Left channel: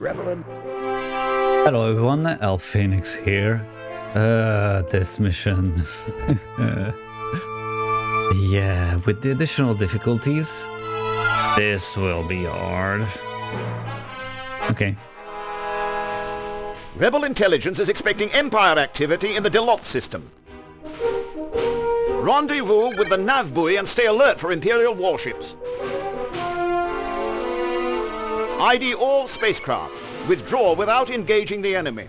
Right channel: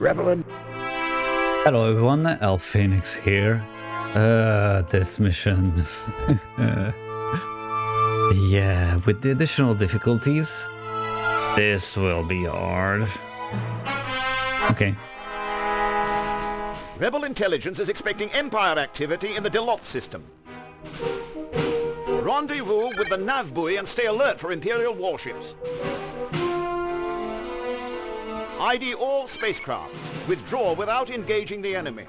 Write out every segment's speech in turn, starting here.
Rebel. Hello everyone, LPhoenix here. This mission. Yeah, with the additional difficulties, this will be hard. Okay. Rebel intelligence is expecting Empire activity in the Delot system. Rendezvous with the nav buoy and stay alert for Imperial warships. ID all spacecraft. Withdraw without engaging the enemy.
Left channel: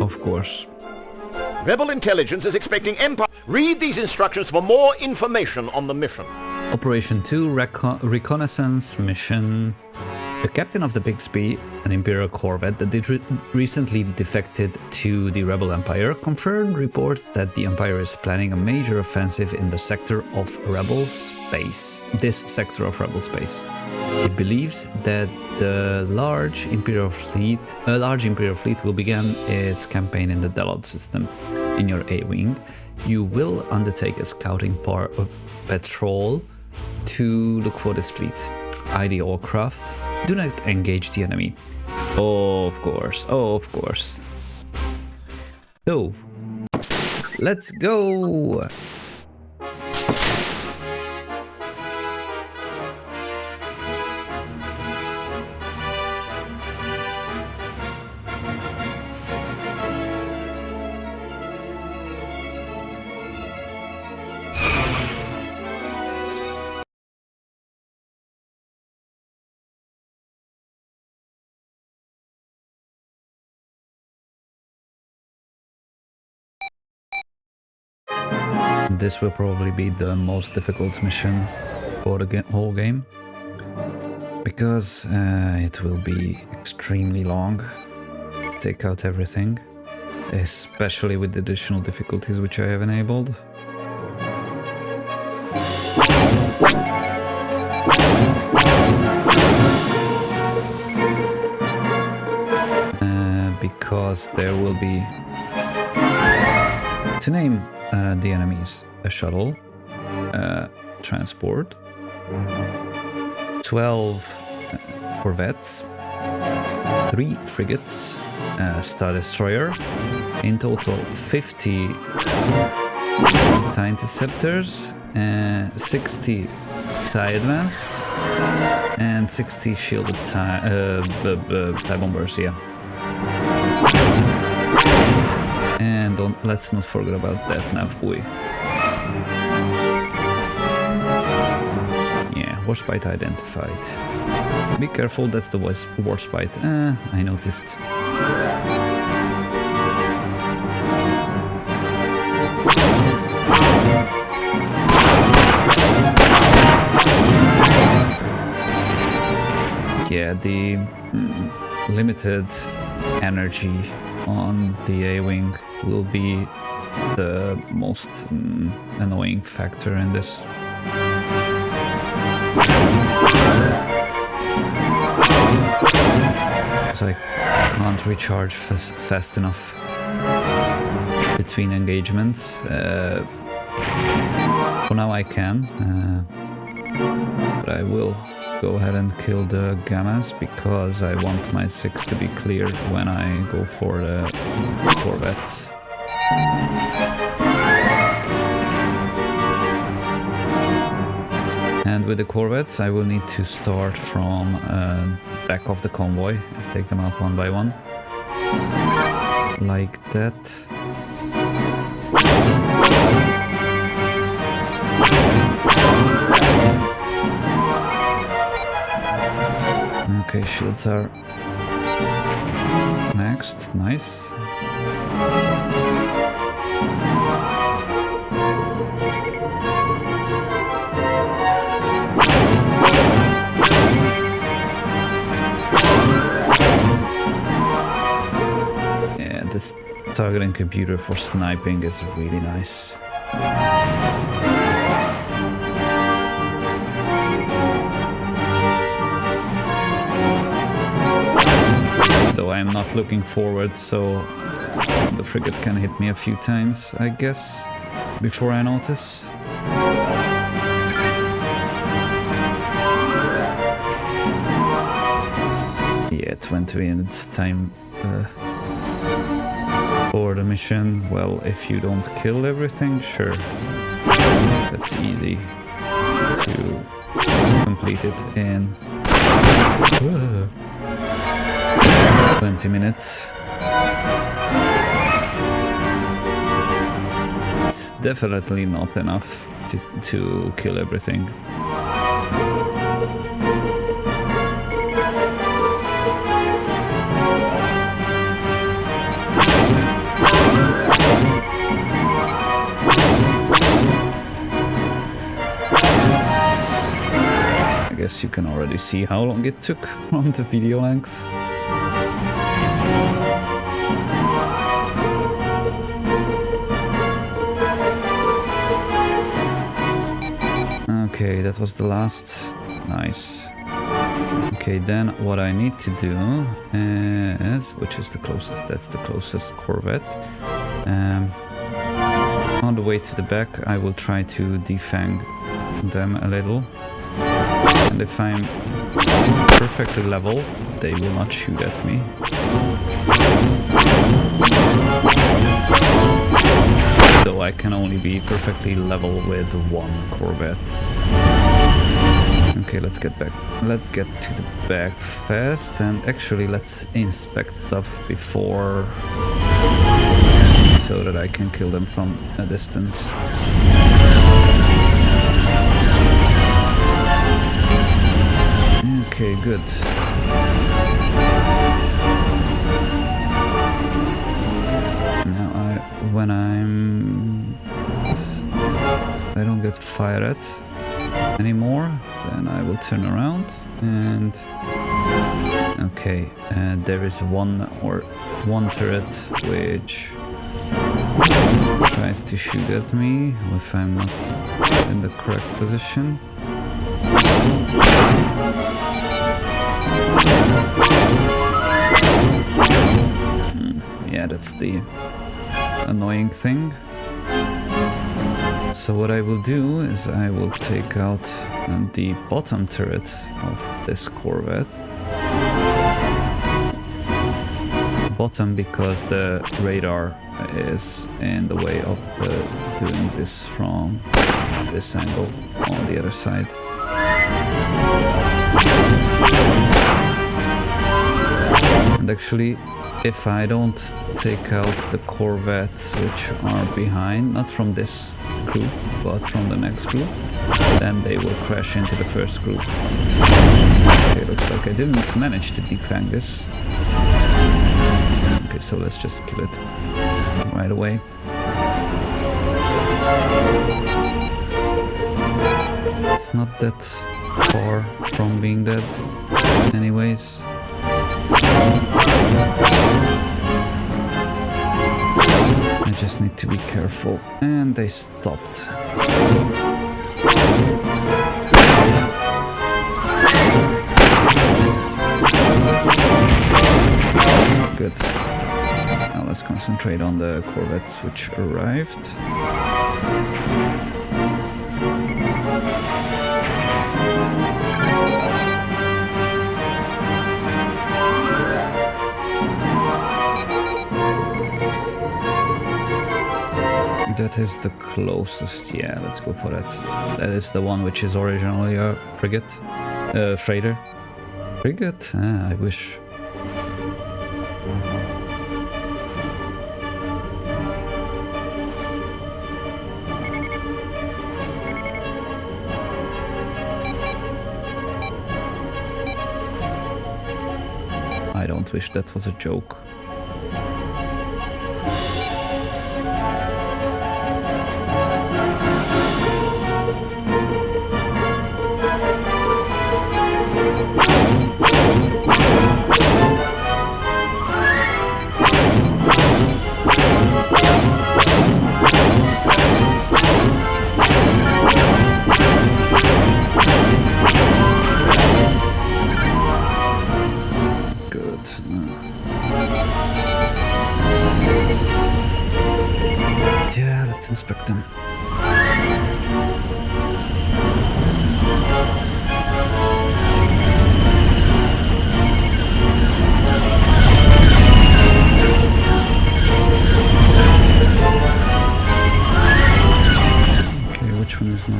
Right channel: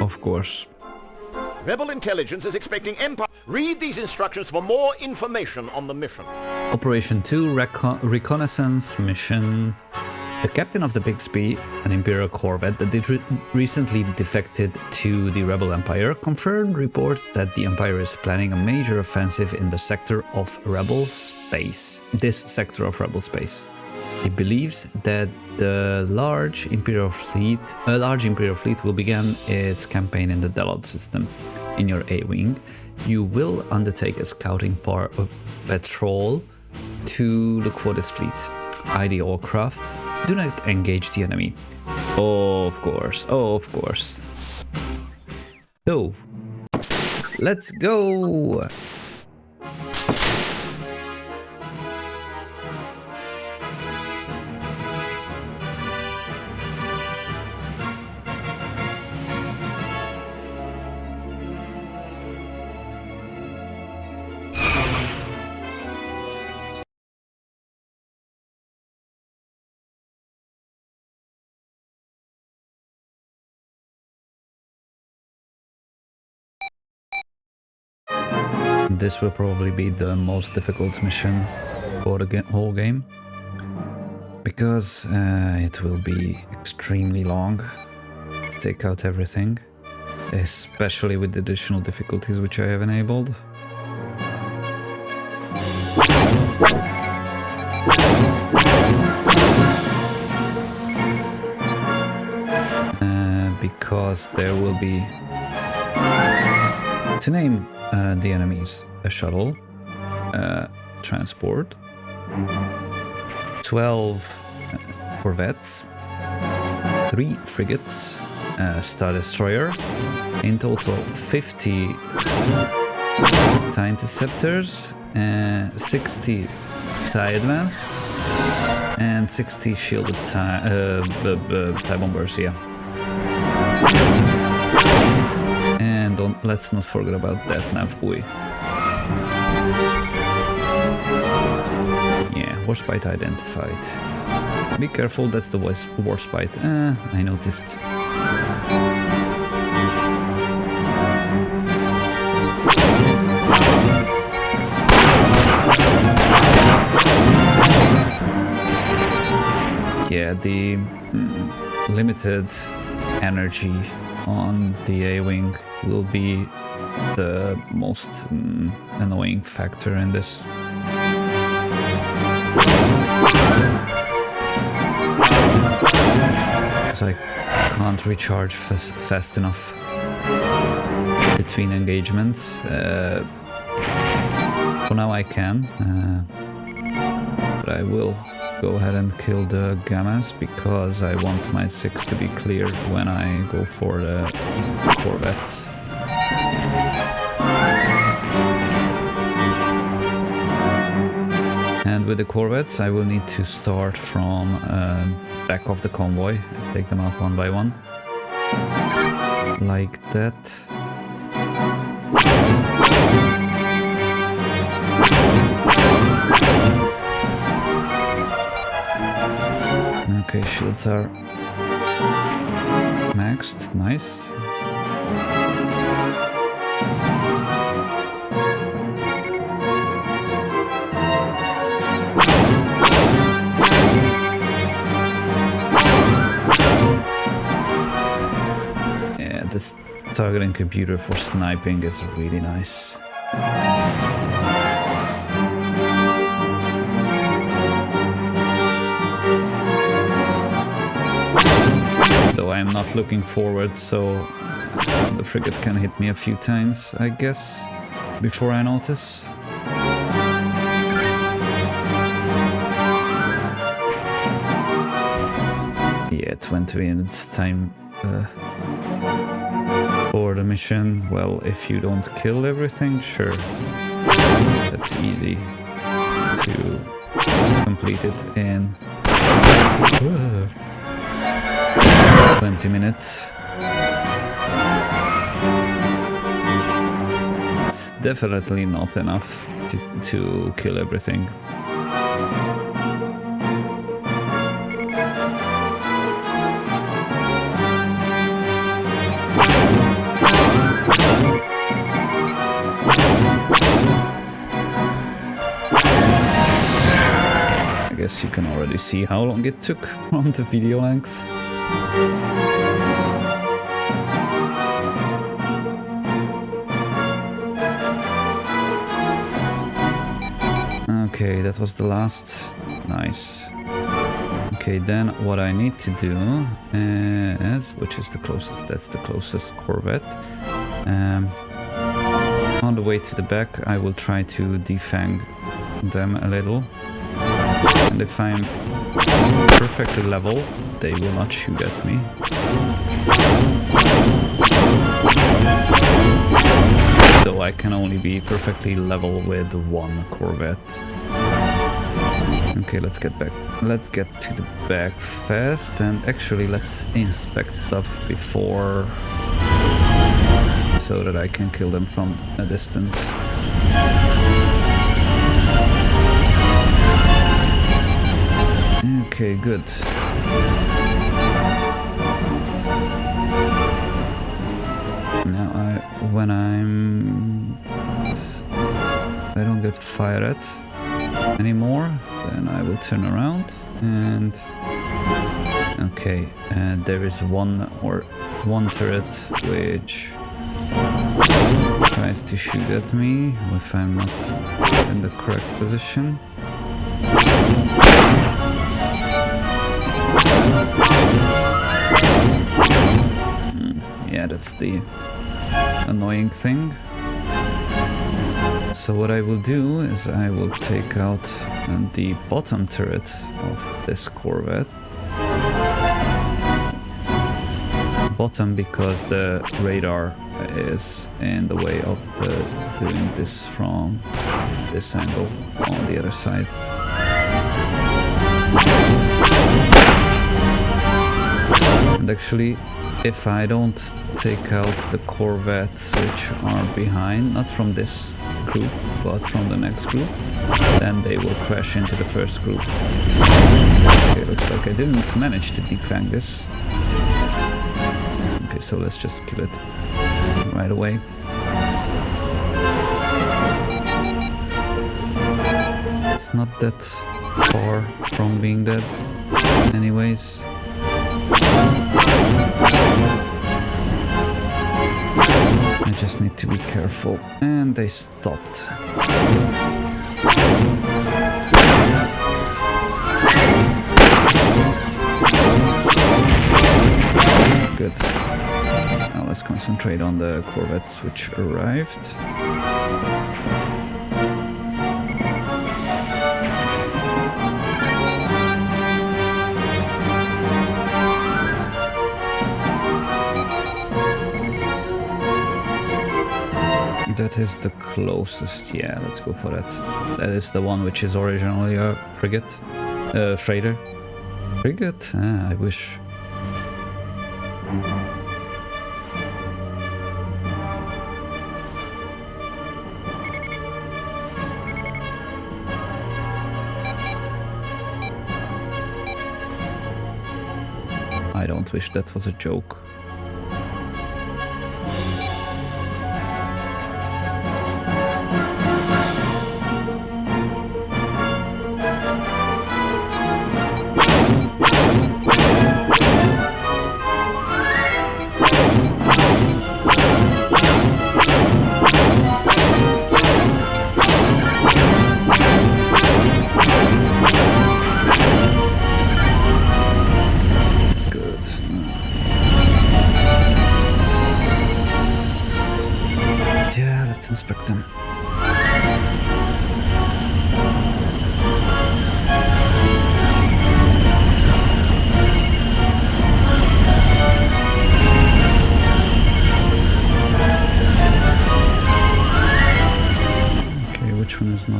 Of course. Rebel intelligence is expecting Empire. Read these instructions for more information on the mission. Operation 2 Reconnaissance mission. The captain of the Bixby, an Imperial corvette that recently defected to the Rebel Empire, confirmed reports that the Empire is planning a major offensive in the sector of Rebel space. This sector of Rebel space. He believes that a large Imperial fleet will begin its campaign in the Delot system. In your A-wing, you will undertake a scouting patrol to look for this fleet. ID all craft. Do not engage the enemy. Oh, of course. Oh, of course. So, let's go. This will probably be the most difficult mission for the whole game, because it will be extremely long to take out everything, especially with the additional difficulties which I have enabled. Because there will be, to name the enemies, a shuttle, transport, 12 corvettes, 3 frigates, Star Destroyer, in total 50 TIE Interceptors, 60 TIE Advanced, and 60 shielded TIE Bombers, yeah. And let's not forget about that nav buoy. Yeah, Warspite identified. Be careful, that's the Warspite. I noticed. Yeah, the limited energy on the A-wing will be the most annoying factor in this. Because I can't recharge fast enough between engagements. For now I can, but I will go ahead and kill the Gammas because I want my 6 to be clear when I go for the corvettes. And with the corvettes I will need to start from back of the convoy and take them out one by one. Like that. Okay, shields are maxed, nice. Yeah, this targeting computer for sniping is really nice. Though I'm not looking forward, so the frigate can hit me a few times, I guess, before I notice. Yeah, 20 minutes time for the mission. Well, if you don't kill everything, sure. That's easy to complete it in 20 minutes. It's definitely not enough to kill everything. I guess you can already see how long it took from the video length. Okay, that was the last. Nice. Okay, then what I need to do is, which is the closest, that's the closest Corvette. On the way to the back, I will try to defang them a little. And if I'm perfectly level, they will not shoot at me. Though I can only be perfectly level with one Corvette. Okay, let's get back. Let's get to the back fast, and actually let's inspect stuff before, so that I can kill them from a distance. Okay, good. Now I don't get fired at anymore, then I will turn around and okay, there is one turret which tries to shoot at me if I'm not in the correct position. Yeah, that's the annoying thing. So what I will do is I will take out the bottom turret of this Corvette. Bottom because the radar is in the way of doing this from this angle on the other side. And actually, if I don't take out the Corvettes which are behind, not from this group, but from the next group, then they will crash into the first group. Okay, looks like I didn't manage to defang this. Okay, so let's just kill it right away. It's not that far from being dead anyways. I just need to be careful. And they stopped. Good. Now let's concentrate on the Corvettes which arrived. That is the closest, yeah, let's go for that. That is the one which is originally a frigate. Freighter. Frigate? Ah, I wish. I don't wish that was a joke.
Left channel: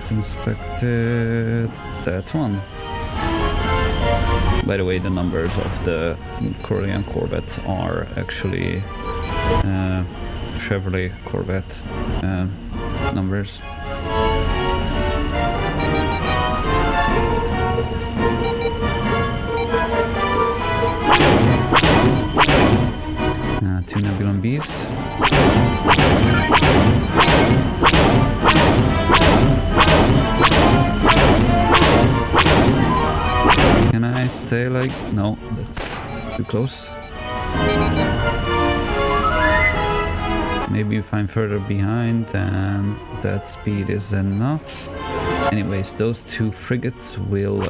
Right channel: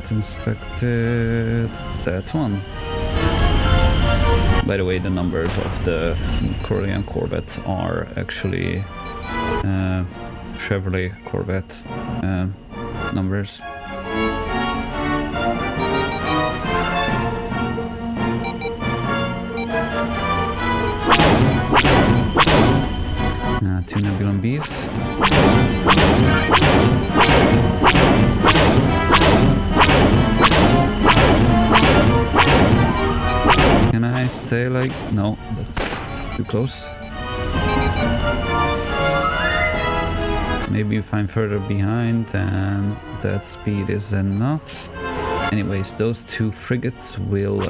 not inspected that one. By the way, the numbers of the Korean Corvettes are actually Chevrolet Corvette numbers. Two Nebulon Bs. Can I stay like... No, that's too close. Maybe if I'm further behind, then that speed is enough. Anyways, those two frigates will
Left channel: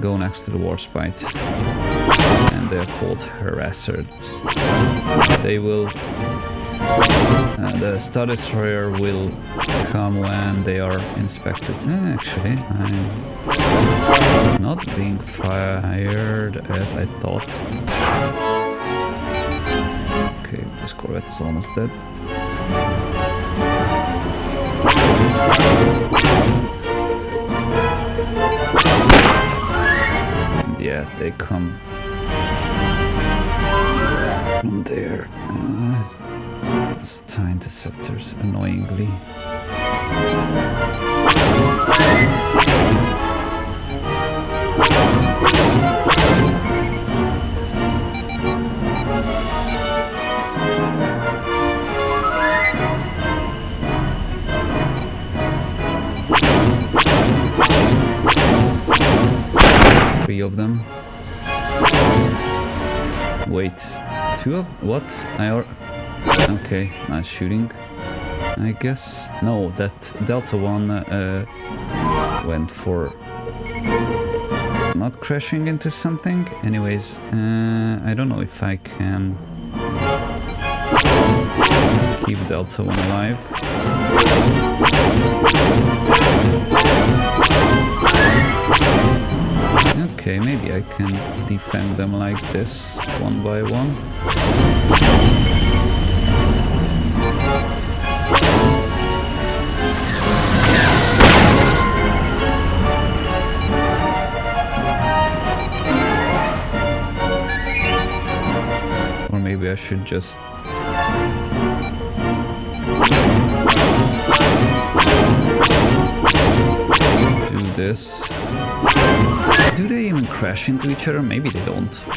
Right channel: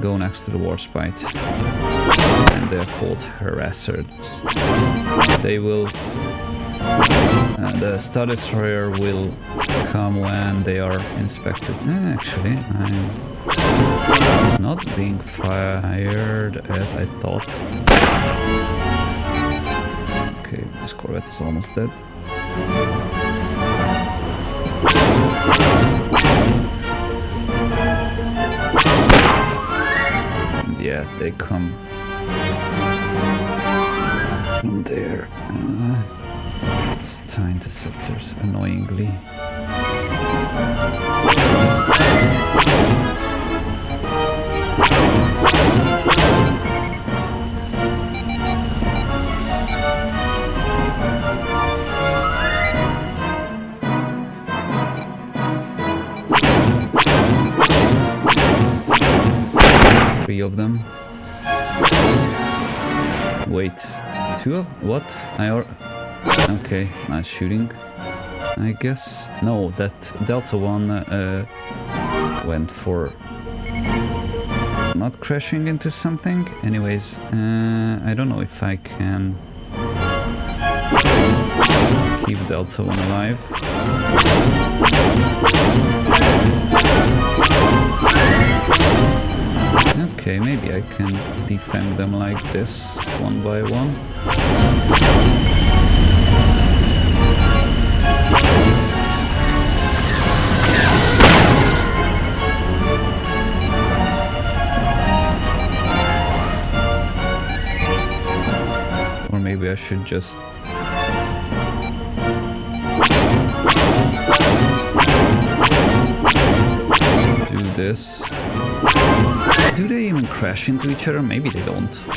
go next to the Warspite. And they are called Harassers. They will... the Star Destroyer will come when they are inspected. Actually, I'm not being fired at, I thought. Okay, this Corvette is almost dead. And yeah, they come from there. Star Interceptors, annoyingly. Three of them. Wait, two of what? Okay, nice shooting. I guess no, that Delta One went for not crashing into something. Anyways, I don't know if I can keep Delta One alive. Okay, maybe I can defend them like this, one by one. Or maybe I should just... do this. Do they even crash into each other? Maybe they don't.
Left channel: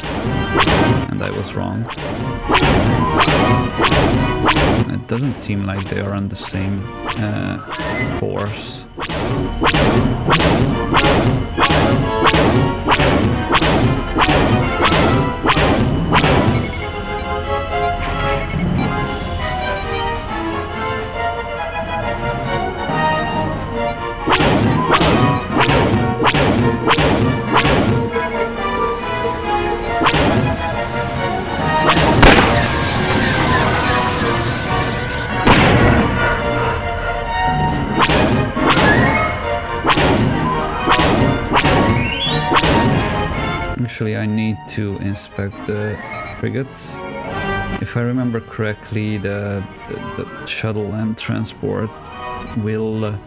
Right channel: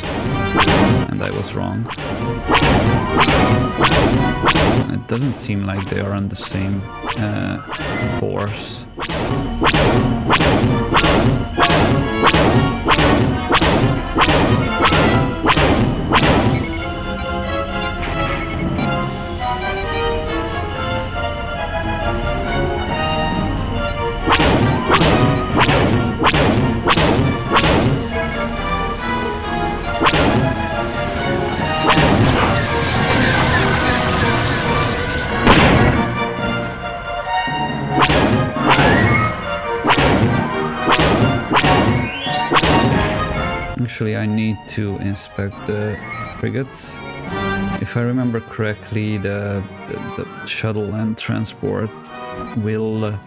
And I was wrong. It doesn't seem like they are on the same course. Actually, I need to inspect the frigates. If I remember correctly, the shuttle and transport will...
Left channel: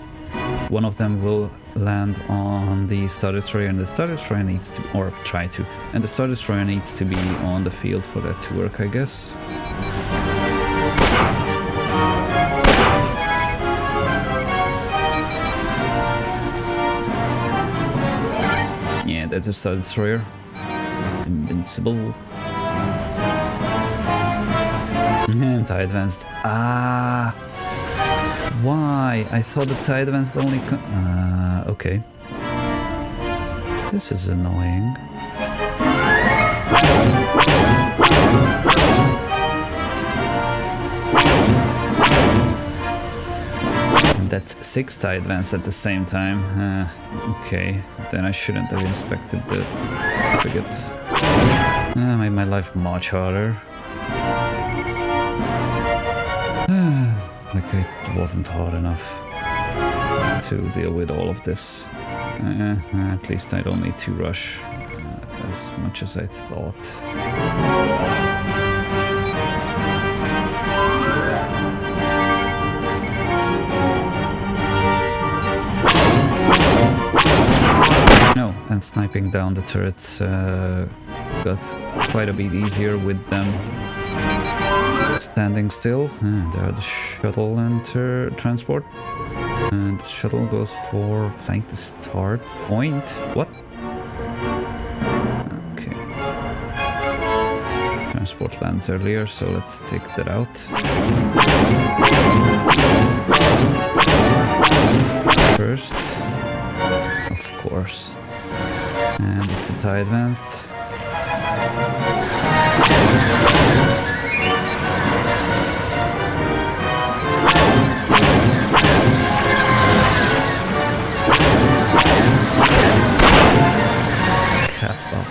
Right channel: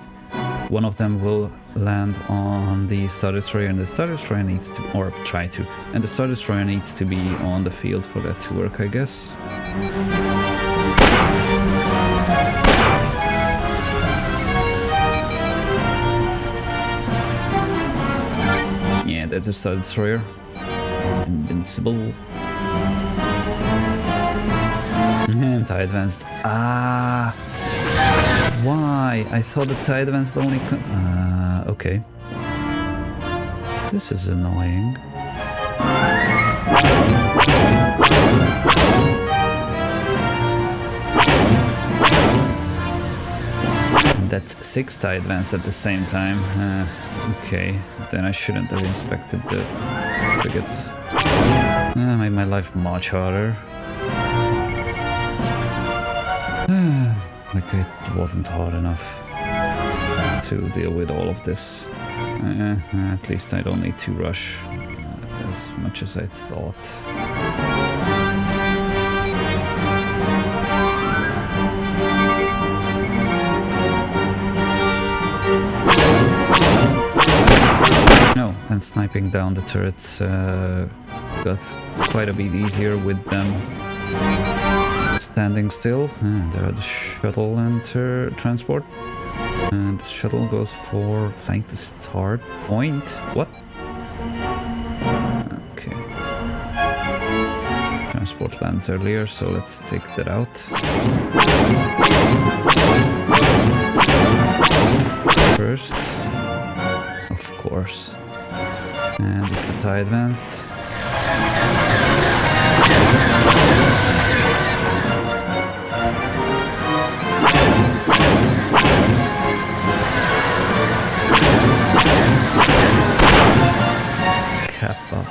one of them will land on the Star Destroyer, and the Star Destroyer needs to... or try to. And the Star Destroyer needs to be on the field for that to work, I guess. Yeah, that's a Star Destroyer. Invincible. Anti-advanced. Ah! Why? I thought the tie-advanced only... okay. This is annoying. And that's 6 tie-advanced at the same time. Okay, then I shouldn't have inspected the frigates. Made my life much harder. Like it wasn't hard enough to deal with all of this. At least I don't need to rush as much as I thought. and sniping down the turrets got quite a bit easier with them standing still. And there are the shuttle and transport. And the shuttle goes for flank to start point. What? Okay. Transport lands earlier, so let's take that out. First, of course. And it's the TIE advanced. Kappa.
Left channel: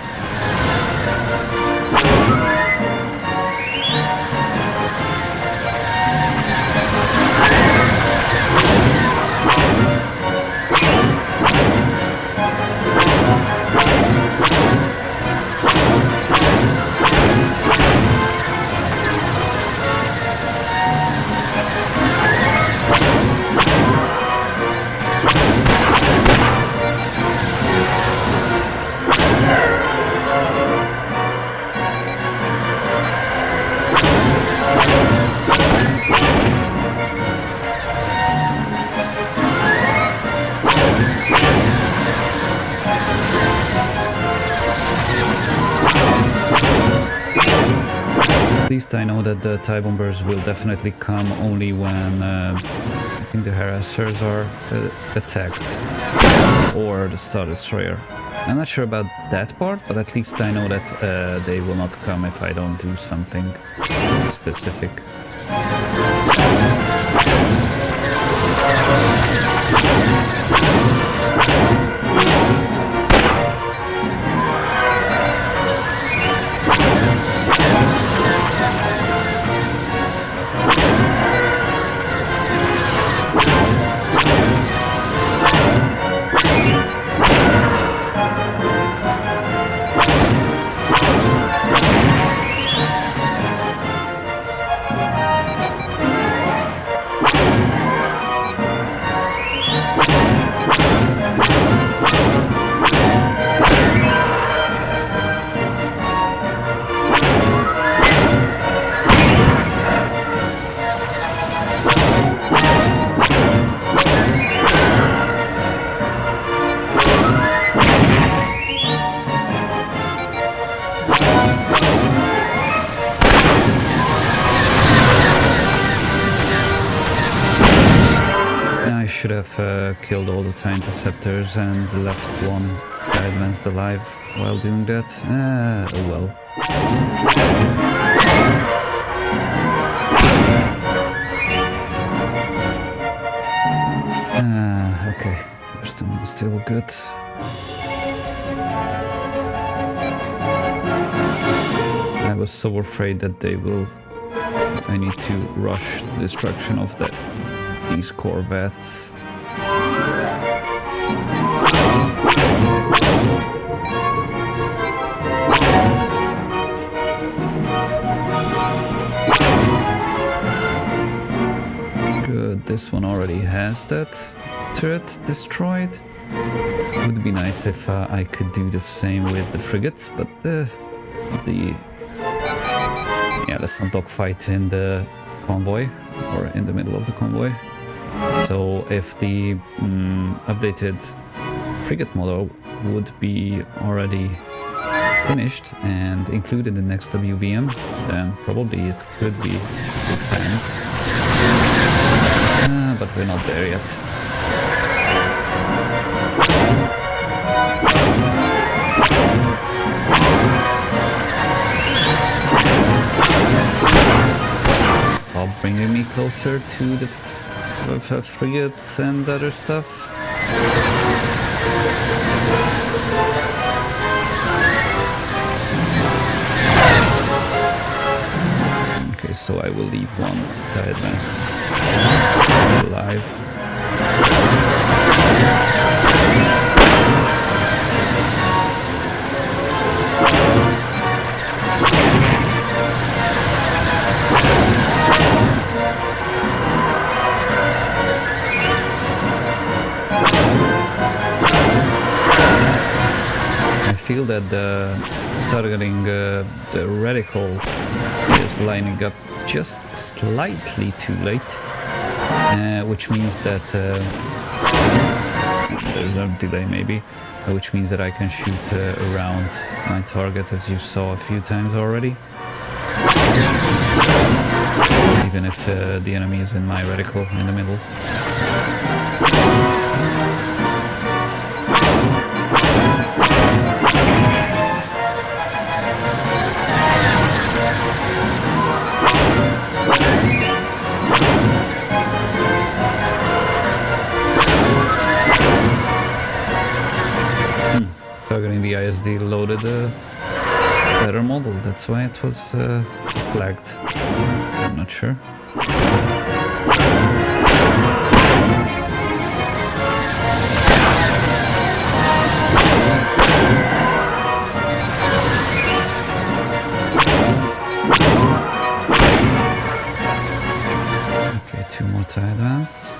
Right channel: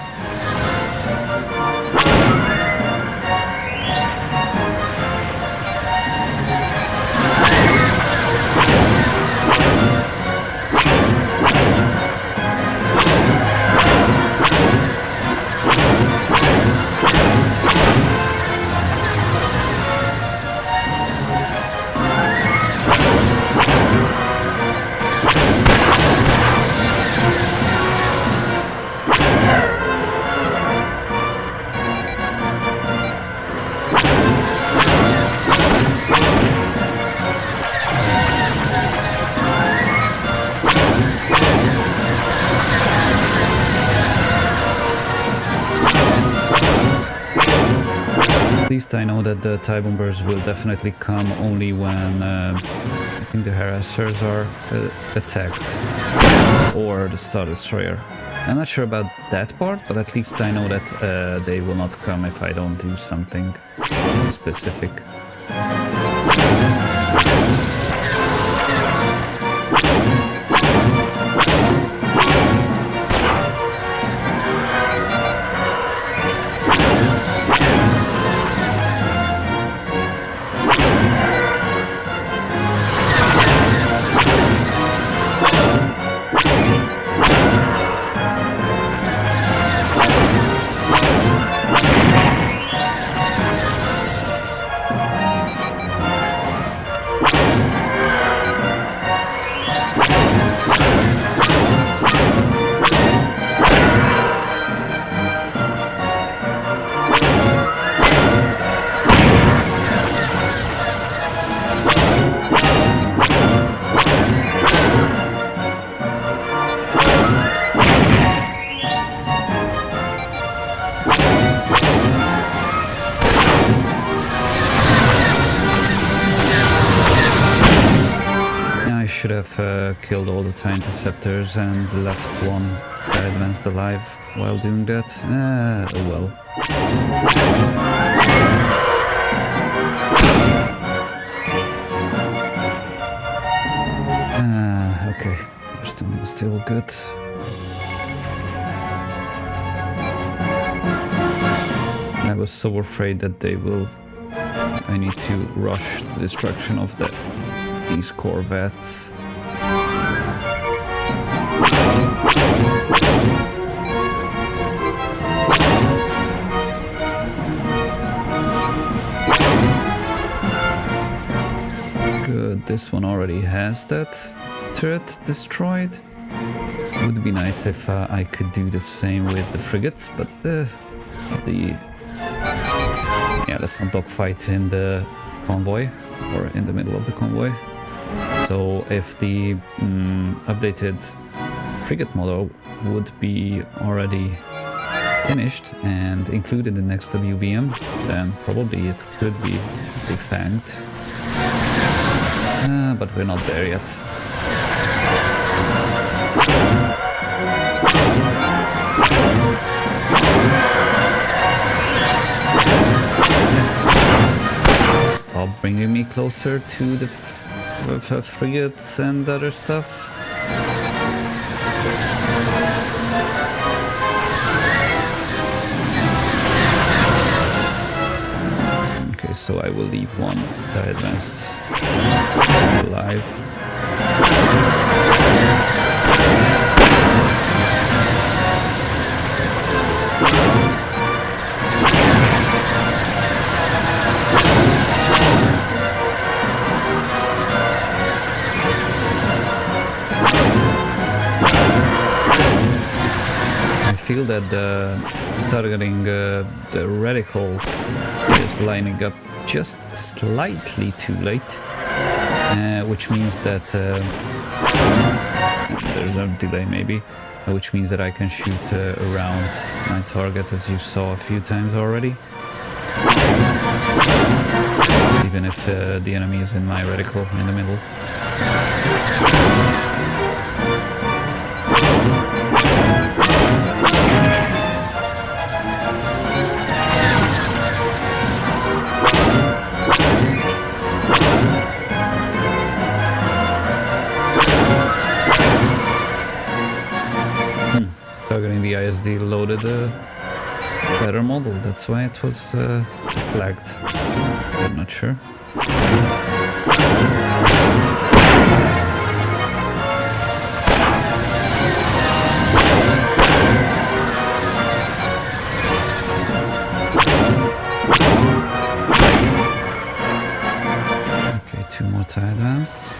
At least I know that the TIE bombers will definitely come only when I think the harassers are attacked, or the Star Destroyer. I'm not sure about that part, but at least I know that they will not come if I don't do something specific. I should have killed all the TIE interceptors and left one advanced alive while doing that. Oh well. Okay, they're standing still, good. I was so afraid that they will... I need to rush the destruction of these corvettes. Good, this one already has that turret destroyed. Would be nice if I could do the same with the frigates, but yeah, let's not dogfight in the convoy or in the middle of the convoy. So if the updated frigate model would be already finished and included in XWVM, then probably it could be defanged. But we're not there yet. Stop bringing me closer to the frigates and other stuff. Okay, so I will leave one advanced alive. feel that the targeting the reticle is lining up just slightly too late, which means that there's a delay maybe, which means that I can shoot around my target, as you saw a few times already, even if the enemy is in my reticle in the middle. Targeting the ISD loaded a better model, that's why it was flagged. I'm not sure. Okay, 2 more tie advanced.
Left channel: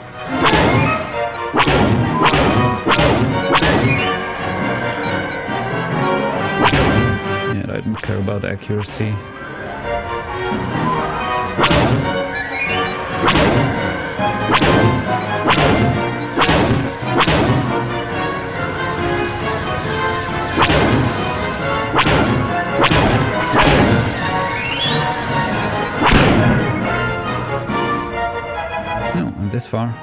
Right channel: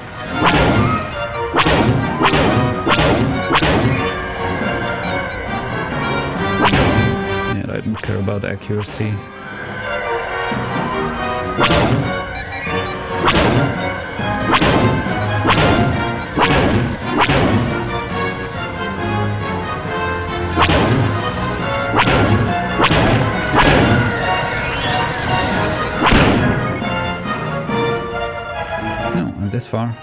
Yeah, I don't care about accuracy. No, I'm this far.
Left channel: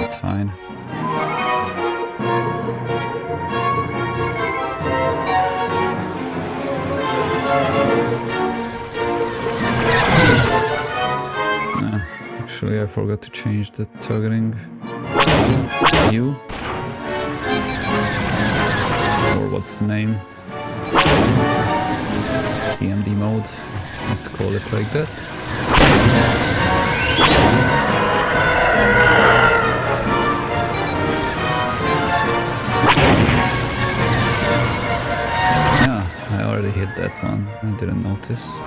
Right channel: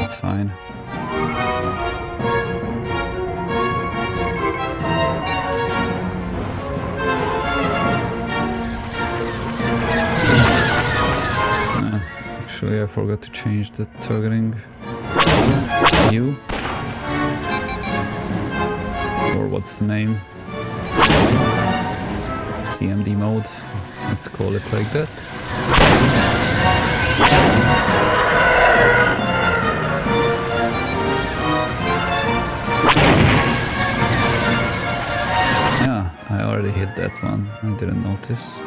It's fine. Actually, I forgot to change the targeting view. Or what's the name? CMD mode. Let's call it like that. Yeah, I already hit that one. I didn't notice.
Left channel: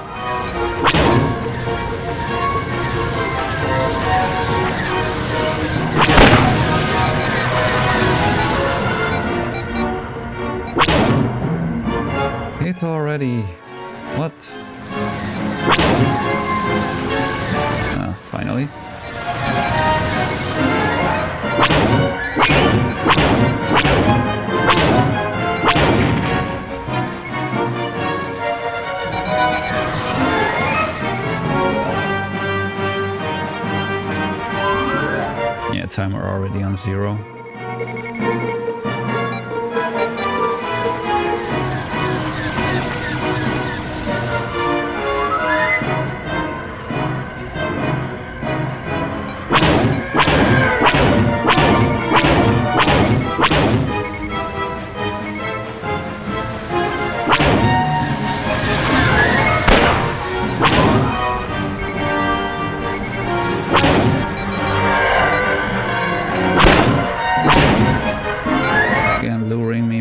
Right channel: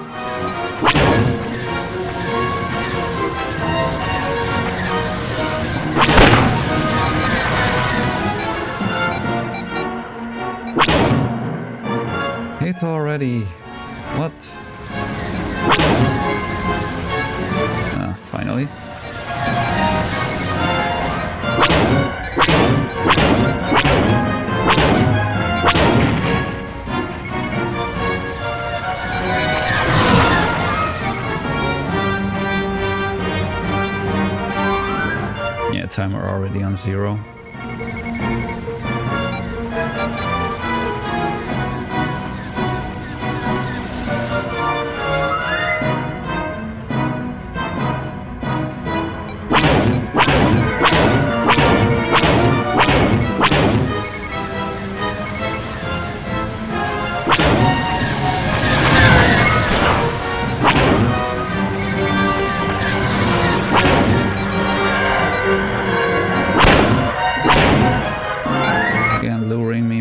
Hit already. What? Ah, finally. Yeah, timer already on 0.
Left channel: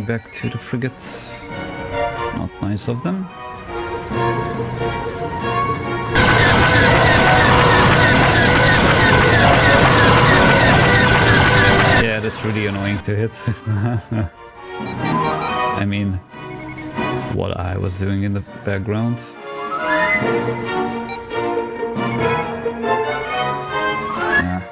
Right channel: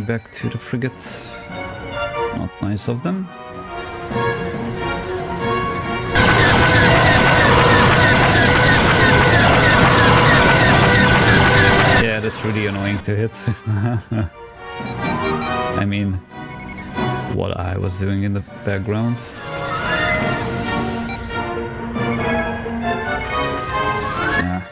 Back to the frigates. Not nice of them. Yeah, that's really annoying to hit. I mean, what I was doing in the background. Yeah.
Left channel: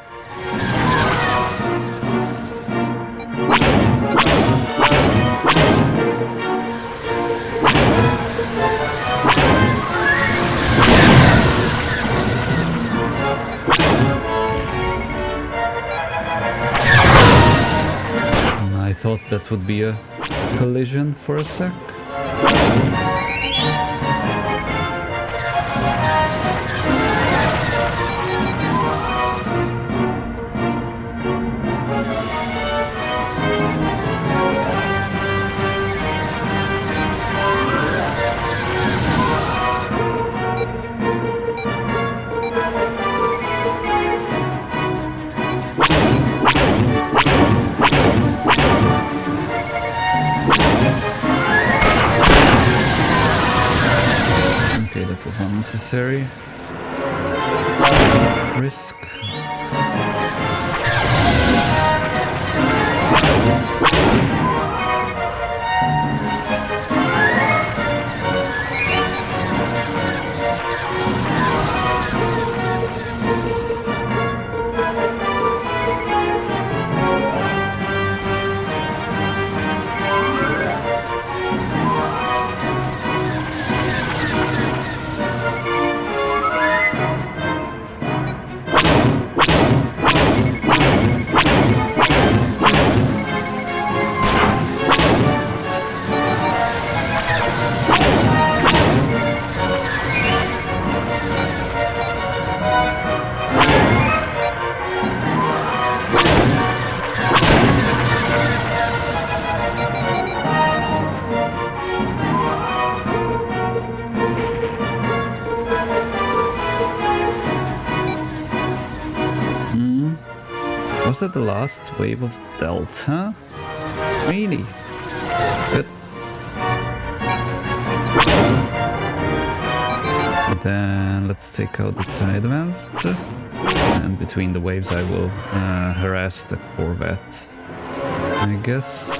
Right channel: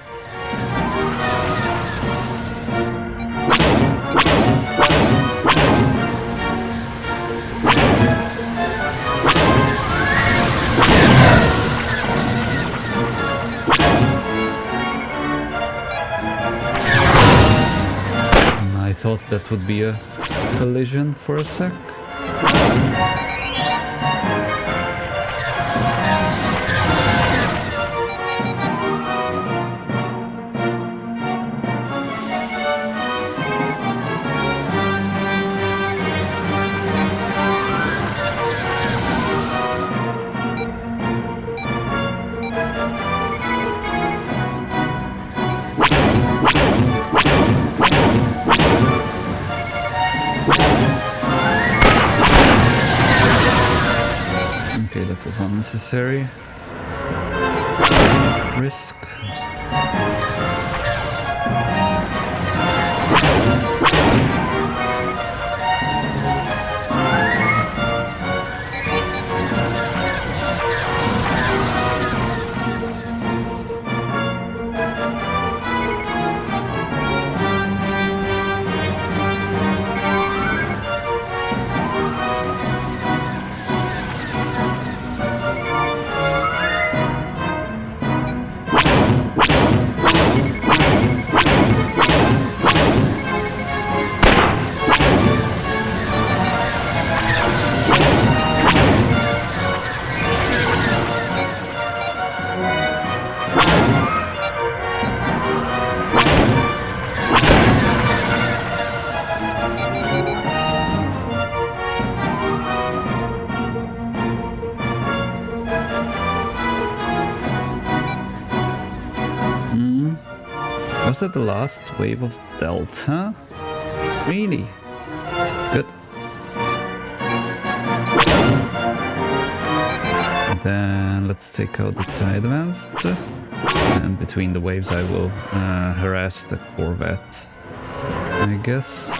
I thought that would be a collision for a sec. Okay, that was unnecessary risk. Was that the last wave of Delta? Really? Good. And then let's take out the TIE Advanced. And between the waves I will harass the Corvette, I guess.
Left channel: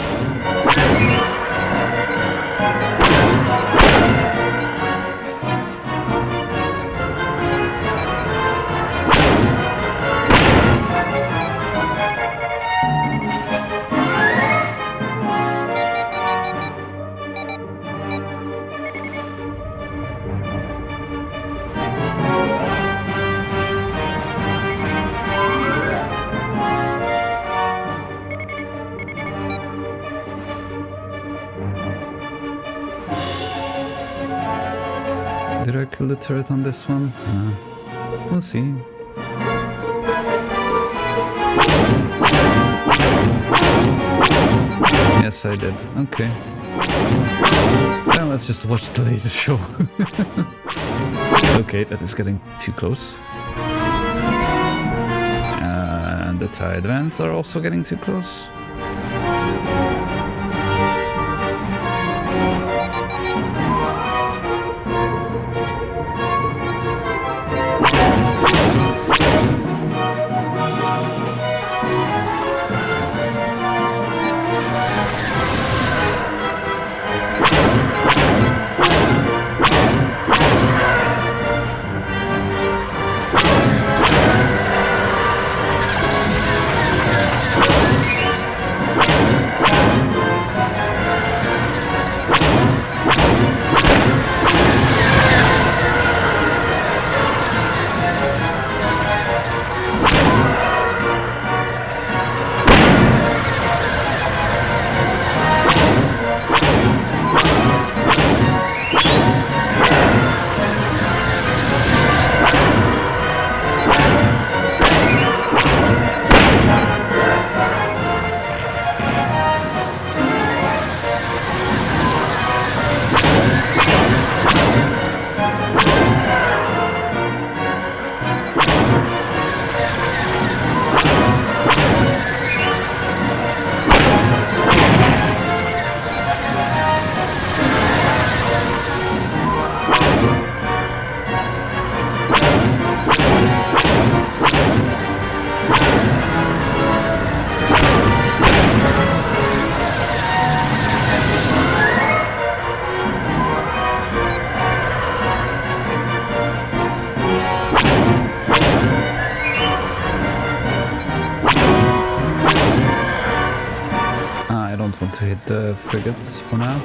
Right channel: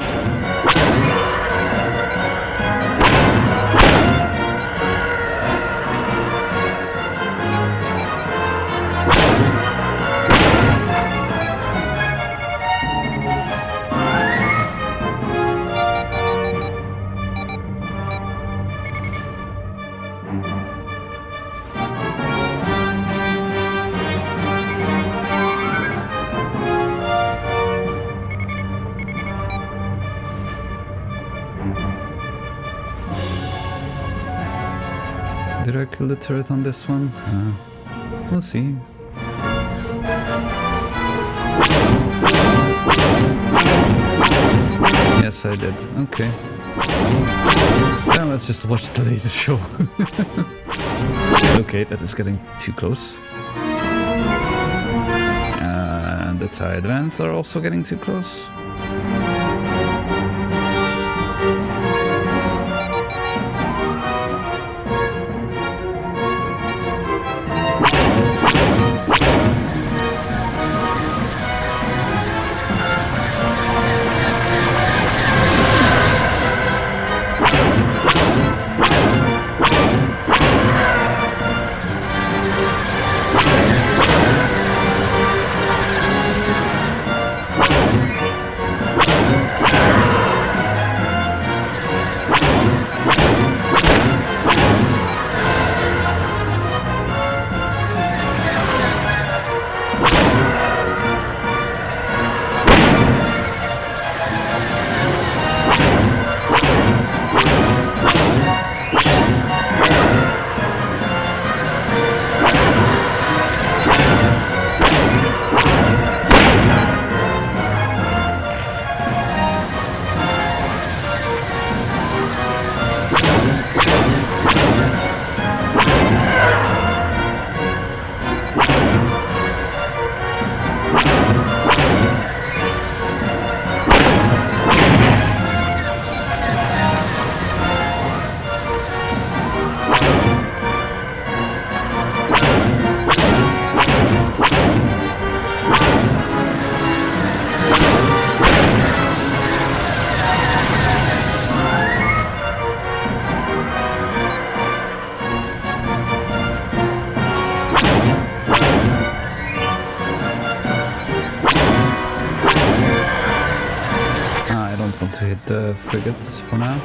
Did I kill the turret on this one? We'll see. Yes, I did. Okay. Then let's just watch the laser show. Okay, that is getting too close. And the TIE Advance are also getting too close. To hit the frigates for now.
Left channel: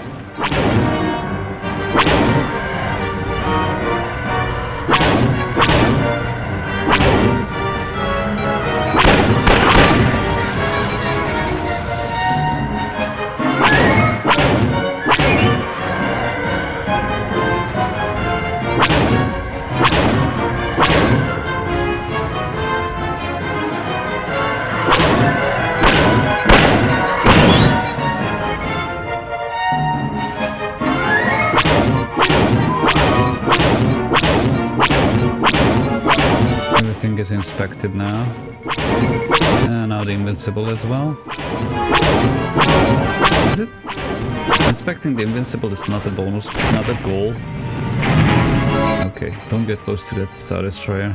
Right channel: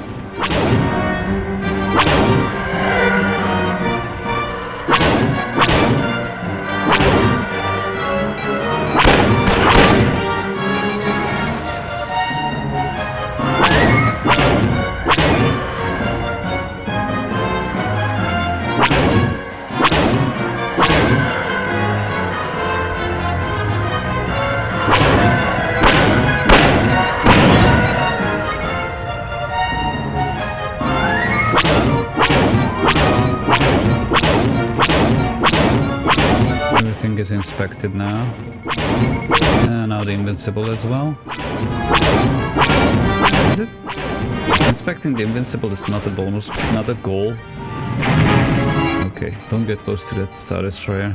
Everything is inspected now. And now the Invincible as well. Is it? Inspecting the Invincible is not a bonus, not a goal. Okay, don't get close to that Star Destroyer.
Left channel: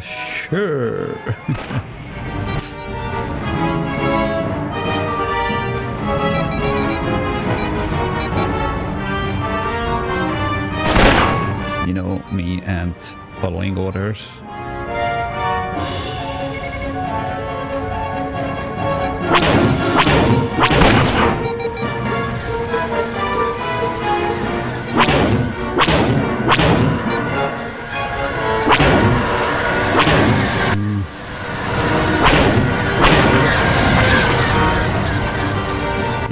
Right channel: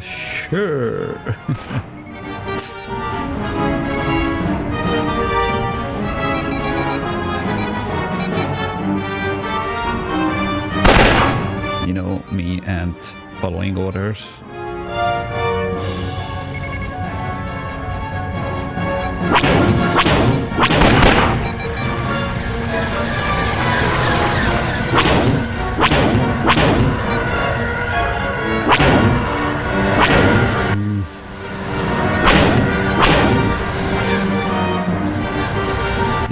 Sure. You know me and following orders.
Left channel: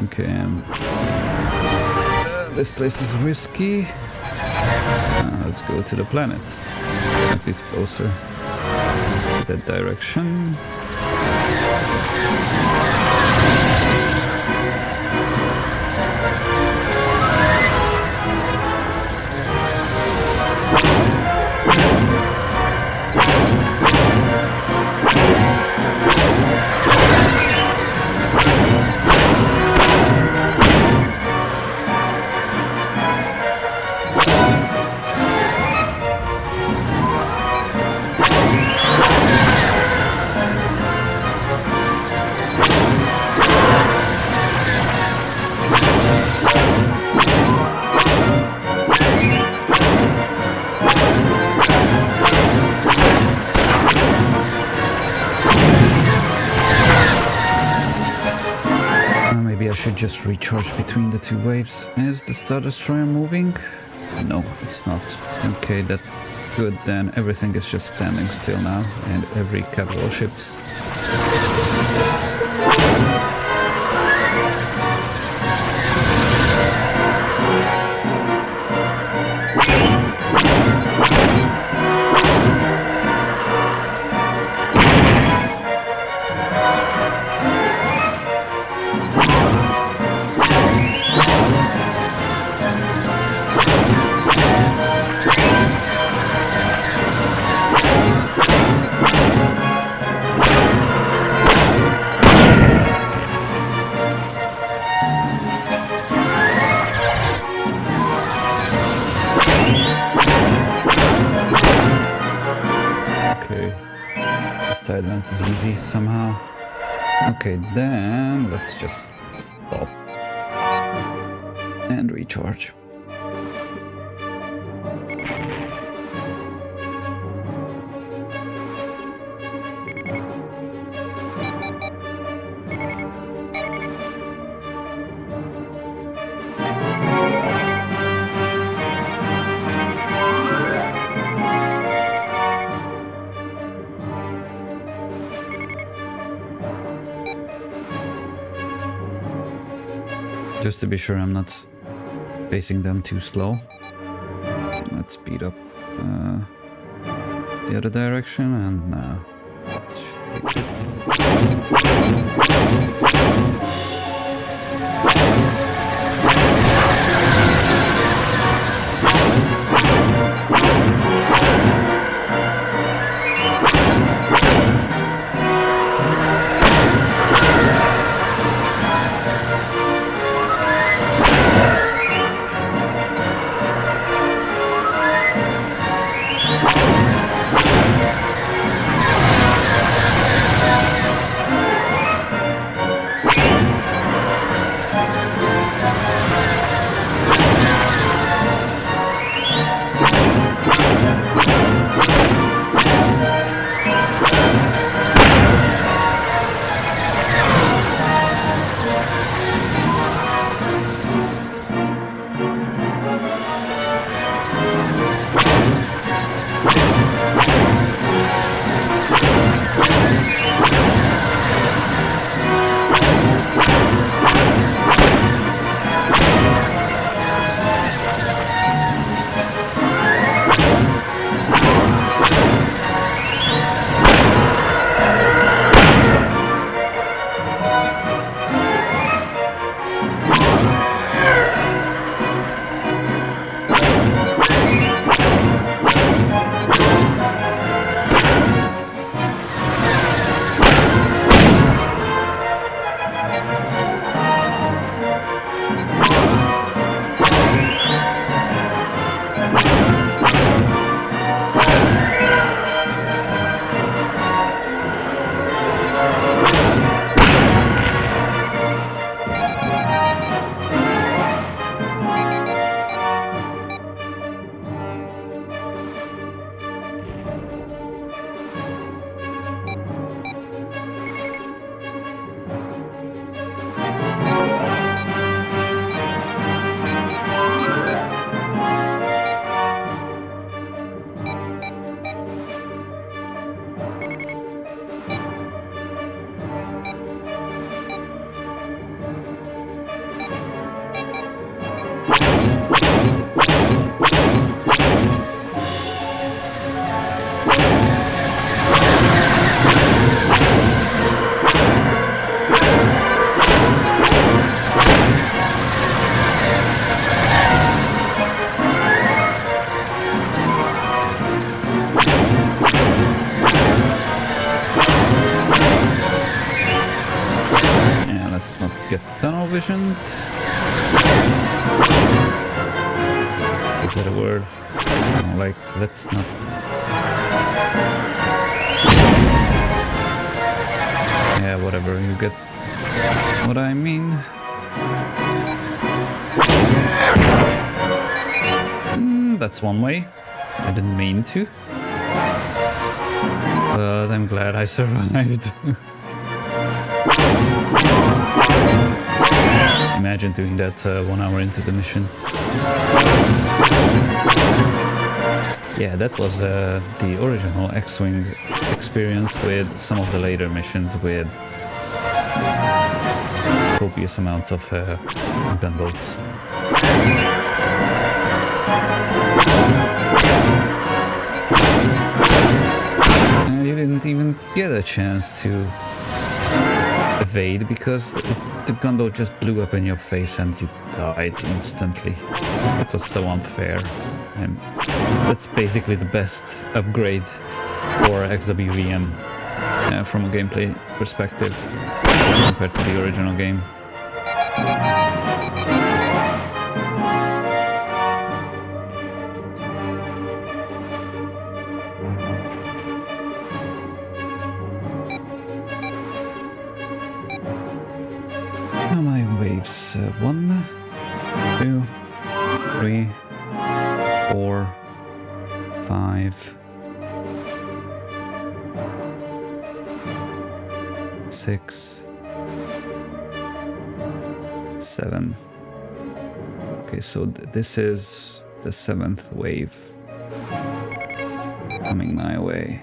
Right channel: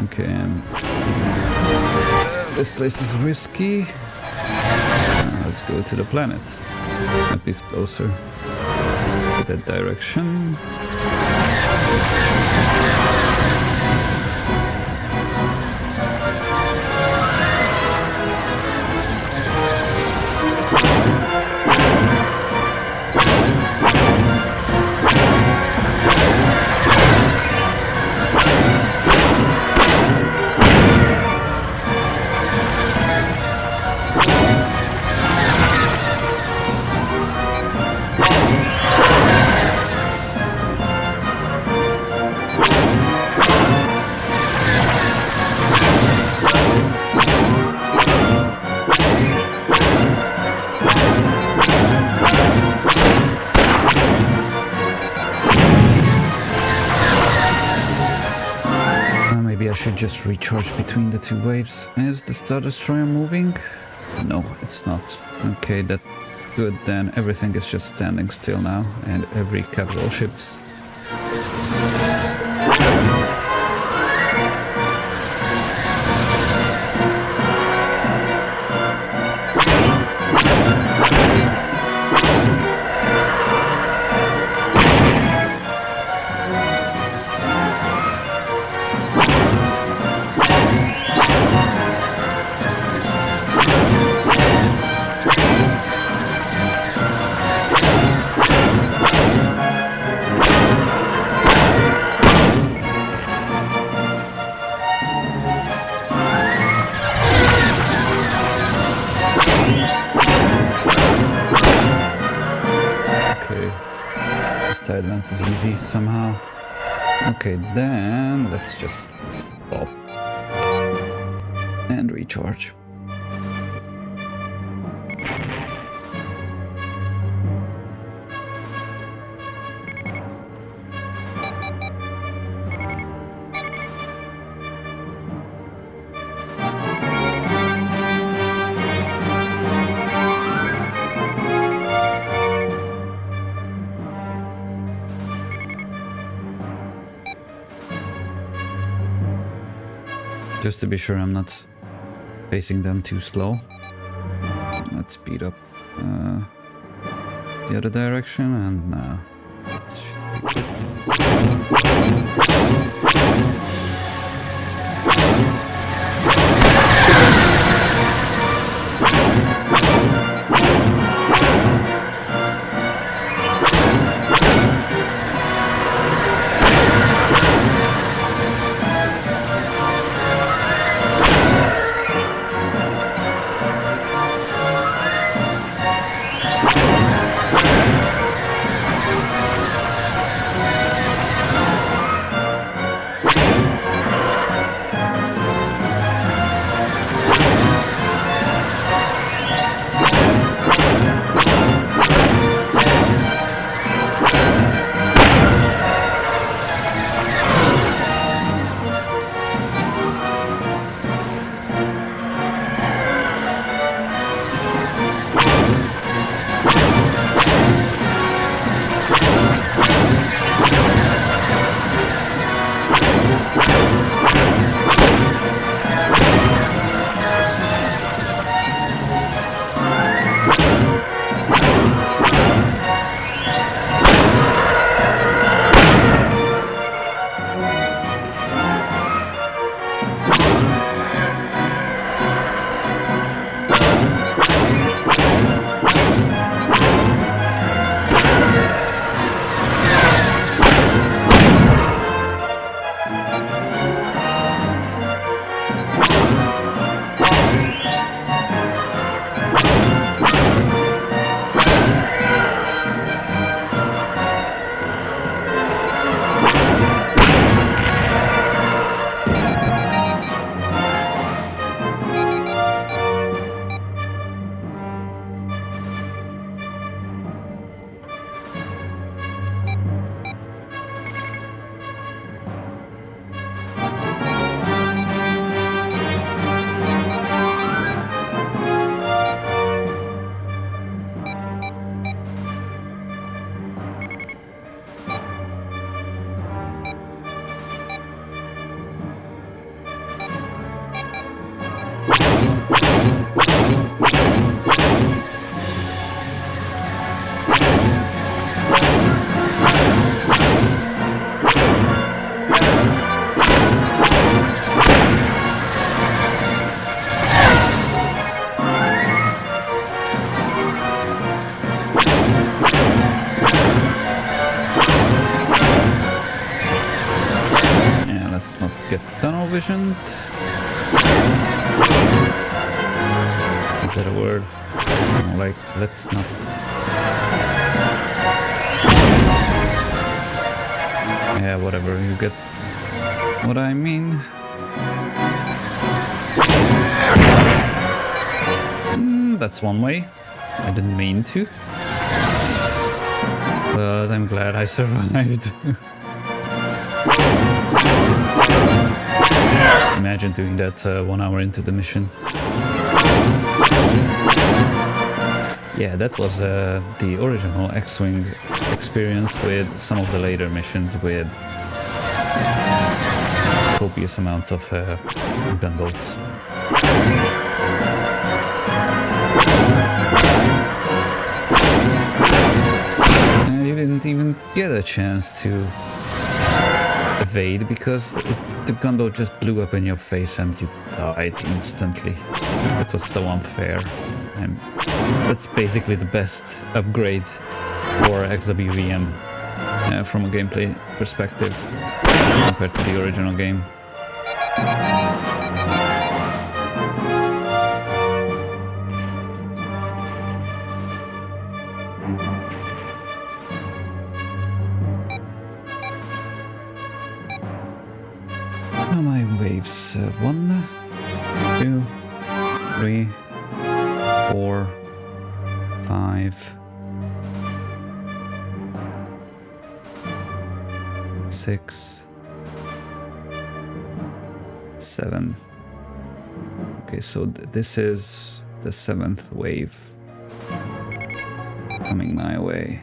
Okay. This place is risky. Let's go to the planet. At least closer to that direction. should just recharge between the two waves. Is the Star Destroyer moving? No, it's not. Okay, that's good then. Everything is just standing still now, and every capital ships. Side advance is easy somehow. Okay, then let's just stop and recharge. Just to be sure I'm not facing them too slow. Let's speed up the other direction, and now that should be let's not get tunnel visioned. Is that a word? No, like, let's not. Yeah, whatever, you get what I mean. That's one way. I didn't mean to. But I'm glad I survived. Imagine doing that 1 hour into the mission. Yeah, that was the original X-Wing experience with some of the later missions with copious amounts of gunboats. And you didn't even get a chance to evade because the gunboat just blew up in your face and you died instantly. It was so unfair. And that's basically the best upgrade for XWVM from a gameplay perspective compared to the original game. How my waves? 1, 2, 3, 4, 5, 6, 7. Okay, so this is the 7th wave coming my way.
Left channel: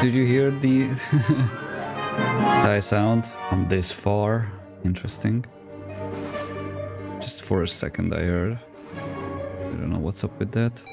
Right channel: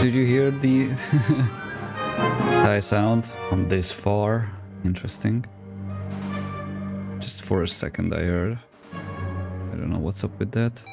Did you hear the Thai sound from this far? Interesting. Just for a second I heard. I don't know what's up with that.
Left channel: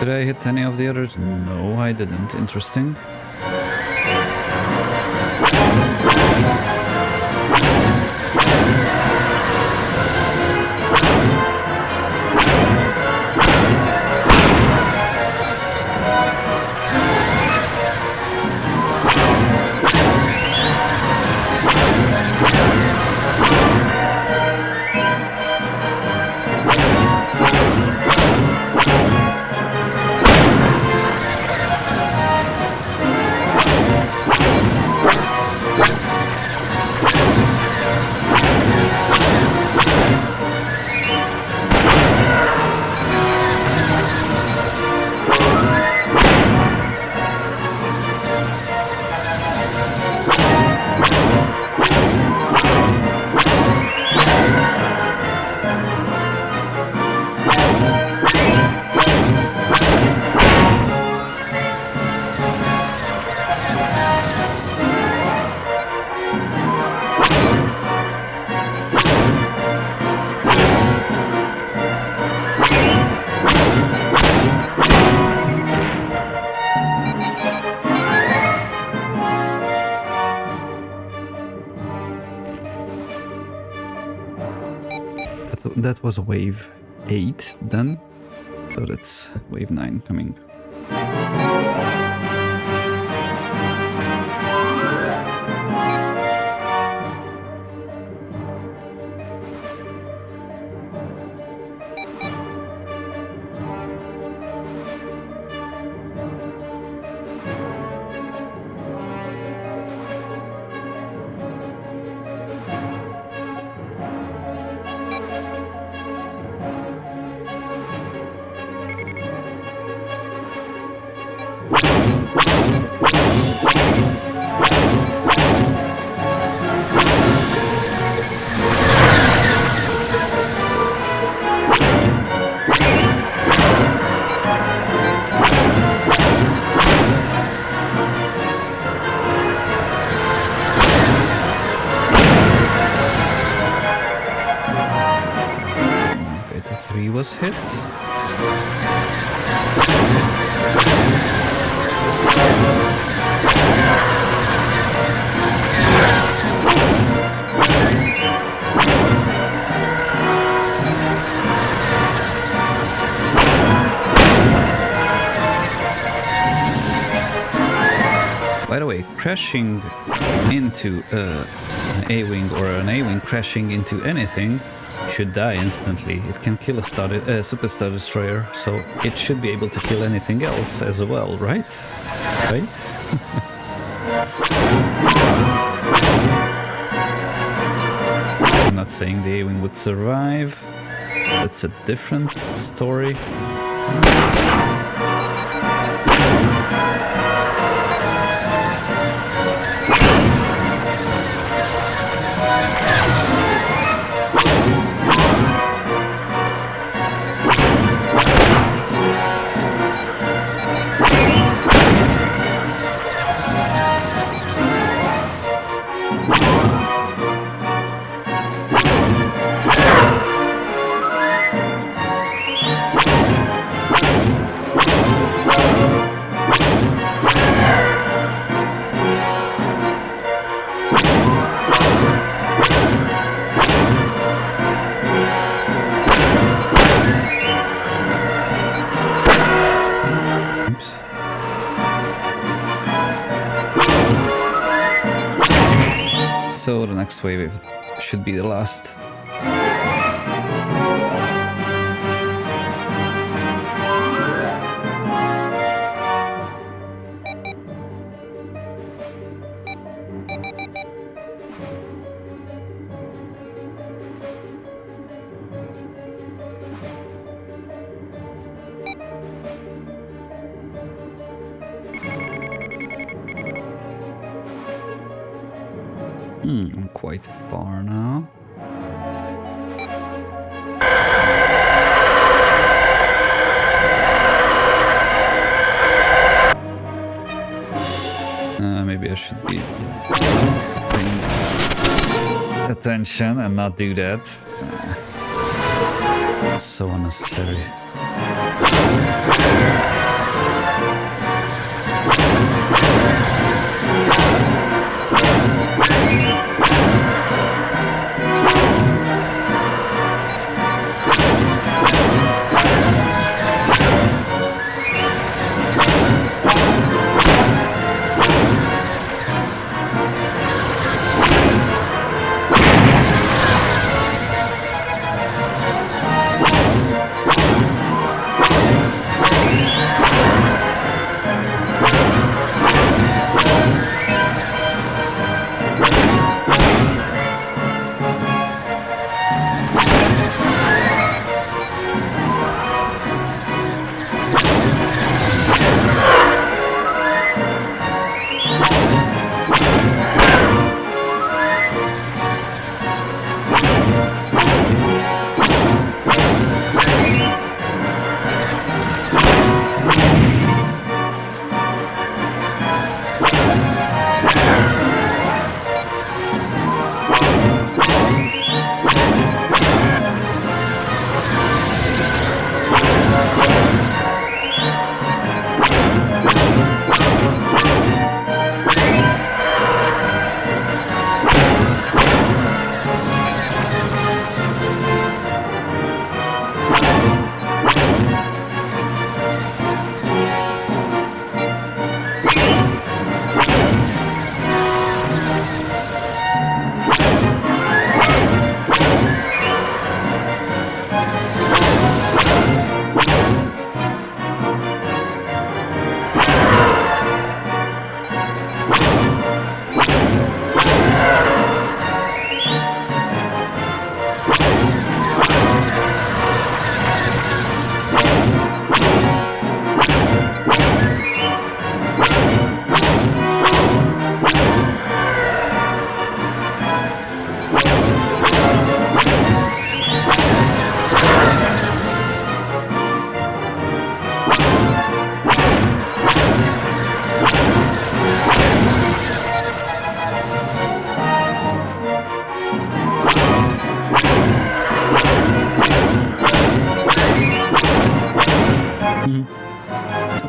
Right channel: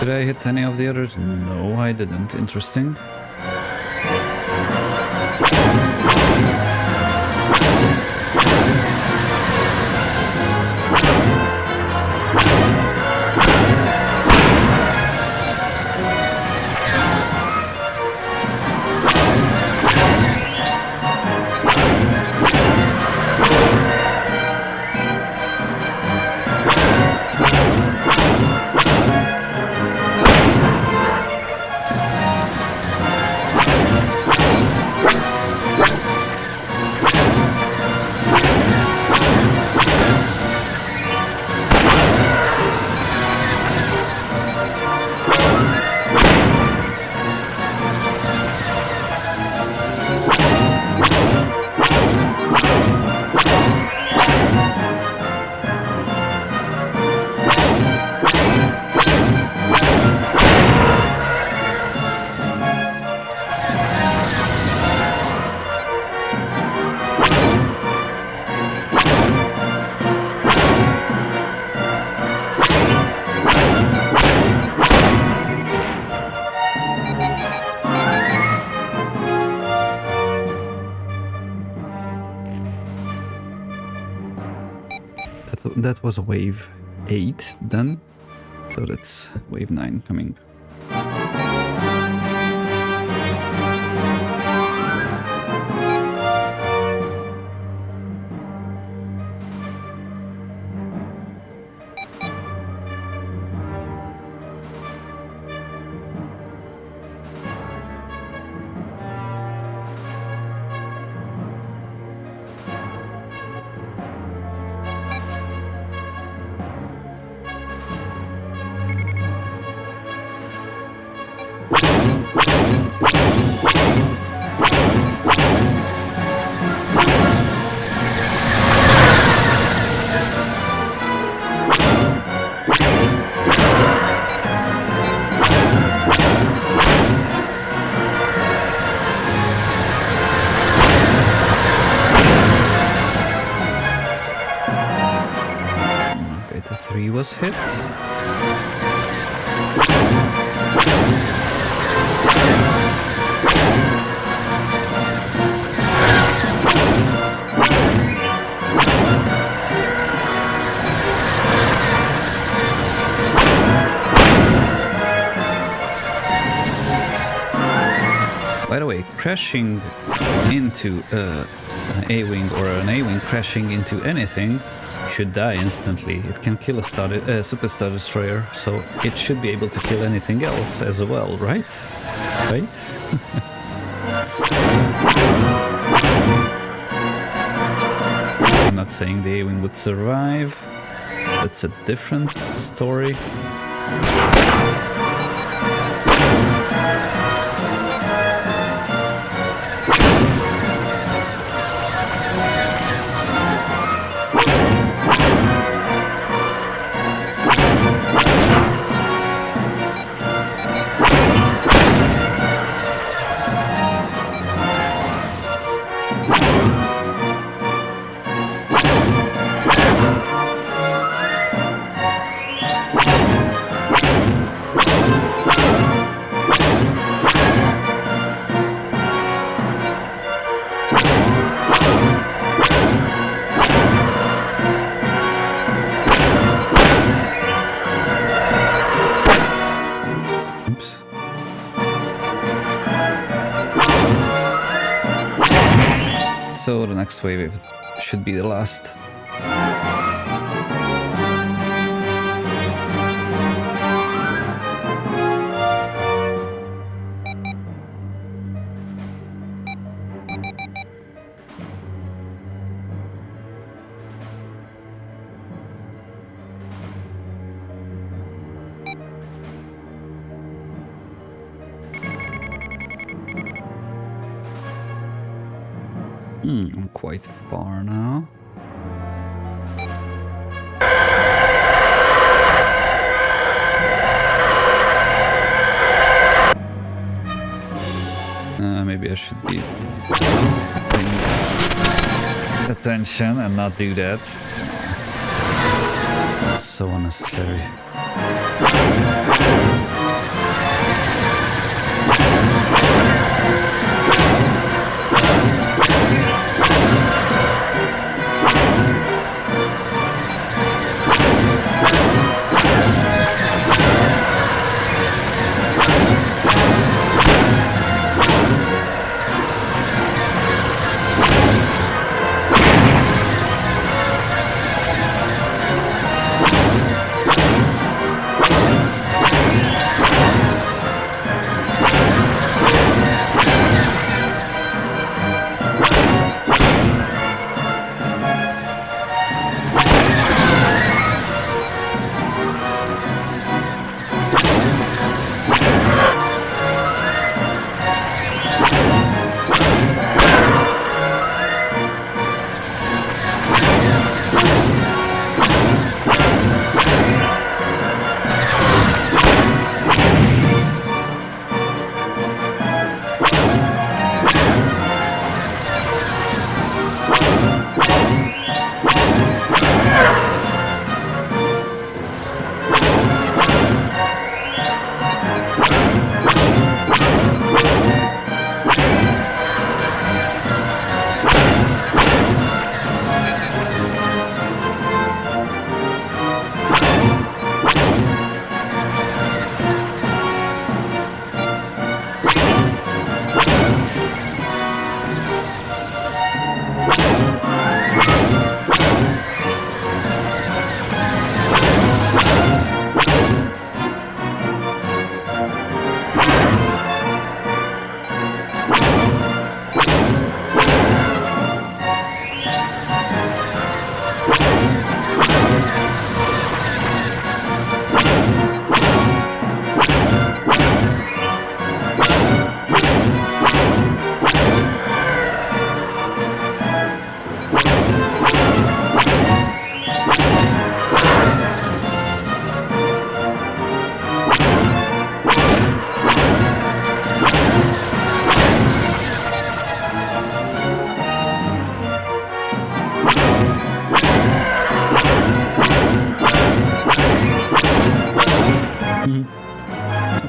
Did I hit any of the others? No, I didn't. Interesting. that was wave 8 then. So that's wave 9 coming. Beta 3 was hit. By the way, crashing into an A-wing or an A-wing crashing into anything should die instantly. It can kill a Super Star Destroyer, so it should be able to kill anything else as well, right? Right? I'm not saying the A-wing would survive. That's a different story. Oops. So the next wave should be the last. I'm quite far now. Maybe I should be paying attention and not do that. So unnecessary.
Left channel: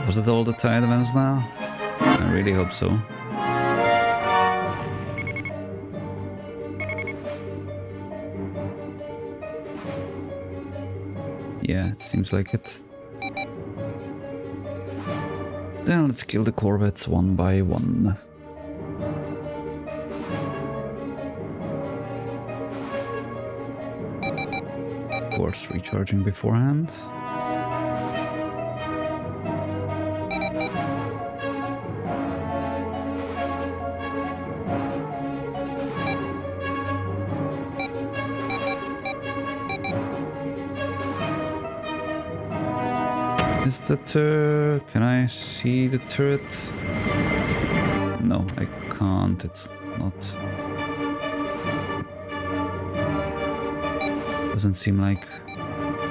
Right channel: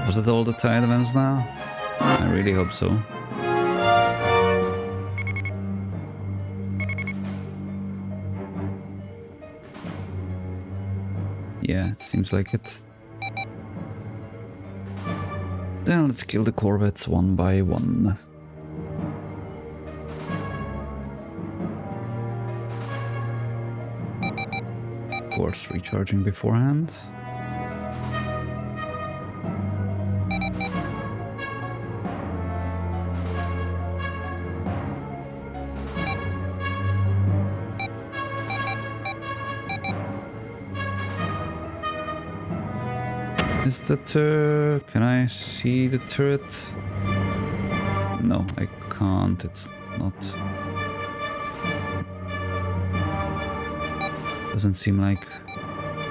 Was it all the tide events now? I really hope so. Yeah, it seems like it. Then let's kill the corvettes one by one. Of course, recharging beforehand. Is the can I see the turret? No, I can't. It's not. Doesn't seem like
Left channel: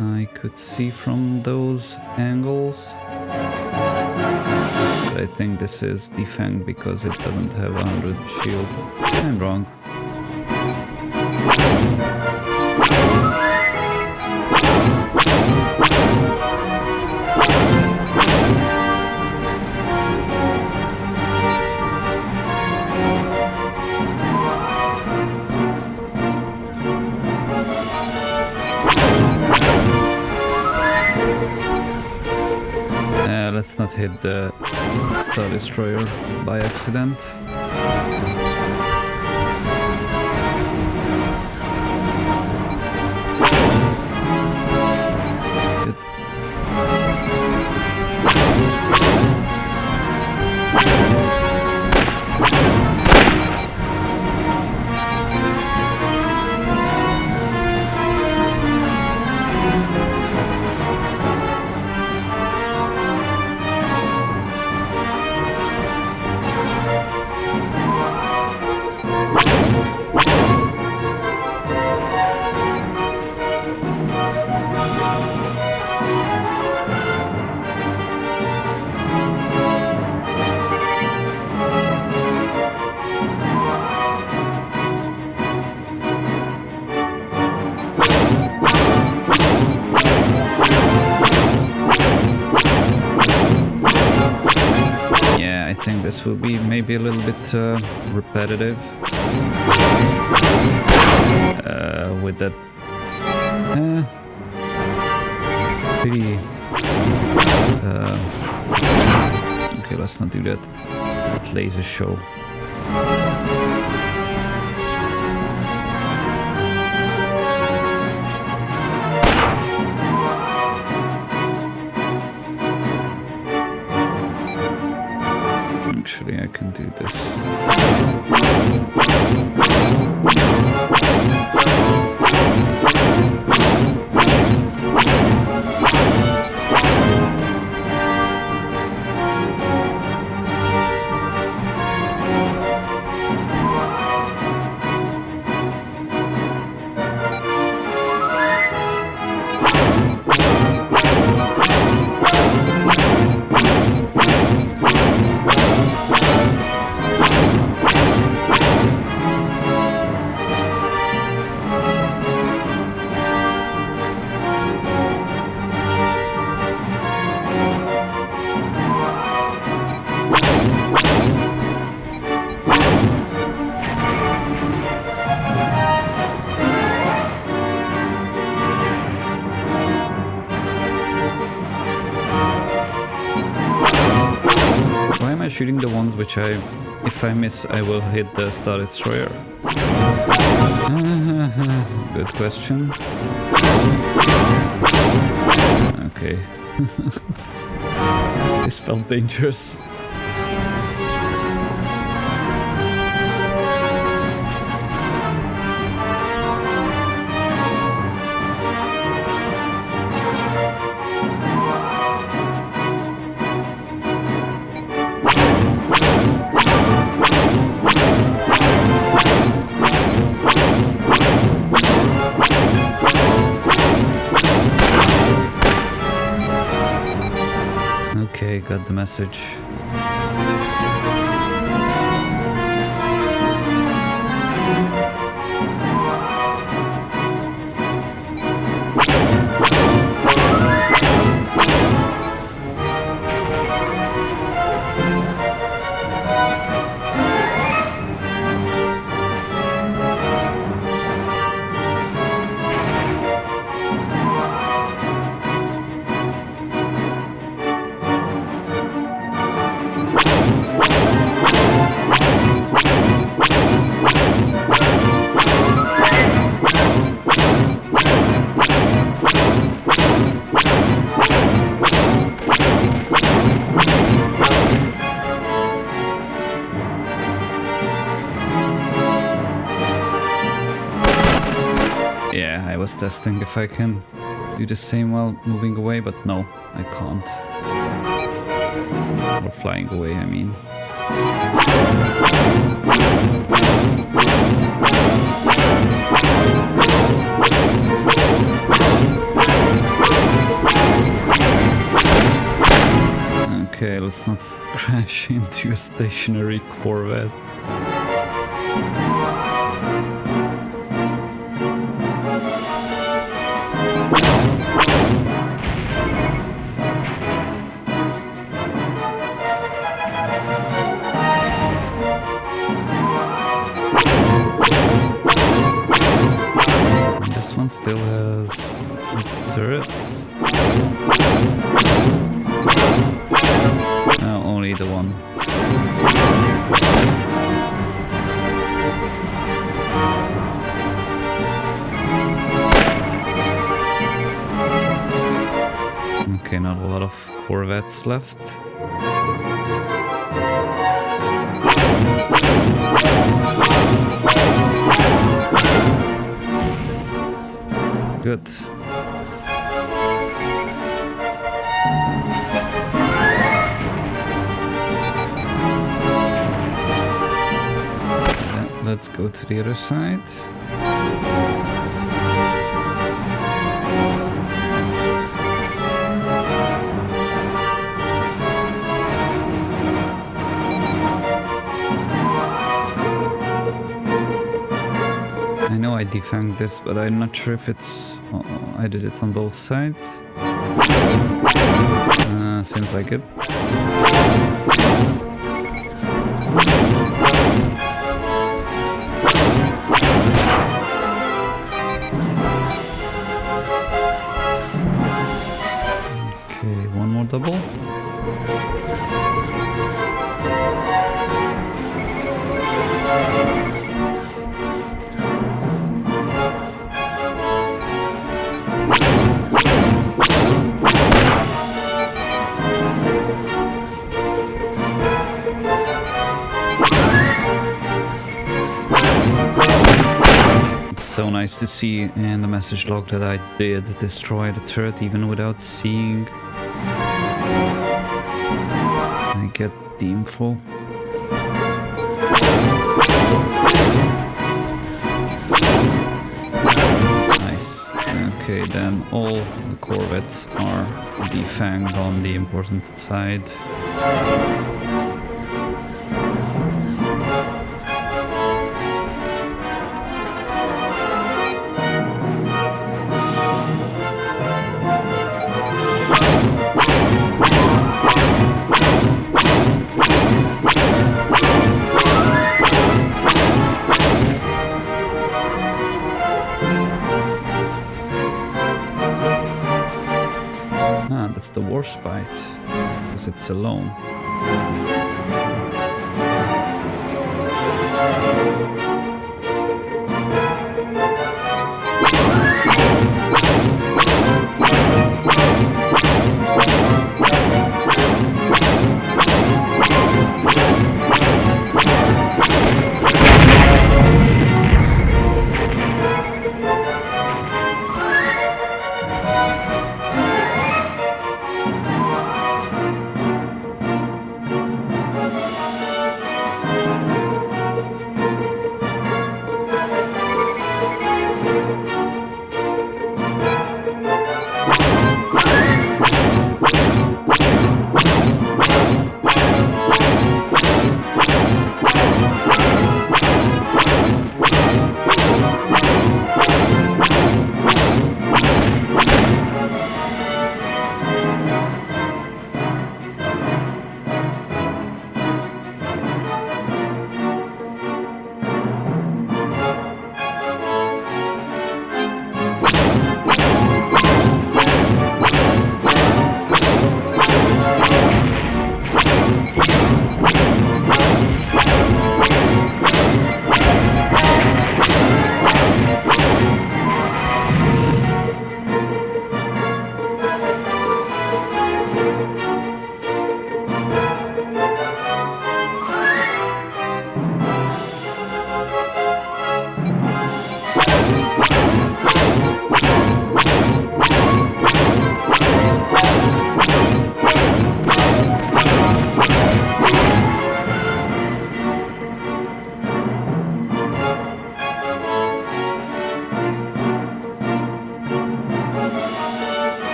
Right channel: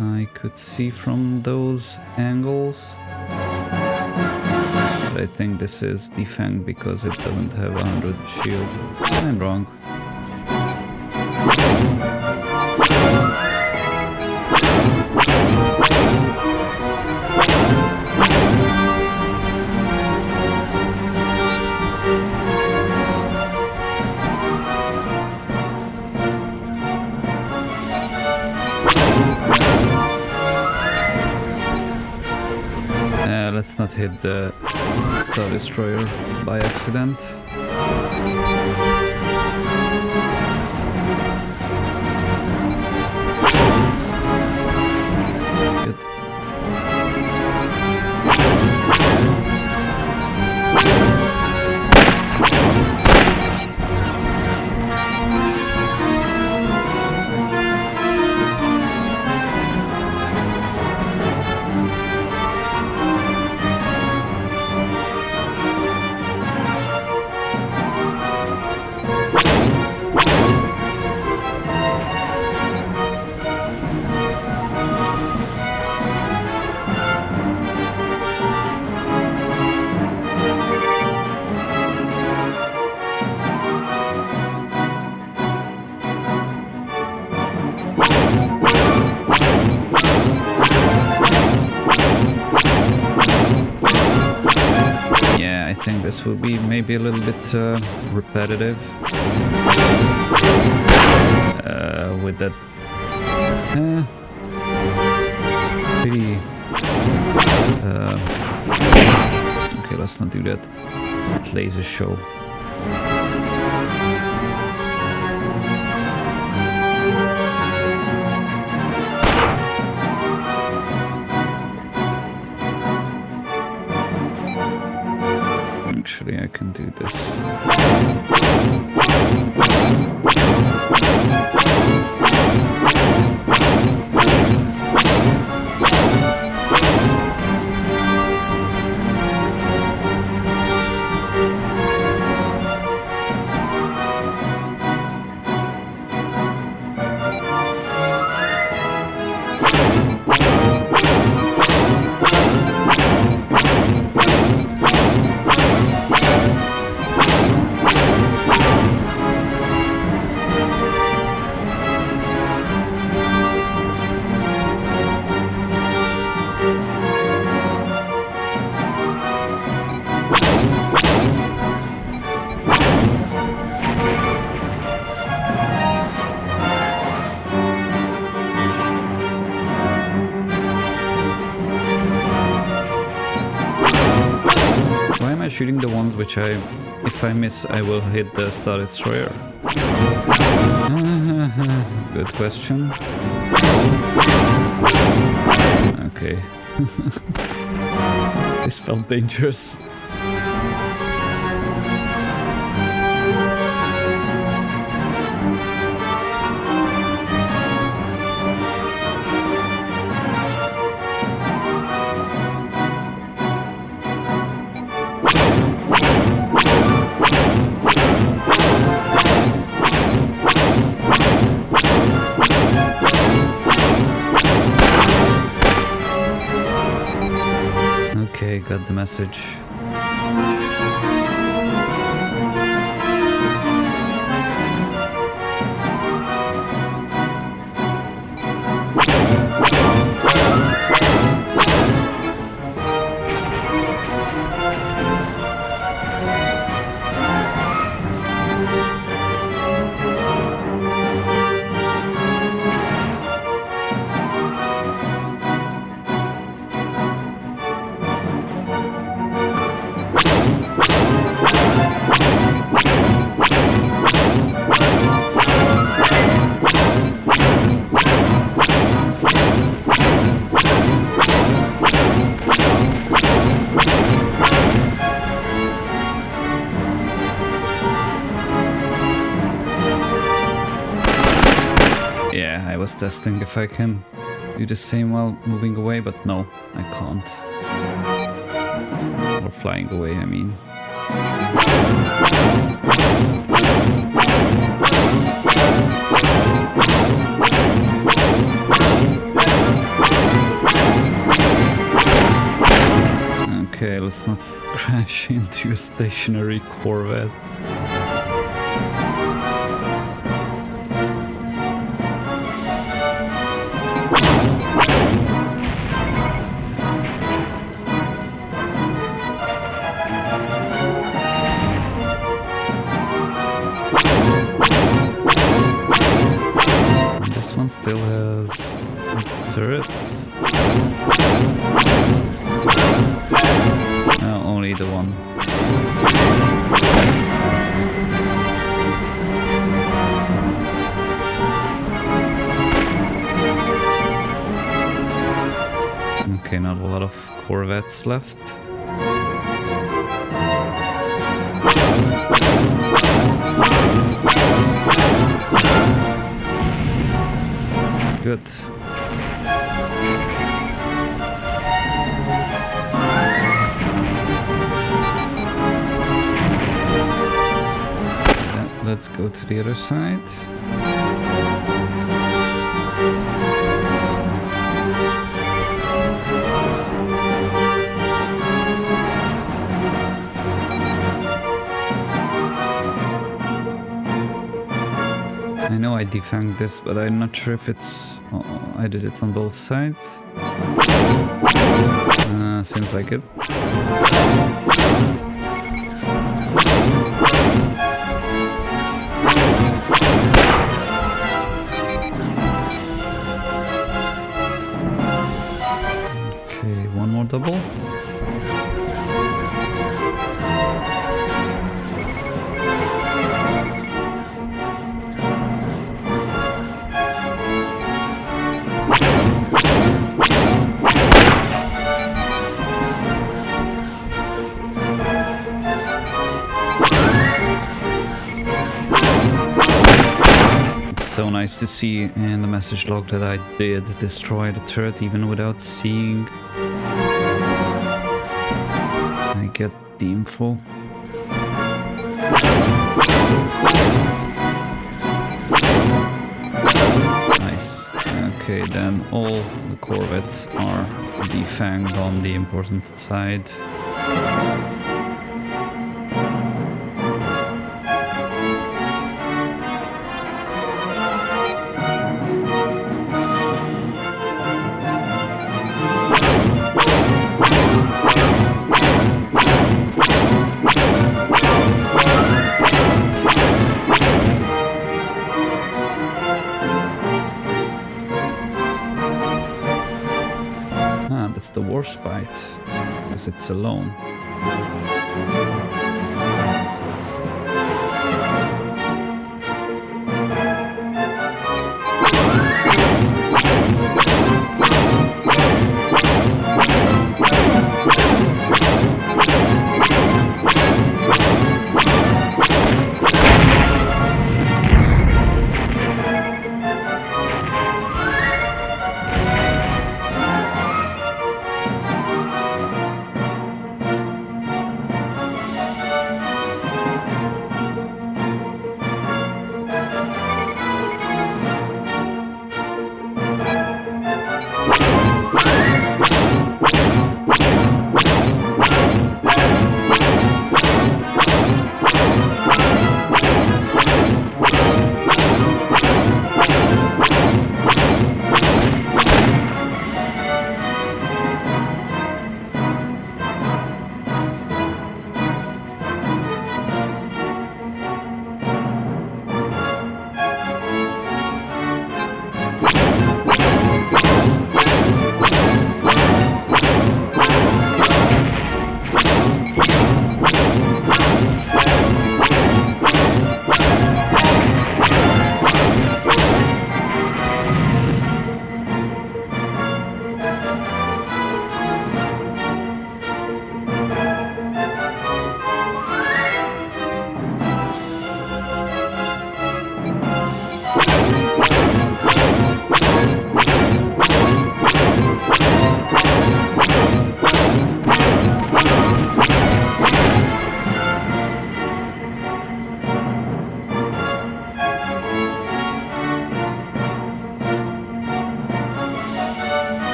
I could see from those angles. But I think this is the Fang because it doesn't have 100 shield. I'm wrong. Let's not hit the Star Destroyer by accident. Good. I think this will be maybe a little bit repetitive with that pretty okay, let's not do that. That laser show. Actually, I can do this. Why am I shooting the ones which if I miss, I will hit the Star Destroyer? Good question. Okay. This felt dangerous. Okay, got the message. was testing if I can do the same while moving away, but no, I can't. Or flying away, I mean. Okay, let's not crash into a stationary Corvette. And this one still has its turrets. No, only the one. Okay, not a lot of Corvettes left. Good. Let's go to the other side. I know I defanged this, but I'm not sure if it's... I did it on both sides. Seems like it. Okay, one more double. So nice to see in the message log that I did destroy the turret even without seeing. I get the info. Nice. Okay, then all the Corvettes are defanged on the important side. Ah, that's the WARSPITE, because it's alone.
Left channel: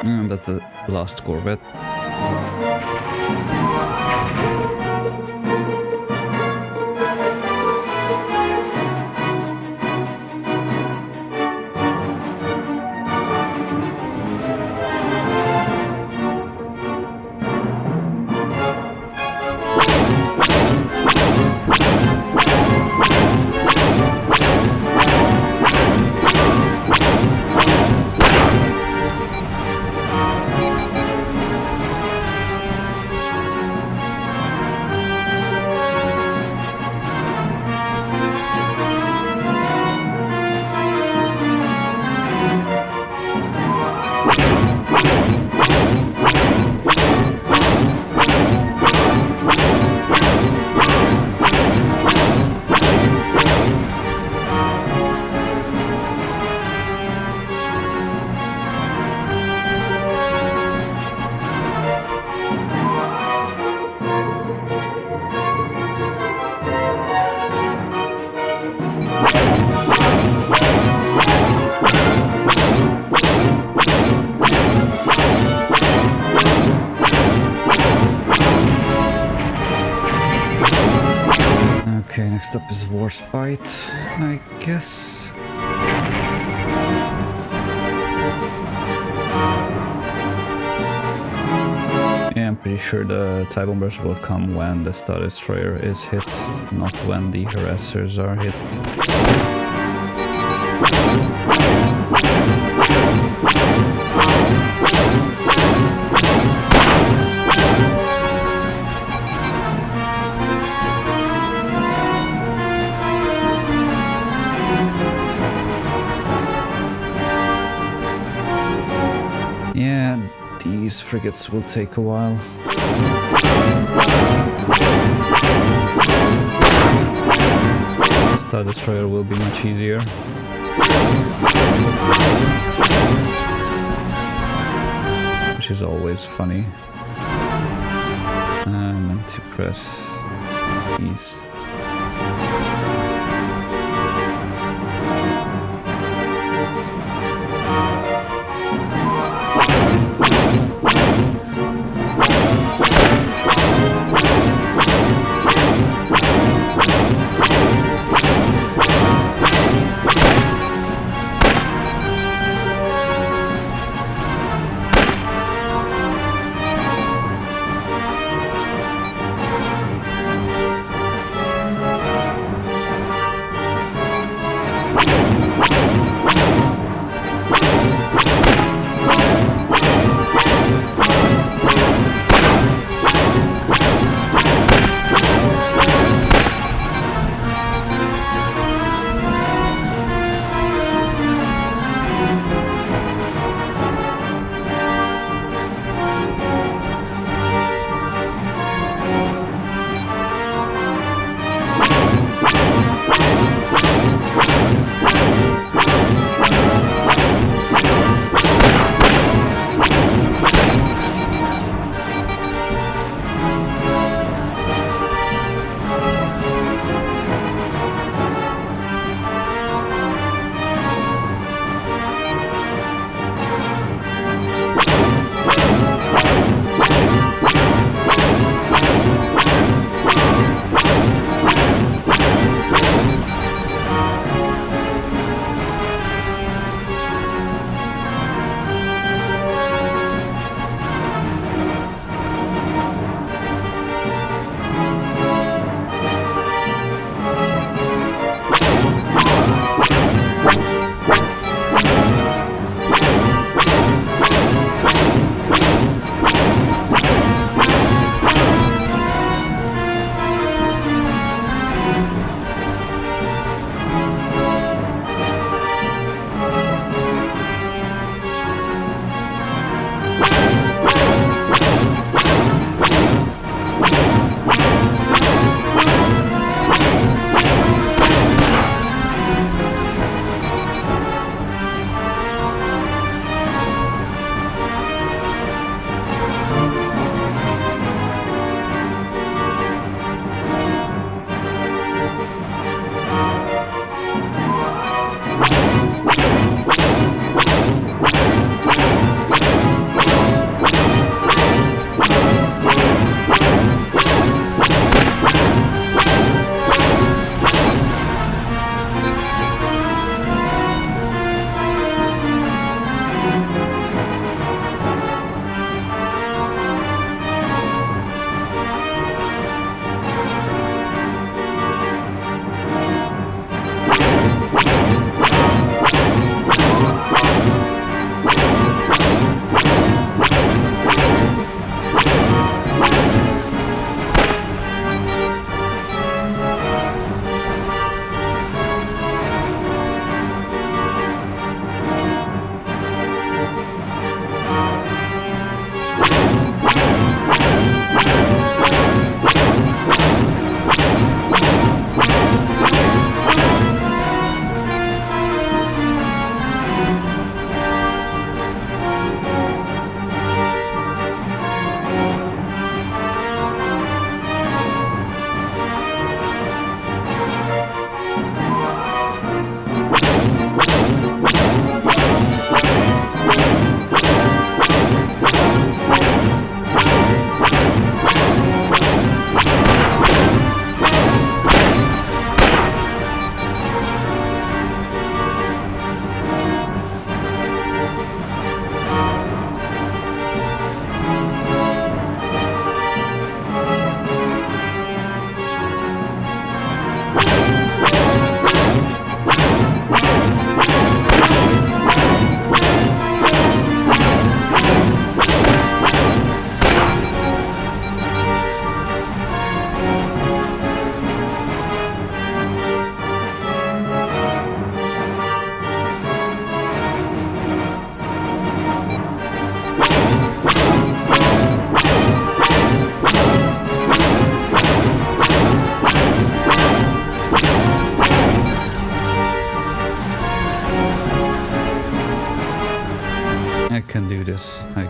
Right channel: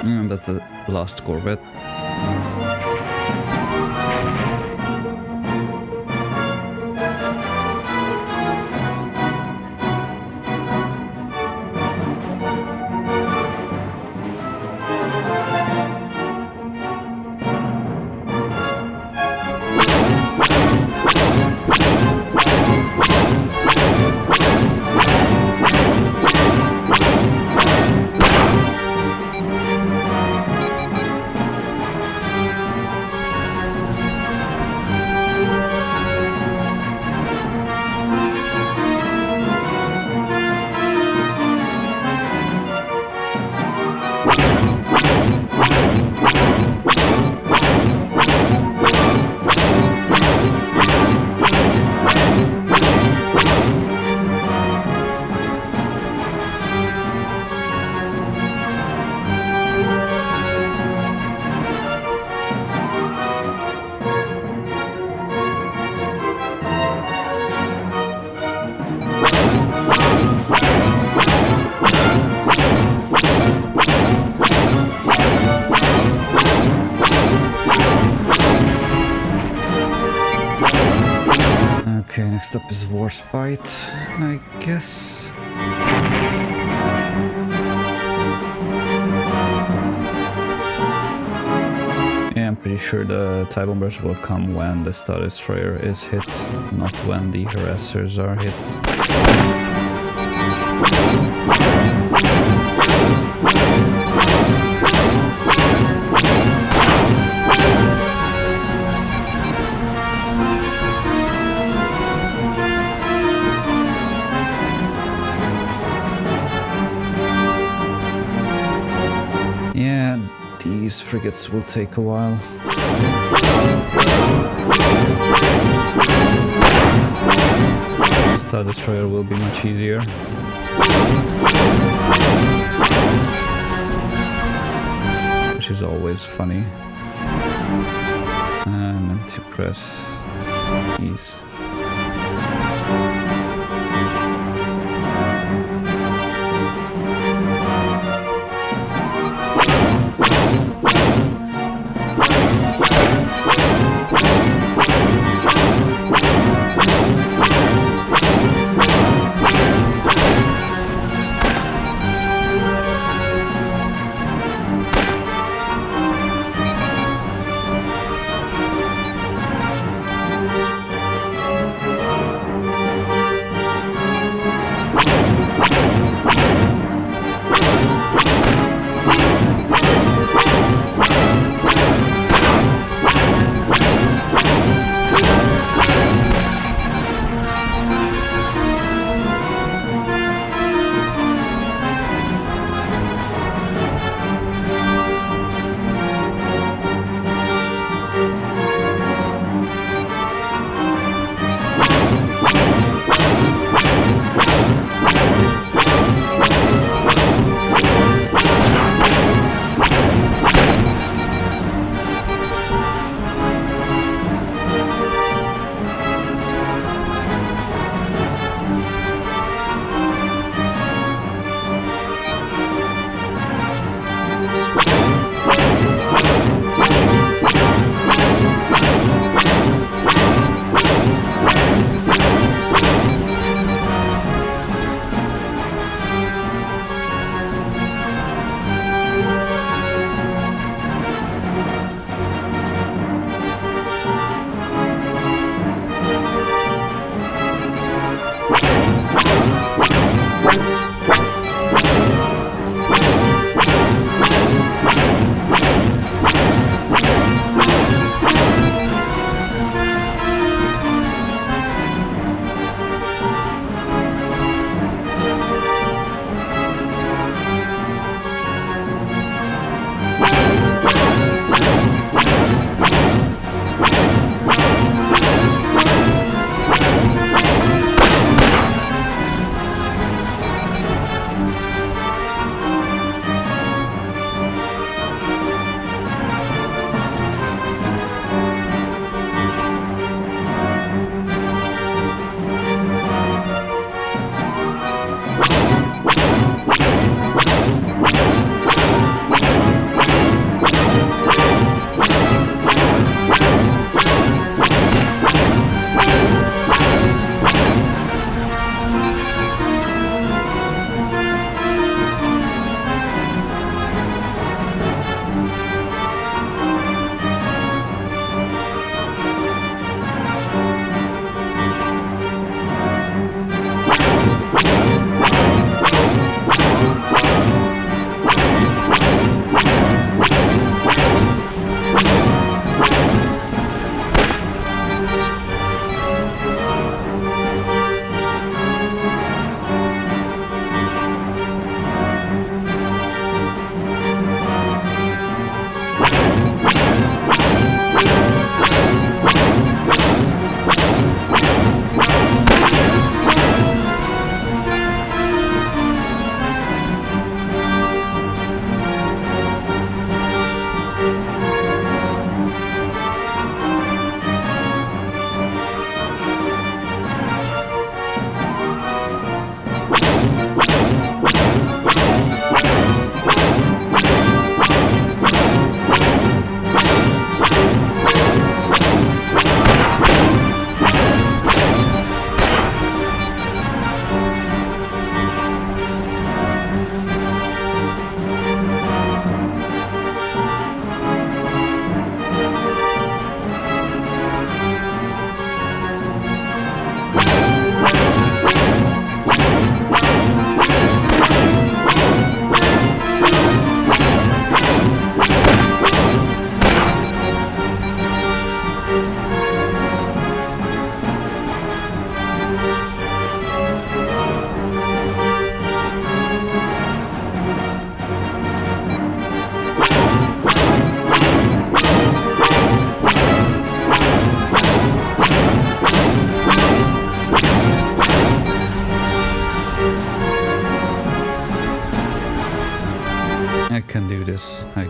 And that's the last Corvette. Okay, next up is WARSPITE, I guess. Yeah, I'm pretty sure the TIE bombers will come when the Star Destroyer is hit, not when the harassers are hit. Yeah, these frigates will take a while. Star Destroyer will be much easier. Which is always funny. I meant to press these.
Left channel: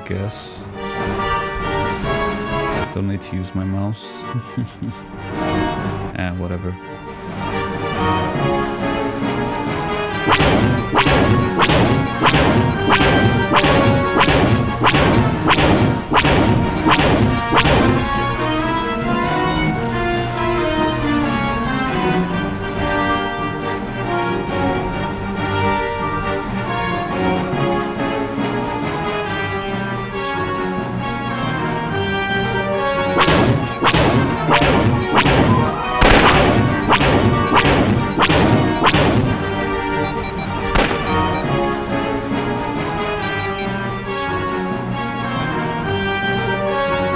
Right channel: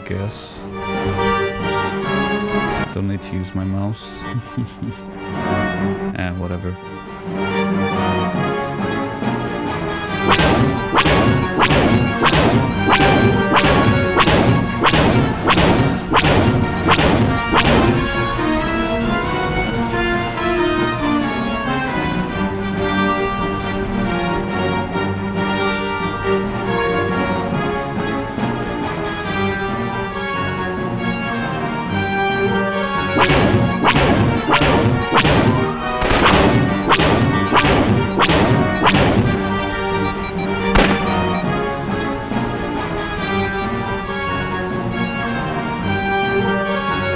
guess. Don't need to use my mouse. Whatever.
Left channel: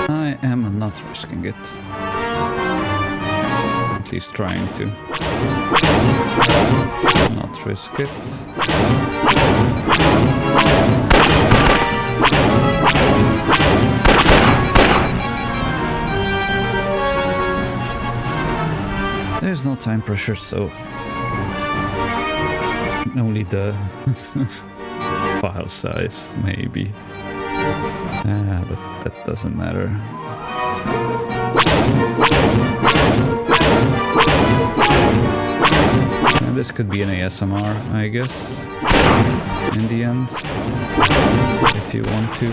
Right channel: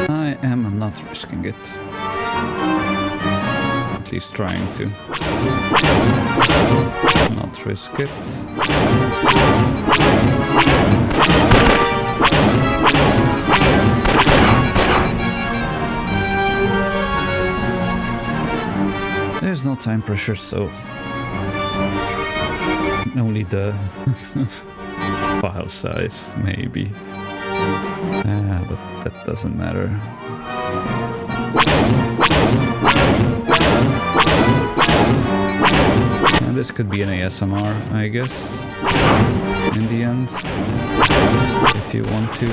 I am not risking it. At least trying to. Not risk it. There's no time pressure, so only the file size, maybe. But that doesn't matter. And this could be an ASMR, I guess, in the end, if you want to.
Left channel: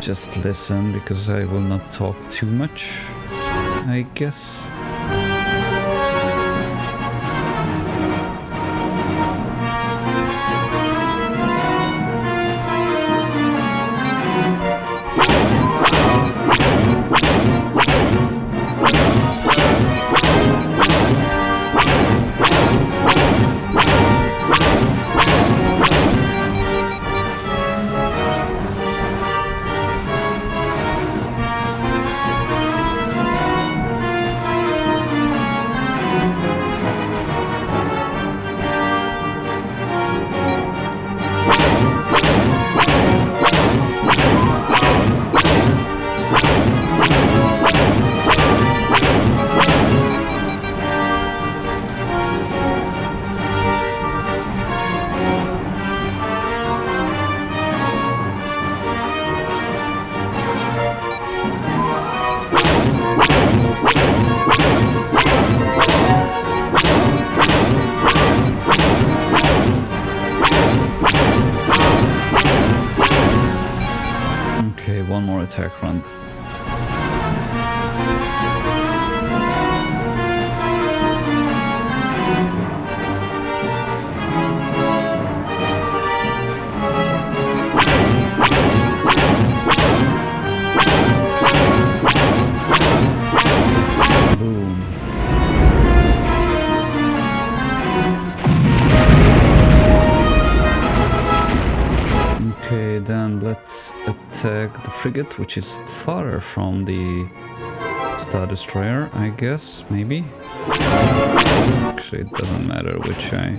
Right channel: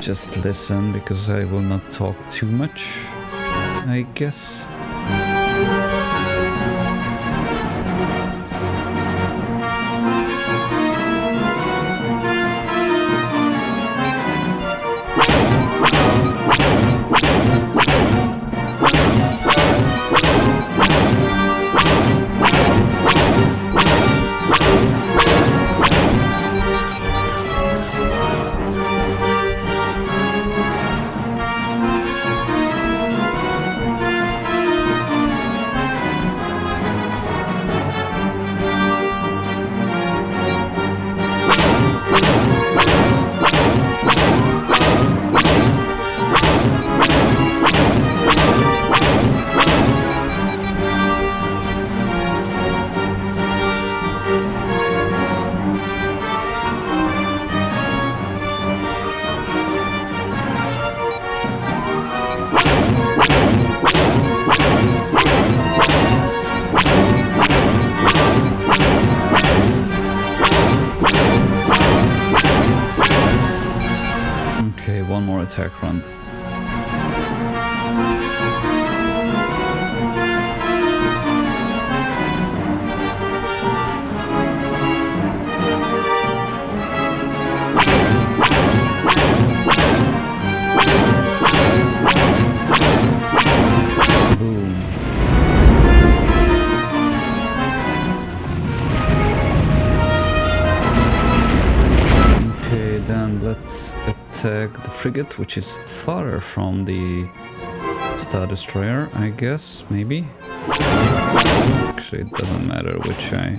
Just listen, because I will not talk too much, I guess. Okay, one more attack run. Boom. Okay, then let's attack the frigate, which is farther from the Star Destroyer, I guess, maybe? Actually, it doesn't matter which I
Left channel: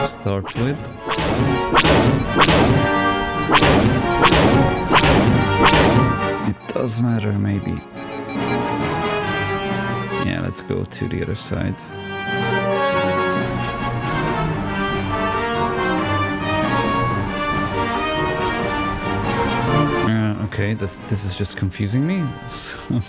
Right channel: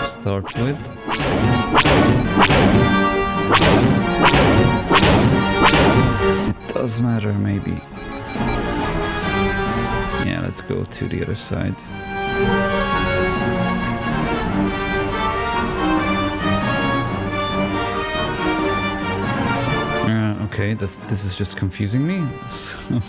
start with. It does matter, maybe. Yeah, let's go to the other side. Okay, this is just confusing me. So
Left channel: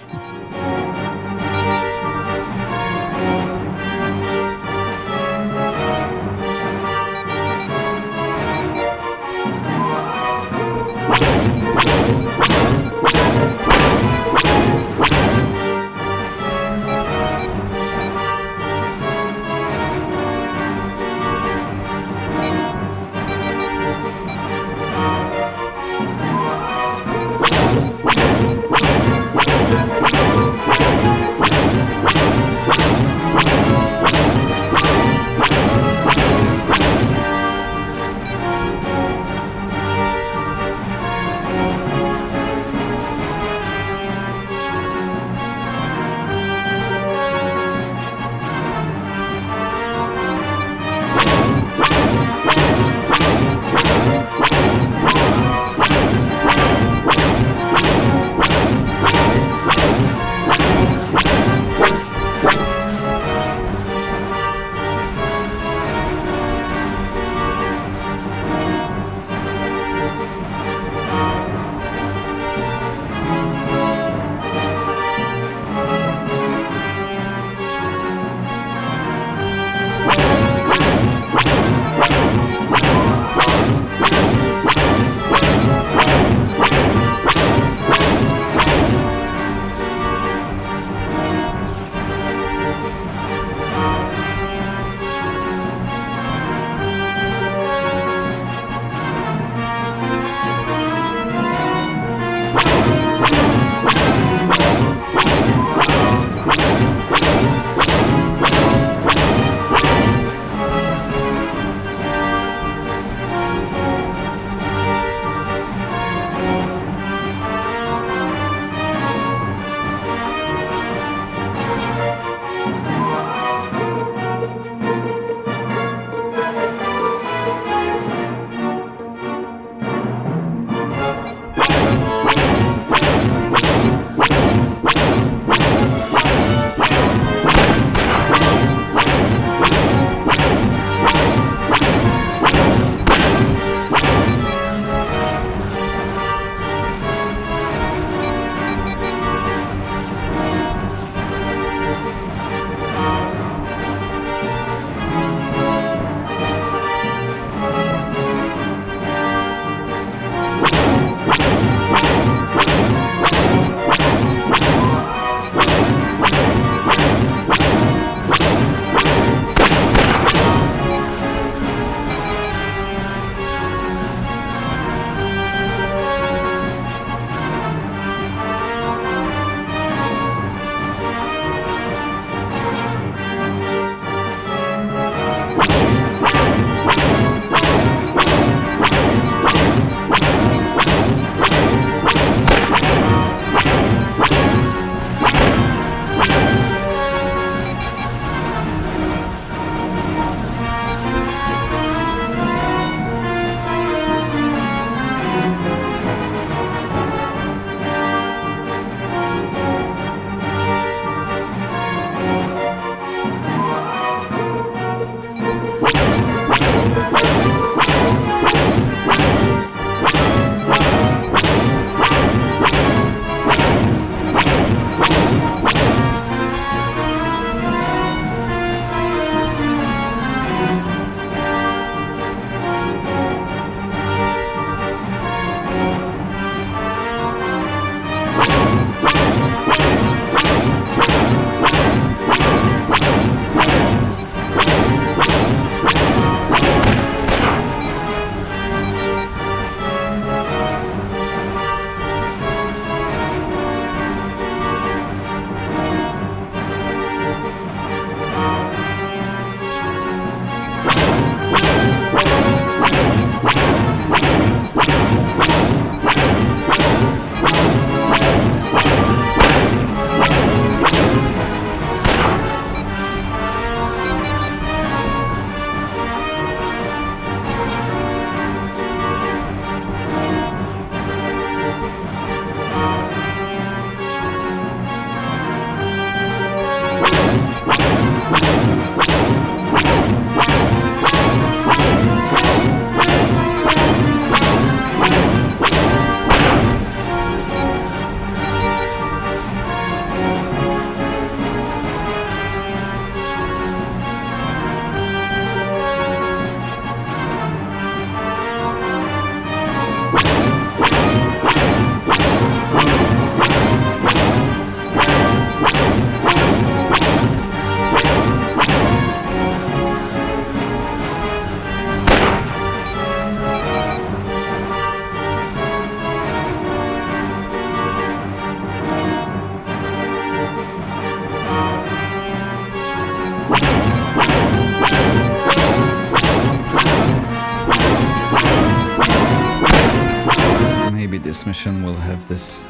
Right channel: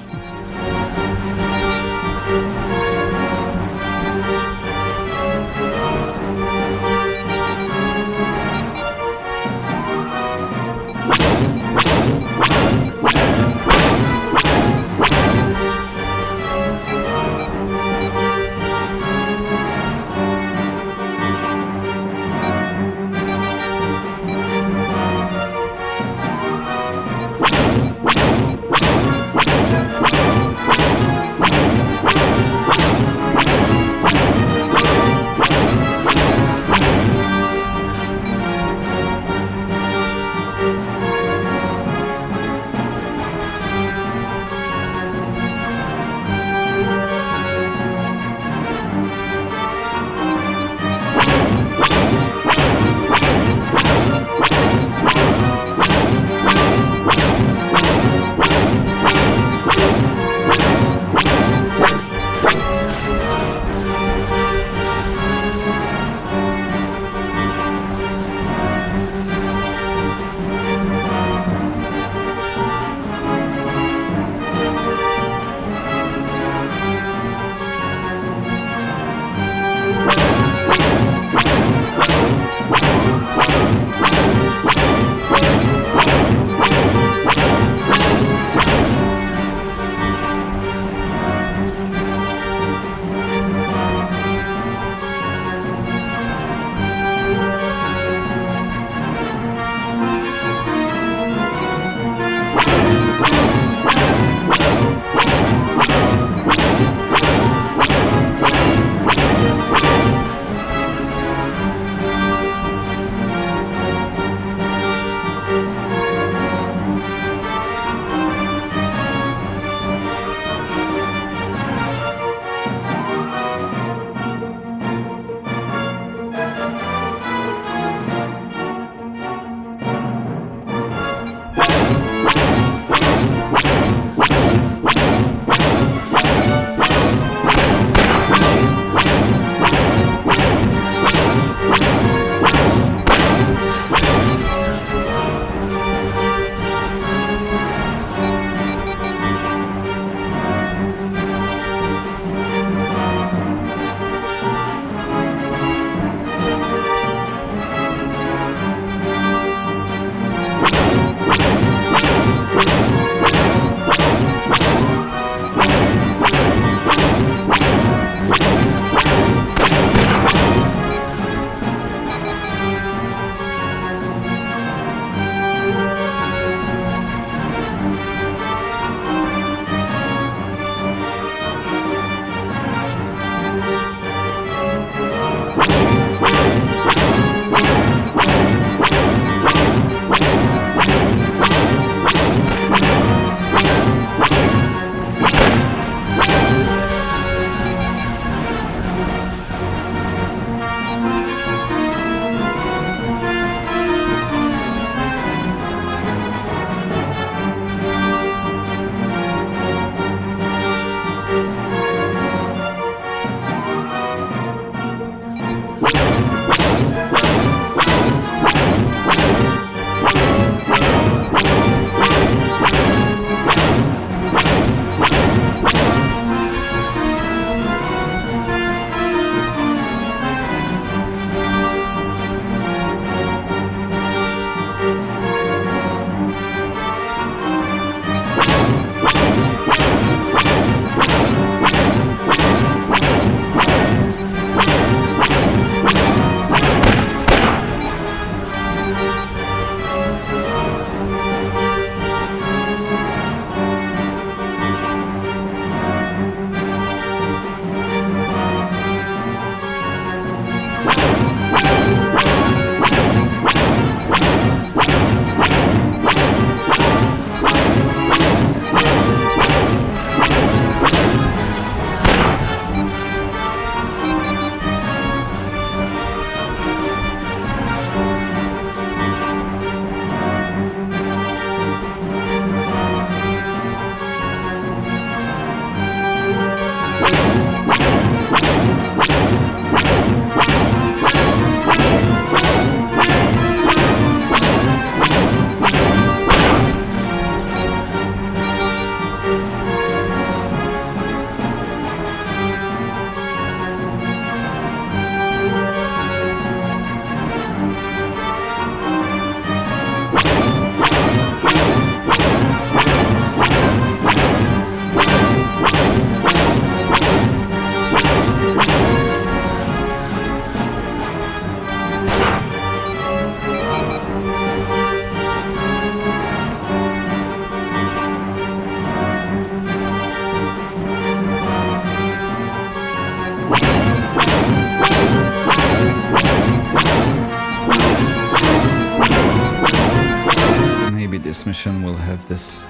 This mission will have this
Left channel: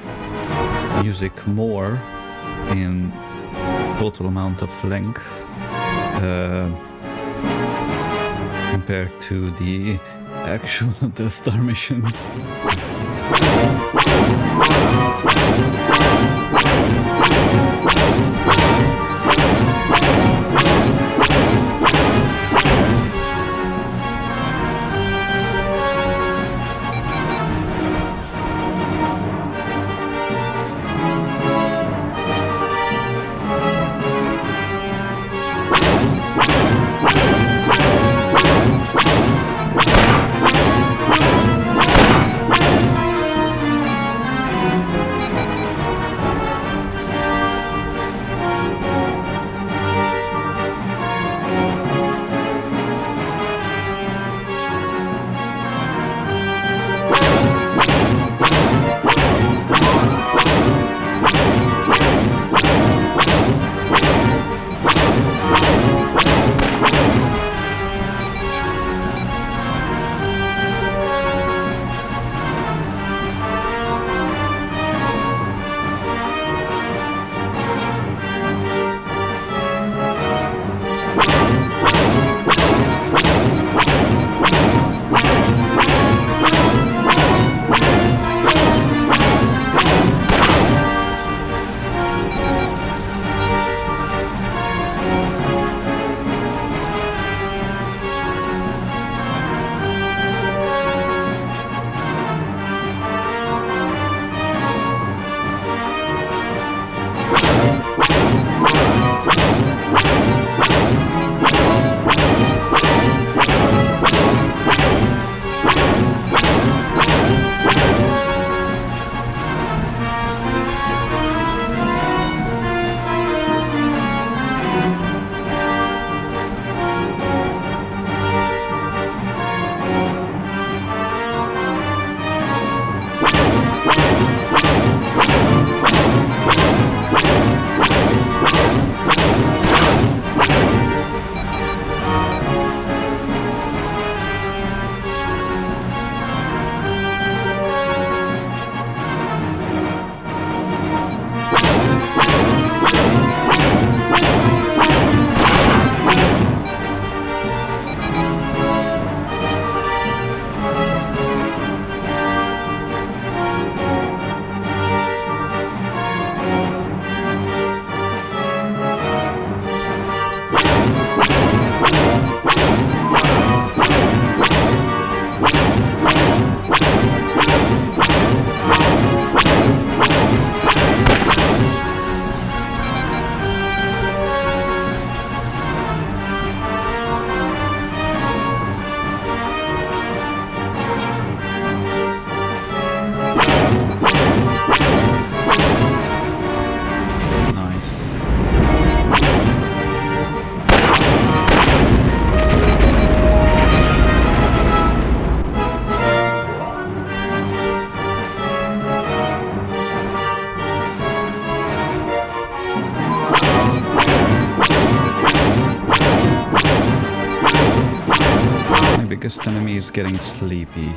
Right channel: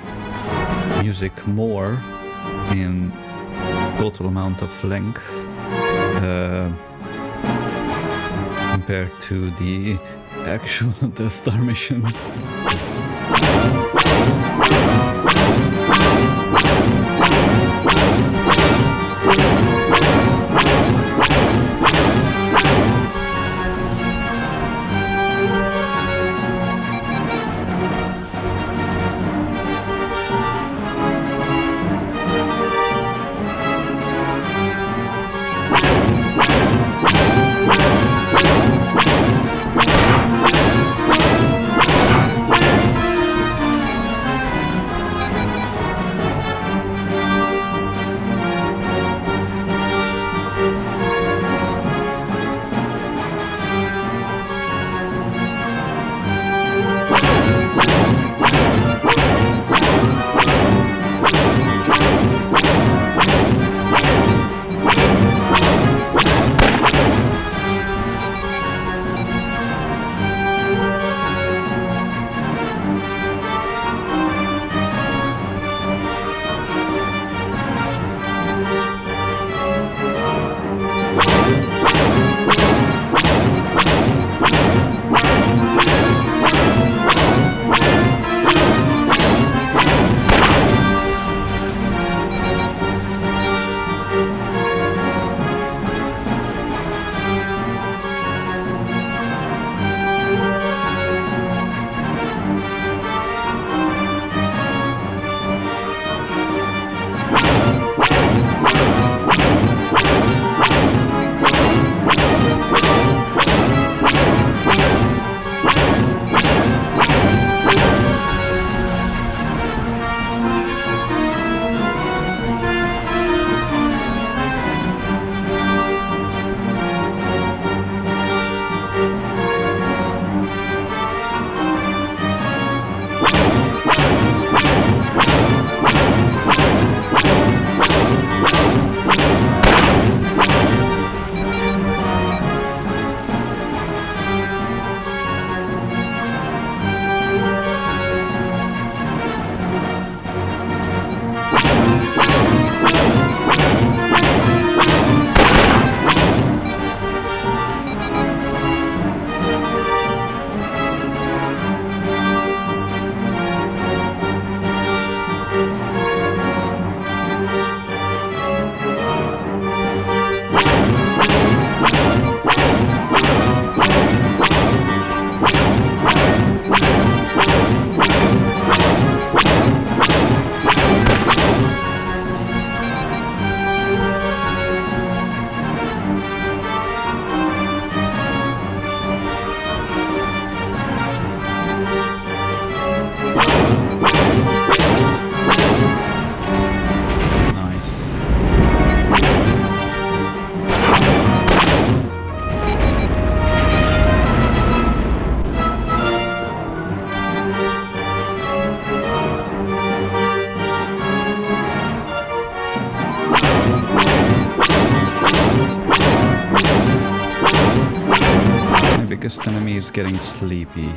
music more in total amount of length compared to the actual Death Star missions. biggest enemy is getting sleepy.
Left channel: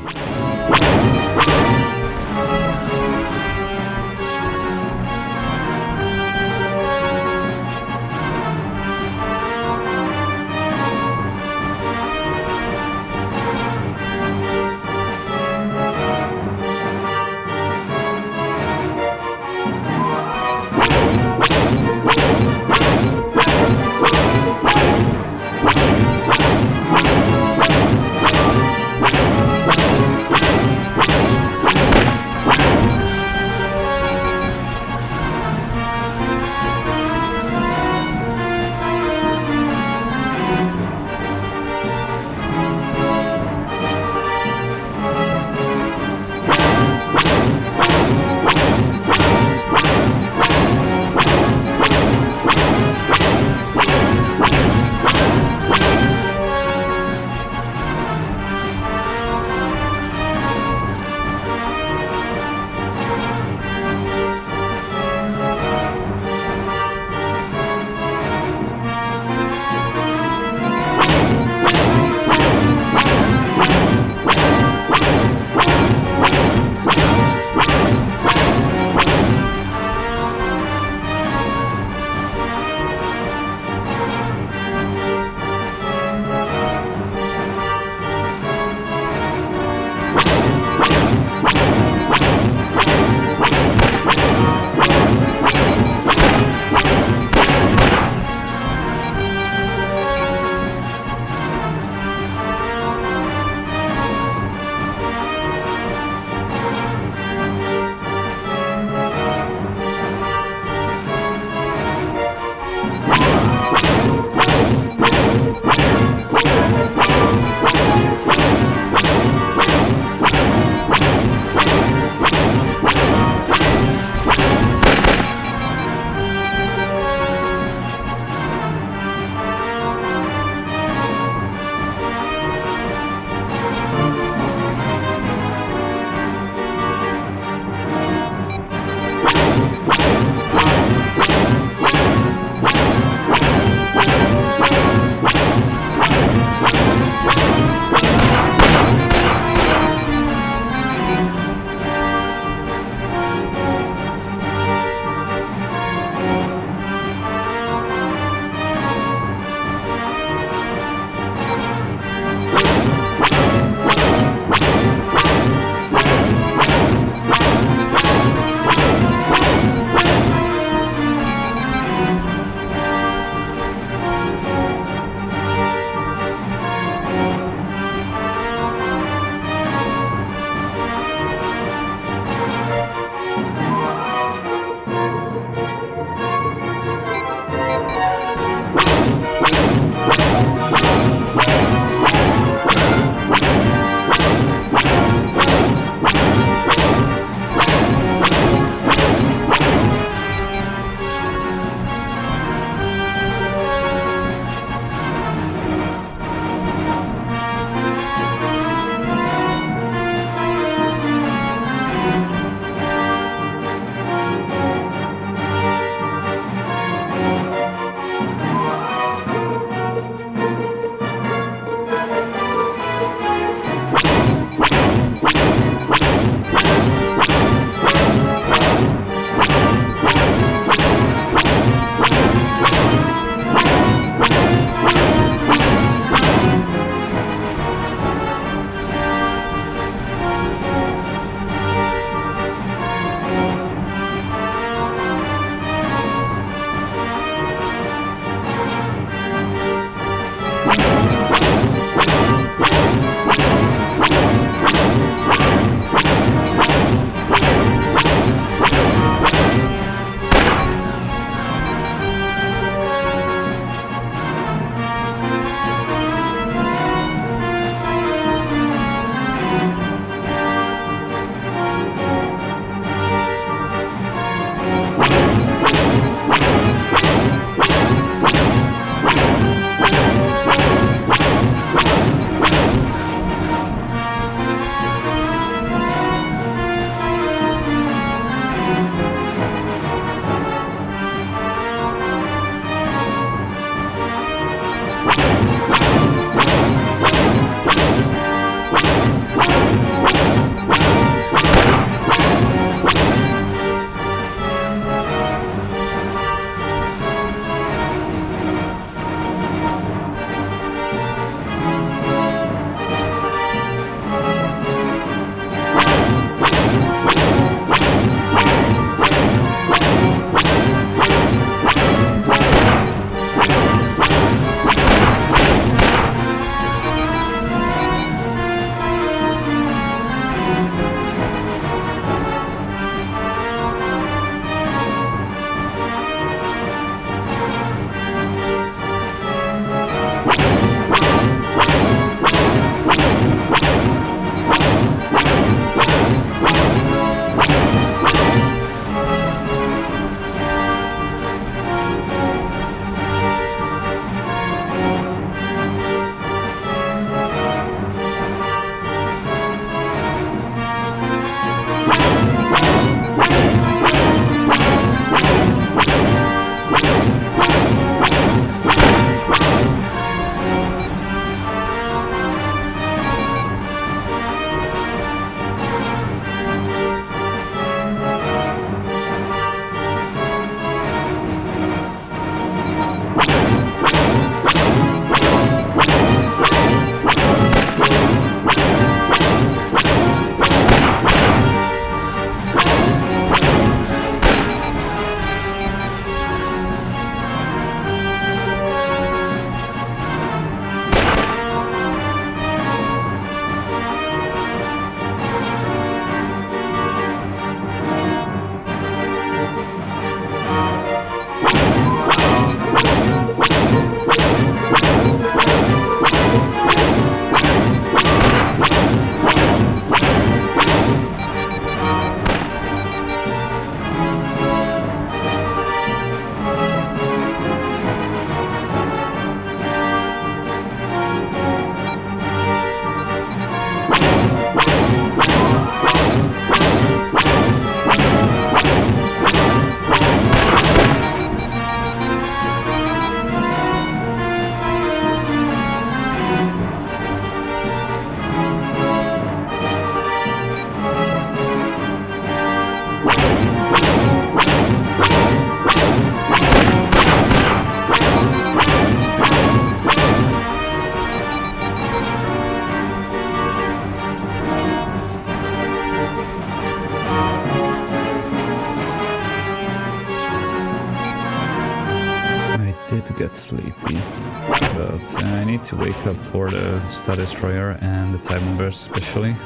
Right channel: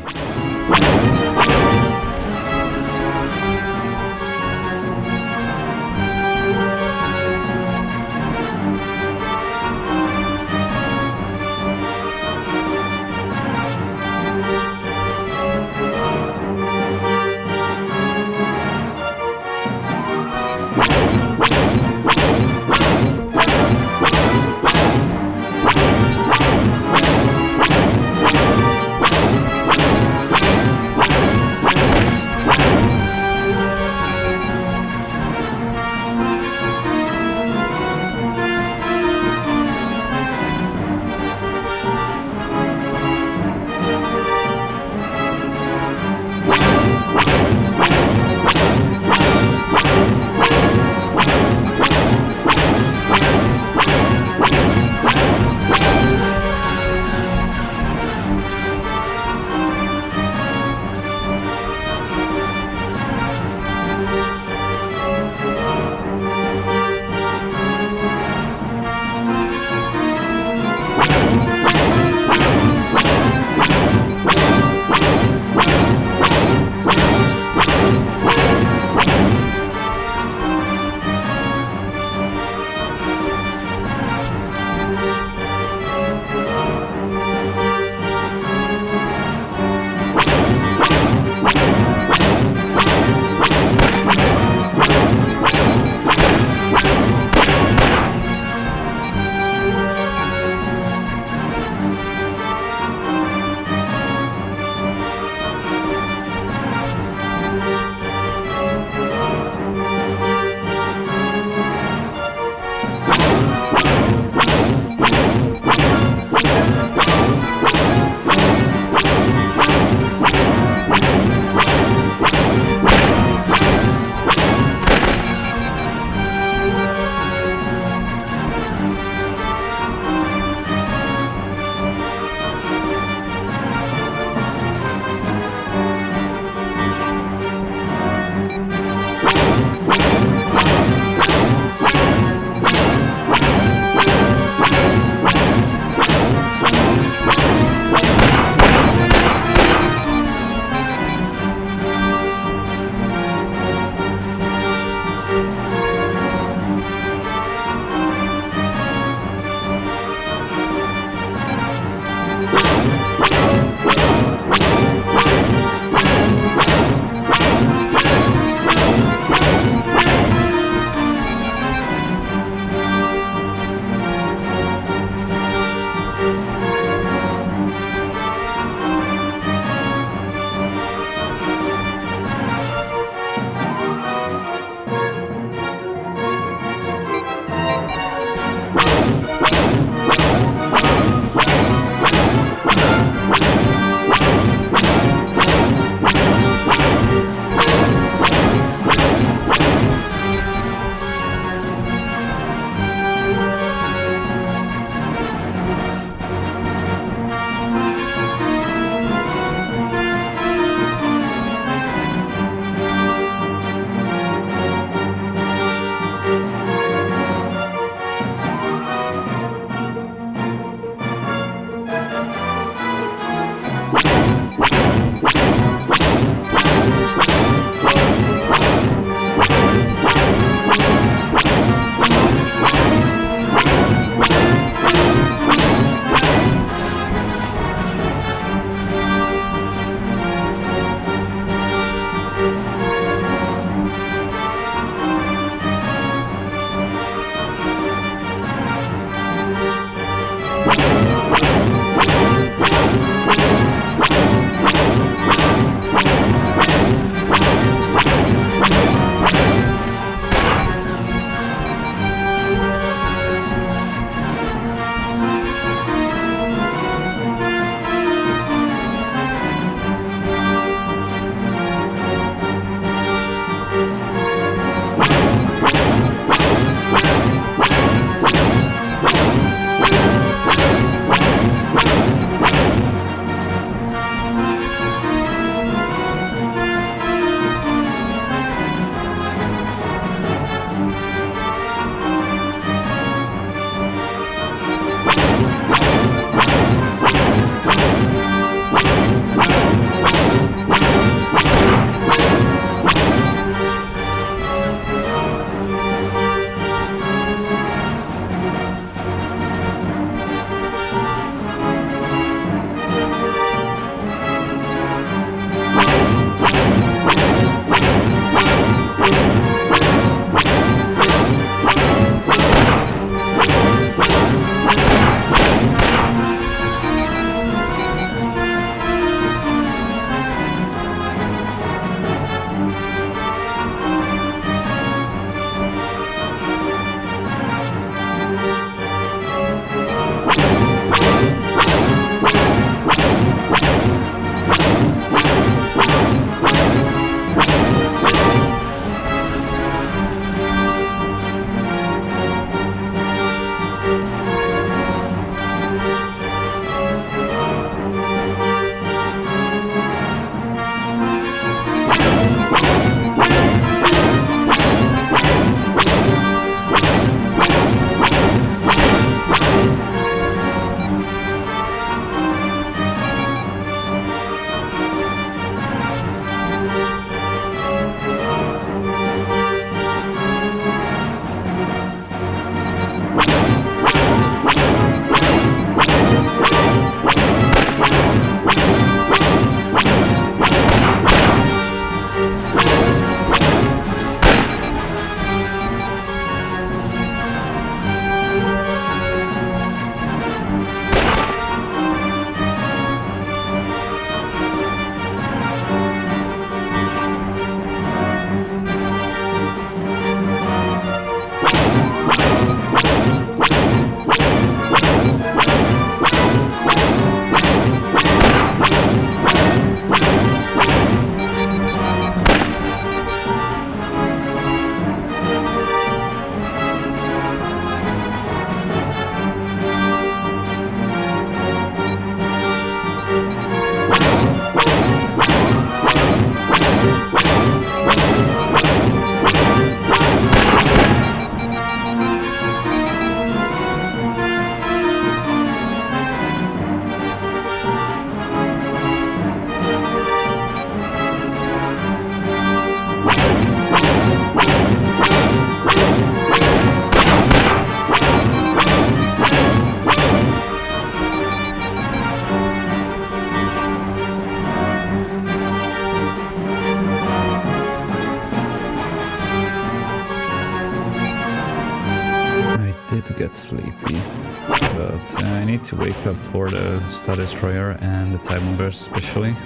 Did get sleepy, but I need to wake up for the Star Destroyer and the Time Bombers especially.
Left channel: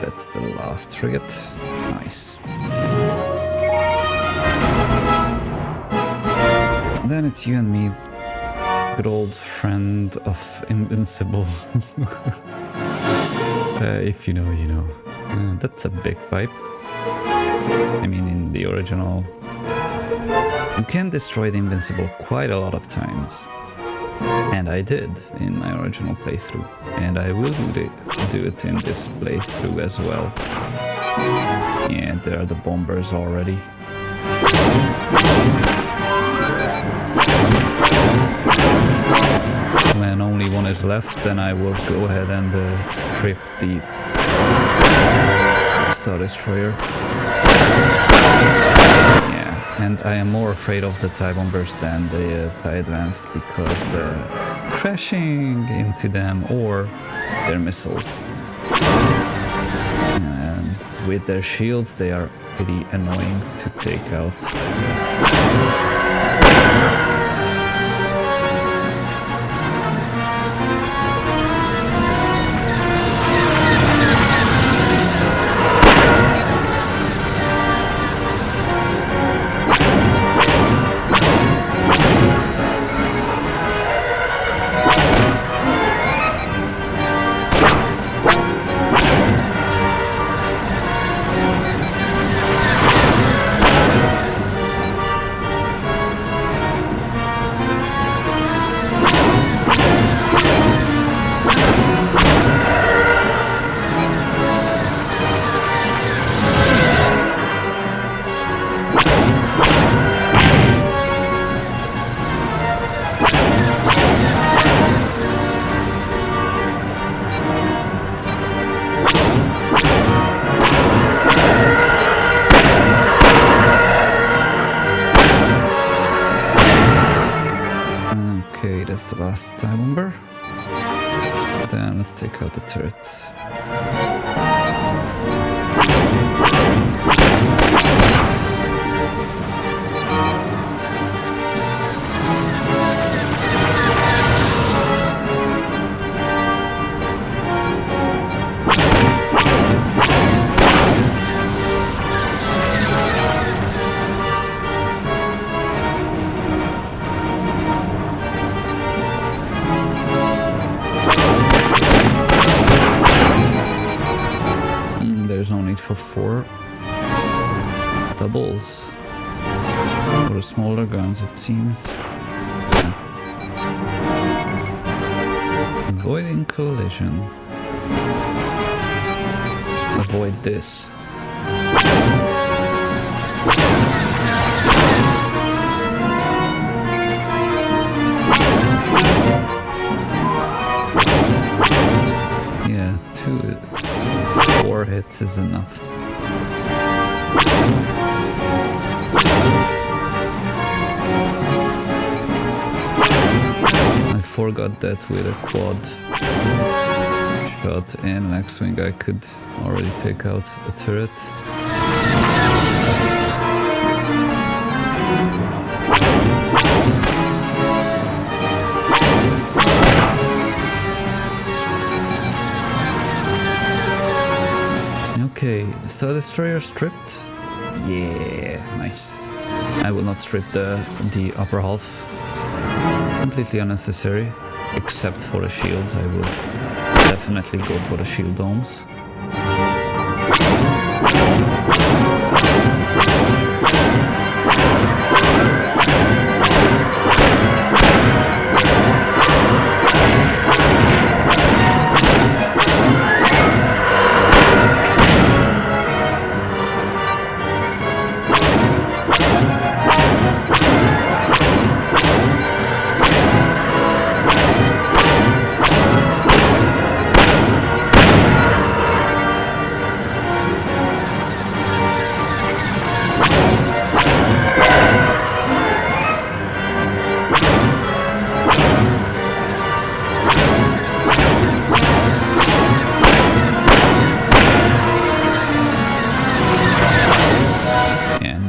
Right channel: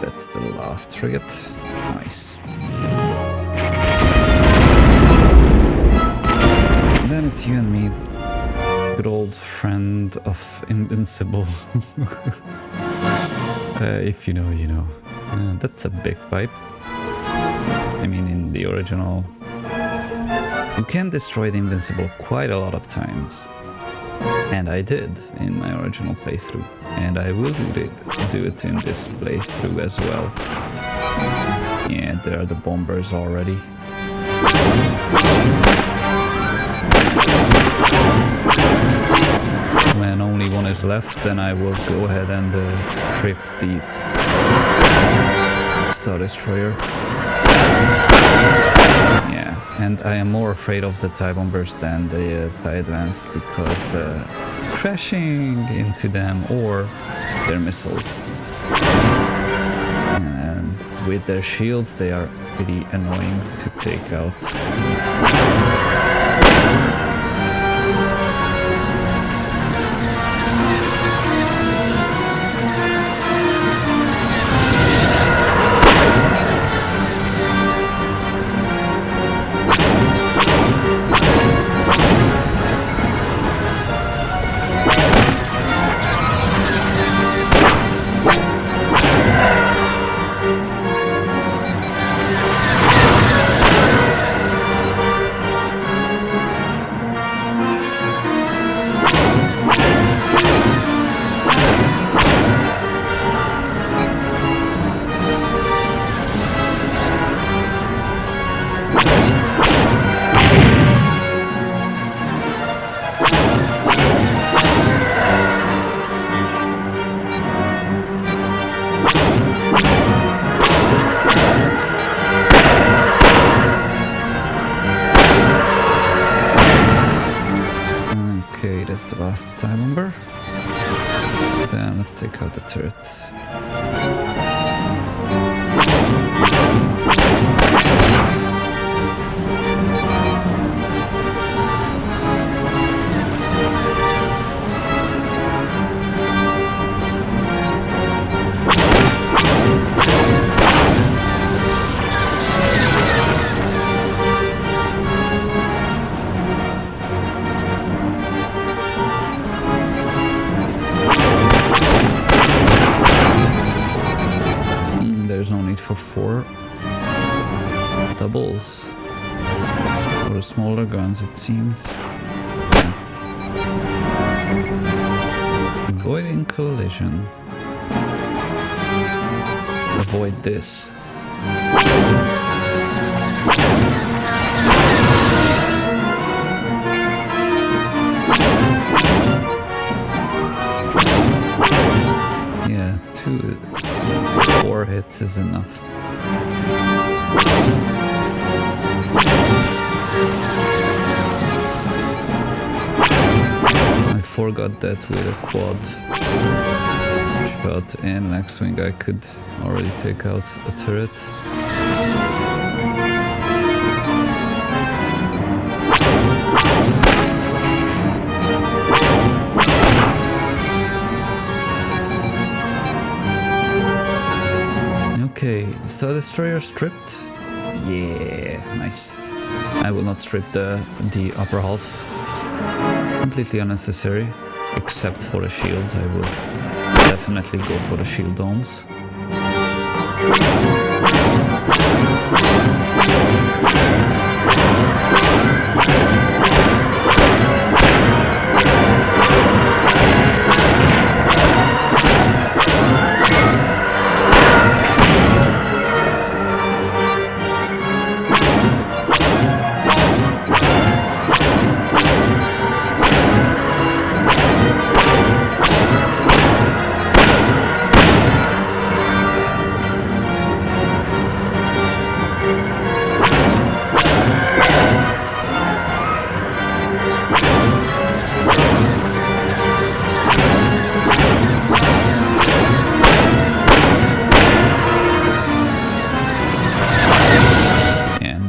That's the last frigate. Nice. Then it's you and me, good old friend of Invincible. If you know, you know. That's a big pipe. I mean, in the original, you can destroy the Invincible quite a lot of times. And I did in my original playthrough. And I will do it in this playthrough as well. Yeah, there are the bombers already. When only one is left, then I will go ahead and trip the Star Destroyer. Yeah, and I am more afraid of the TIE Bombers than the TIE Advanced because crashing into them or their missiles. And with their shields, they are pretty annoying to take out. Okay, that's the last TIE Bomber. Then let's take out the turrets. There's no need for 4 doubles for the smaller guns, it seems. Yeah. Avoiding collision. Avoid this. Yeah, 4 hits is enough. I forgot that with a quad shot and an X-Wing I could already take out a turret. Okay, the Star Destroyer stripped. Yeah, nice. I will not strip the upper half. Completely unnecessary, except for the shields. I will definitely go for the shield domes.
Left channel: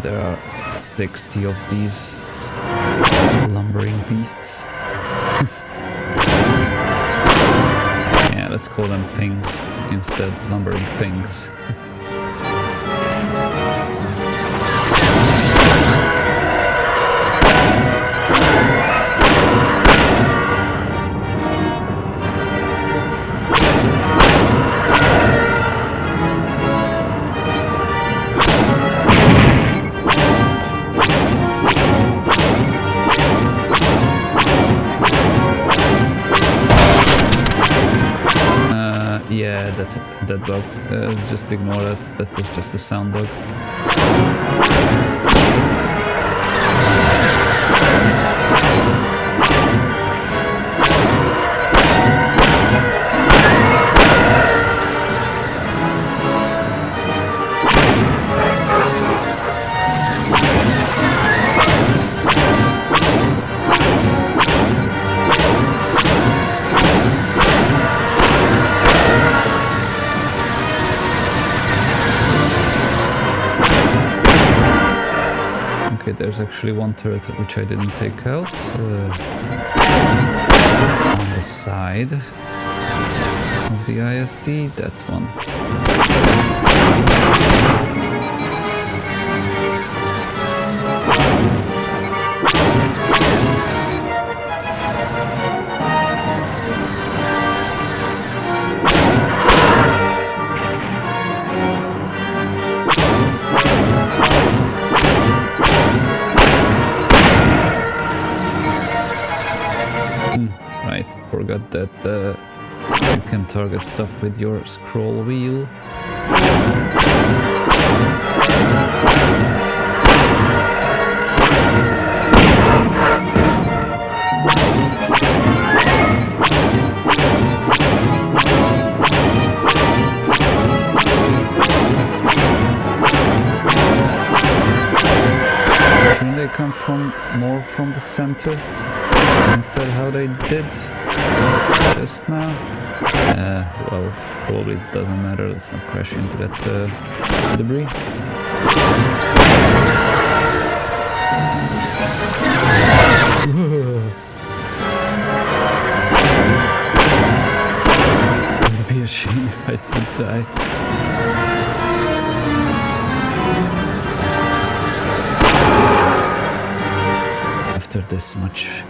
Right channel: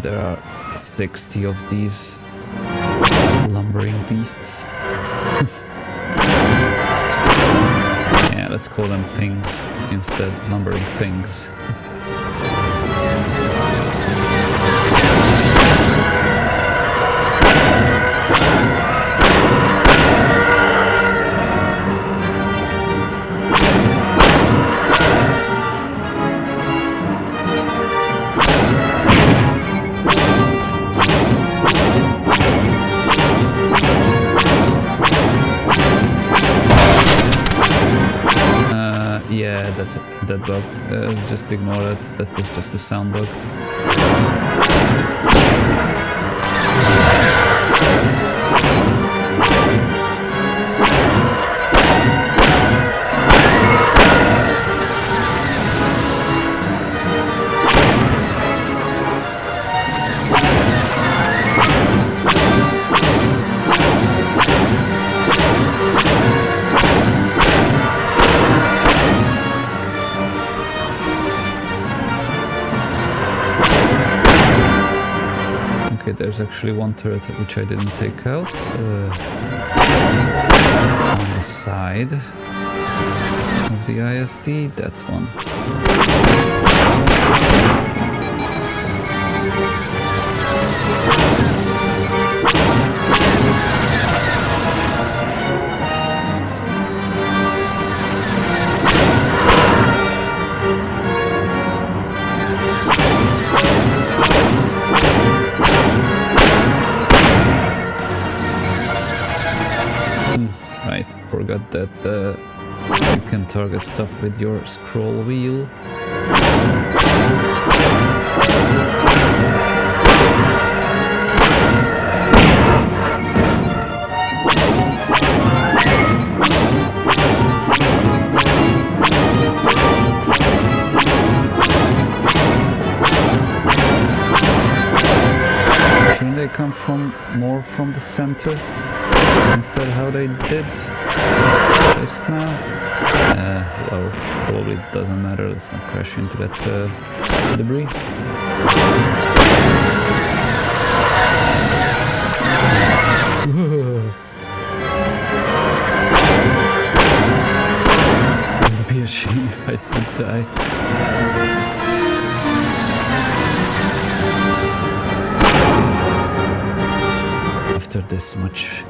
there are 60 of these lumbering beasts. Yeah, let's call them things instead, lumbering things. Yeah, that bug. Just ignore it. That was just a sound bug. Okay, there's actually one turret which I didn't take out. On the side of the ISD, that one. Right, forgot that you can target stuff with your scroll wheel. Shouldn't they come more from the center? Instead how they did just now? Well, probably doesn't matter, let's not crash into that debris. It would be a shame if I did die. After this much.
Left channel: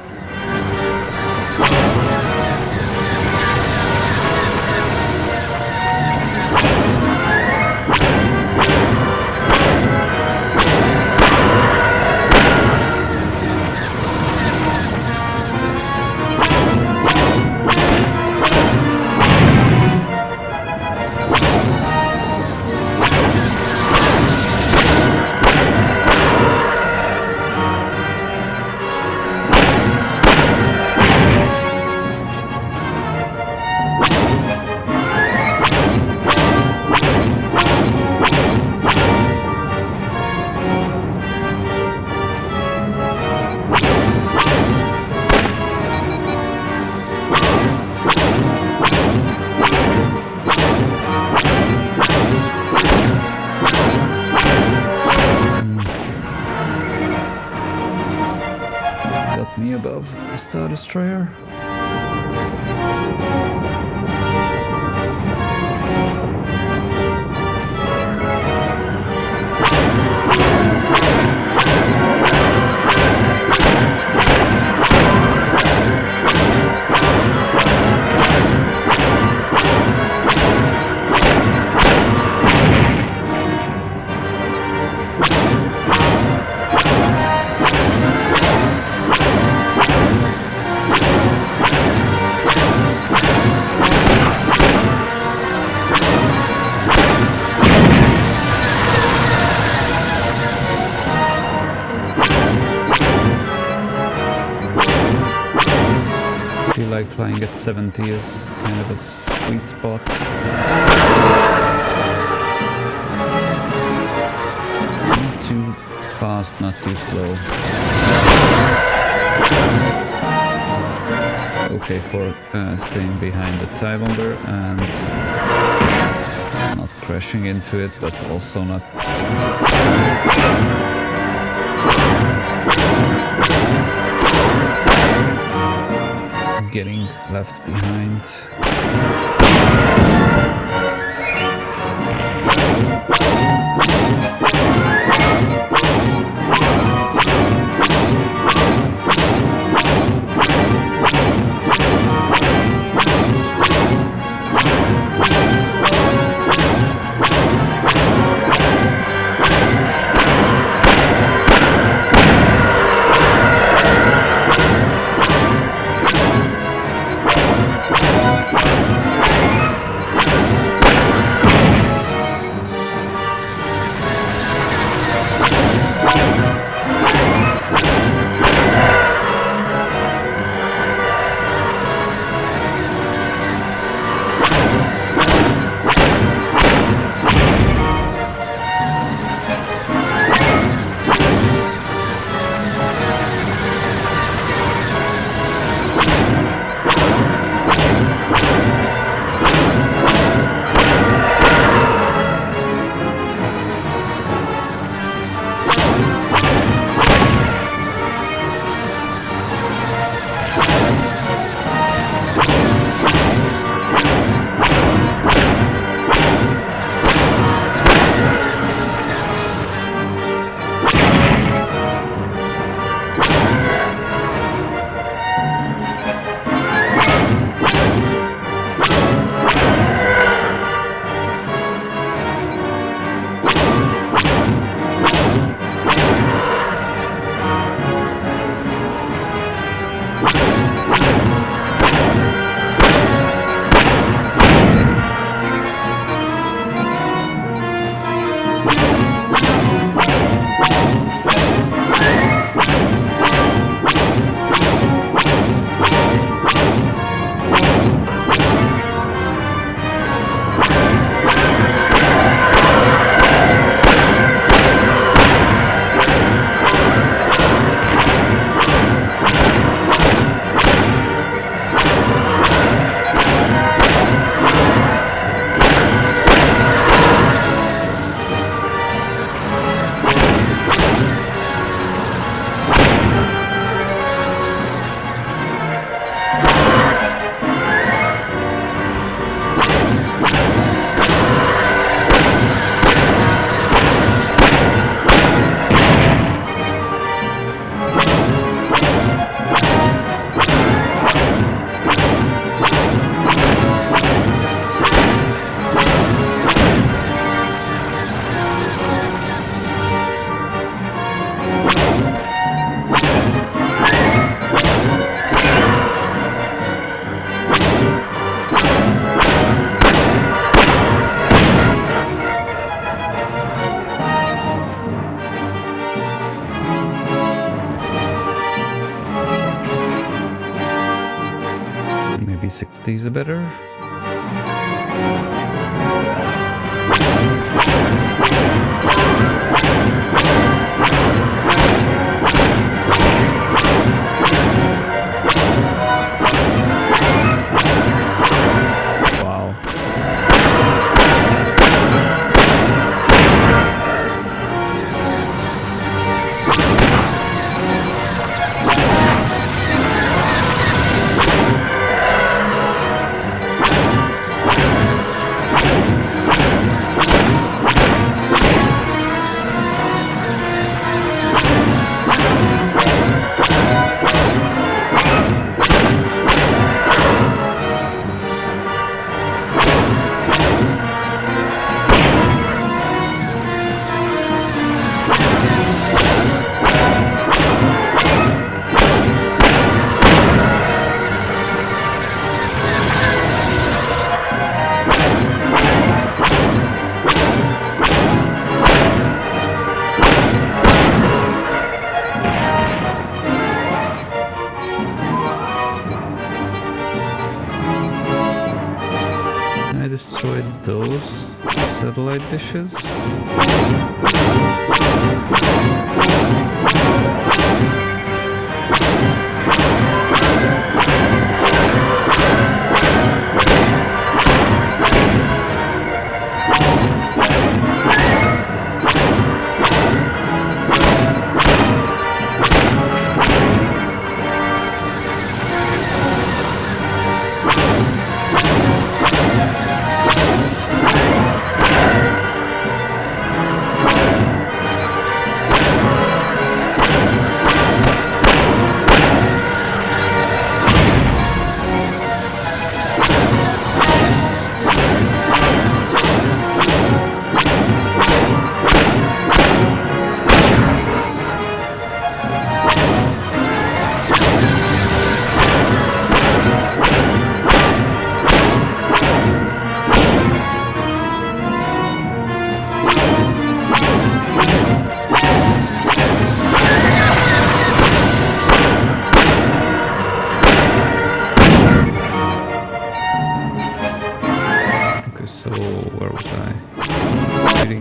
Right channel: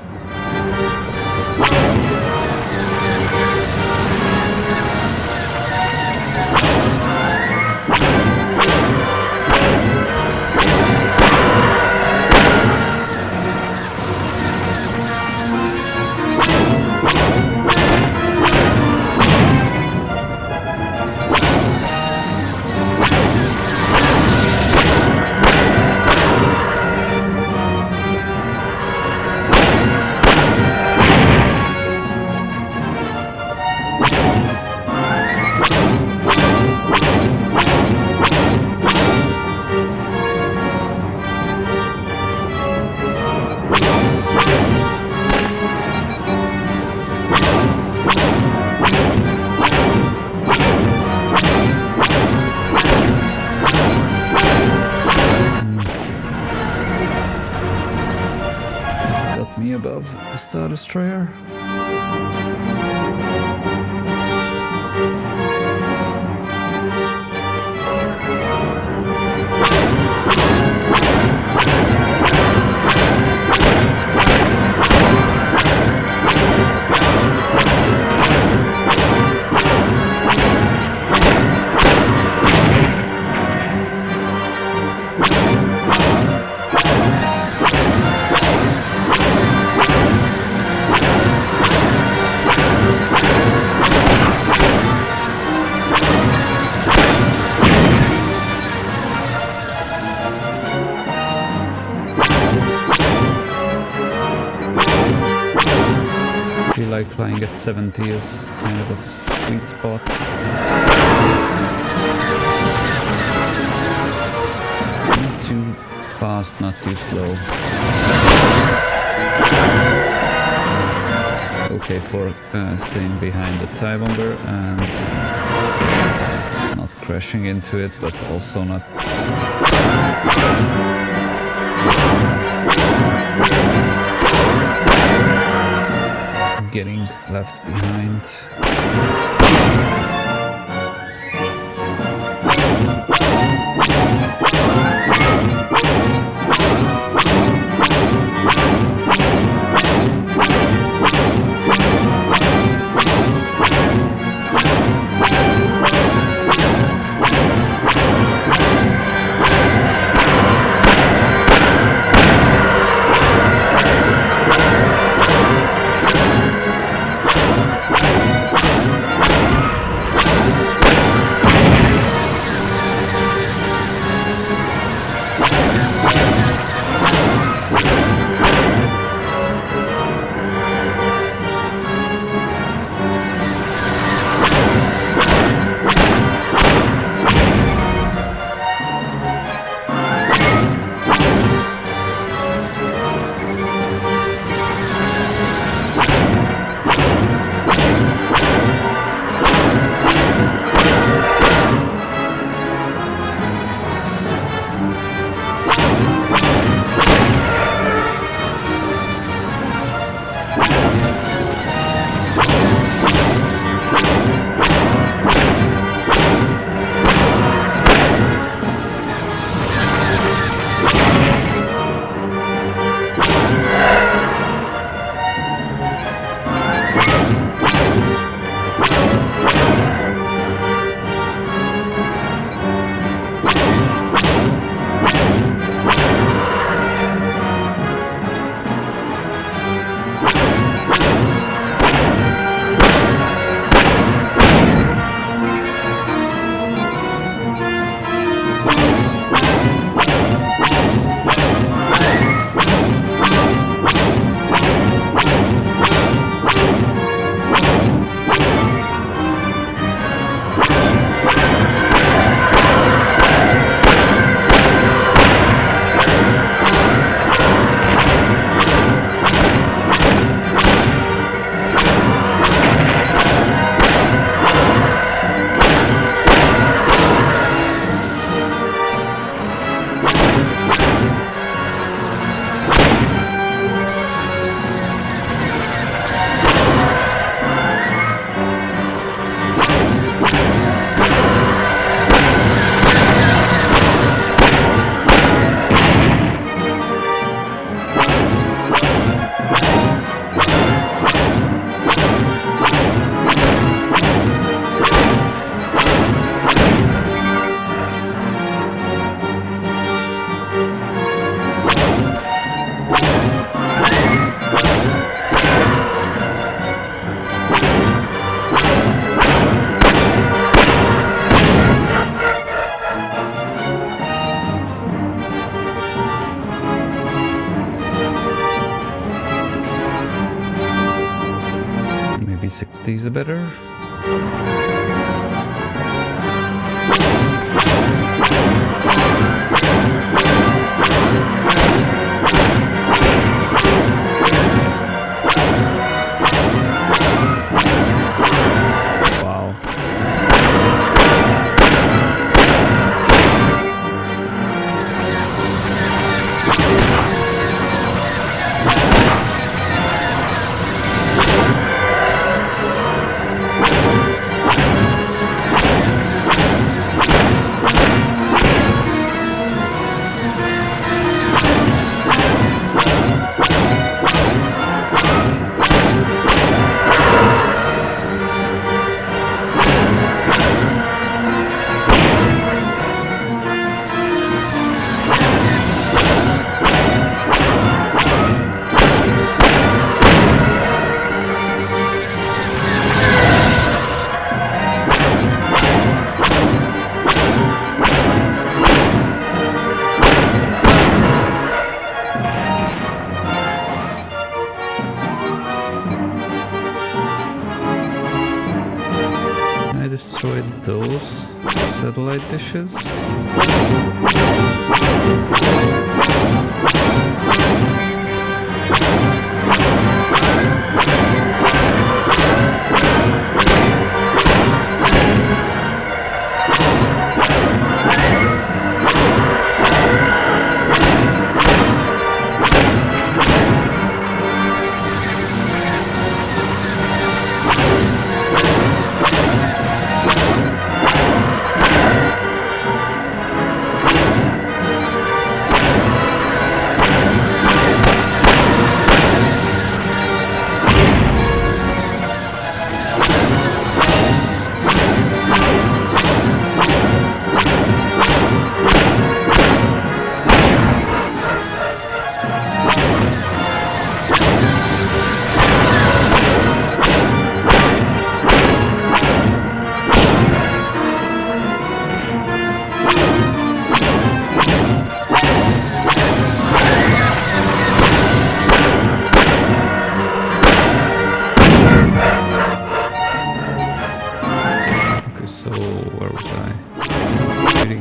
Got me above the Star Destroyer. I feel like flying at 70 is kind of a sweet spot. Not too fast, not too slow. Okay for staying behind the TIE bomber and not crashing into it, but also not getting left behind. Maybe 60s are better. Wow. I destroyed those satellite dishes.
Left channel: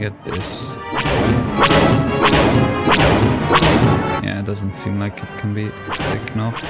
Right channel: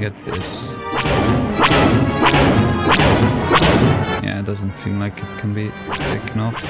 get this? Yeah, it doesn't seem like it can be taken off.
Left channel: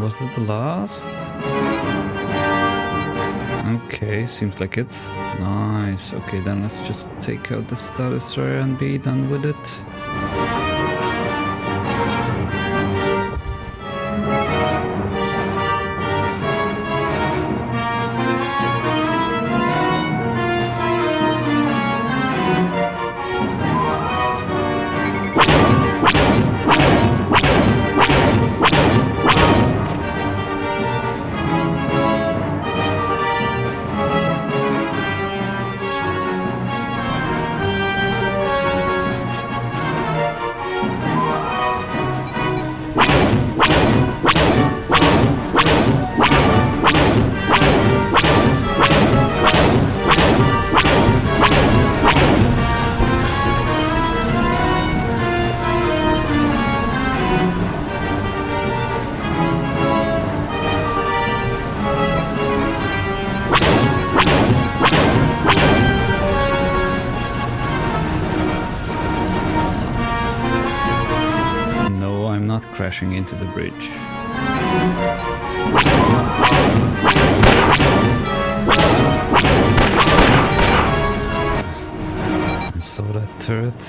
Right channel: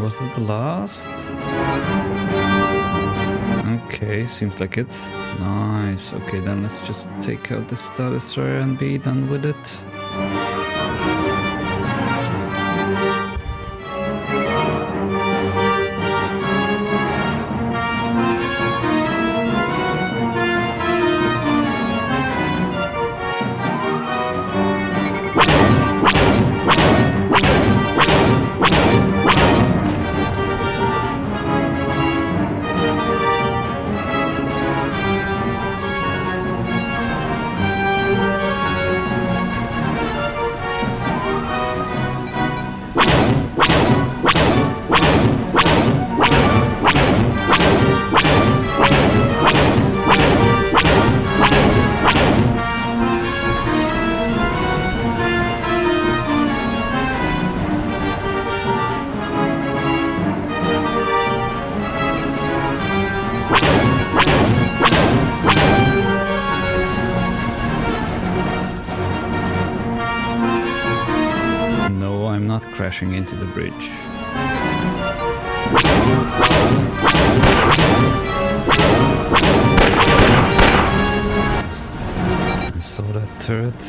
Was it the last? Okay, seems like it. Nice. Okay, then let's just take out the Star Destroyer and be done with it. Crashing into the bridge. I saw that turret.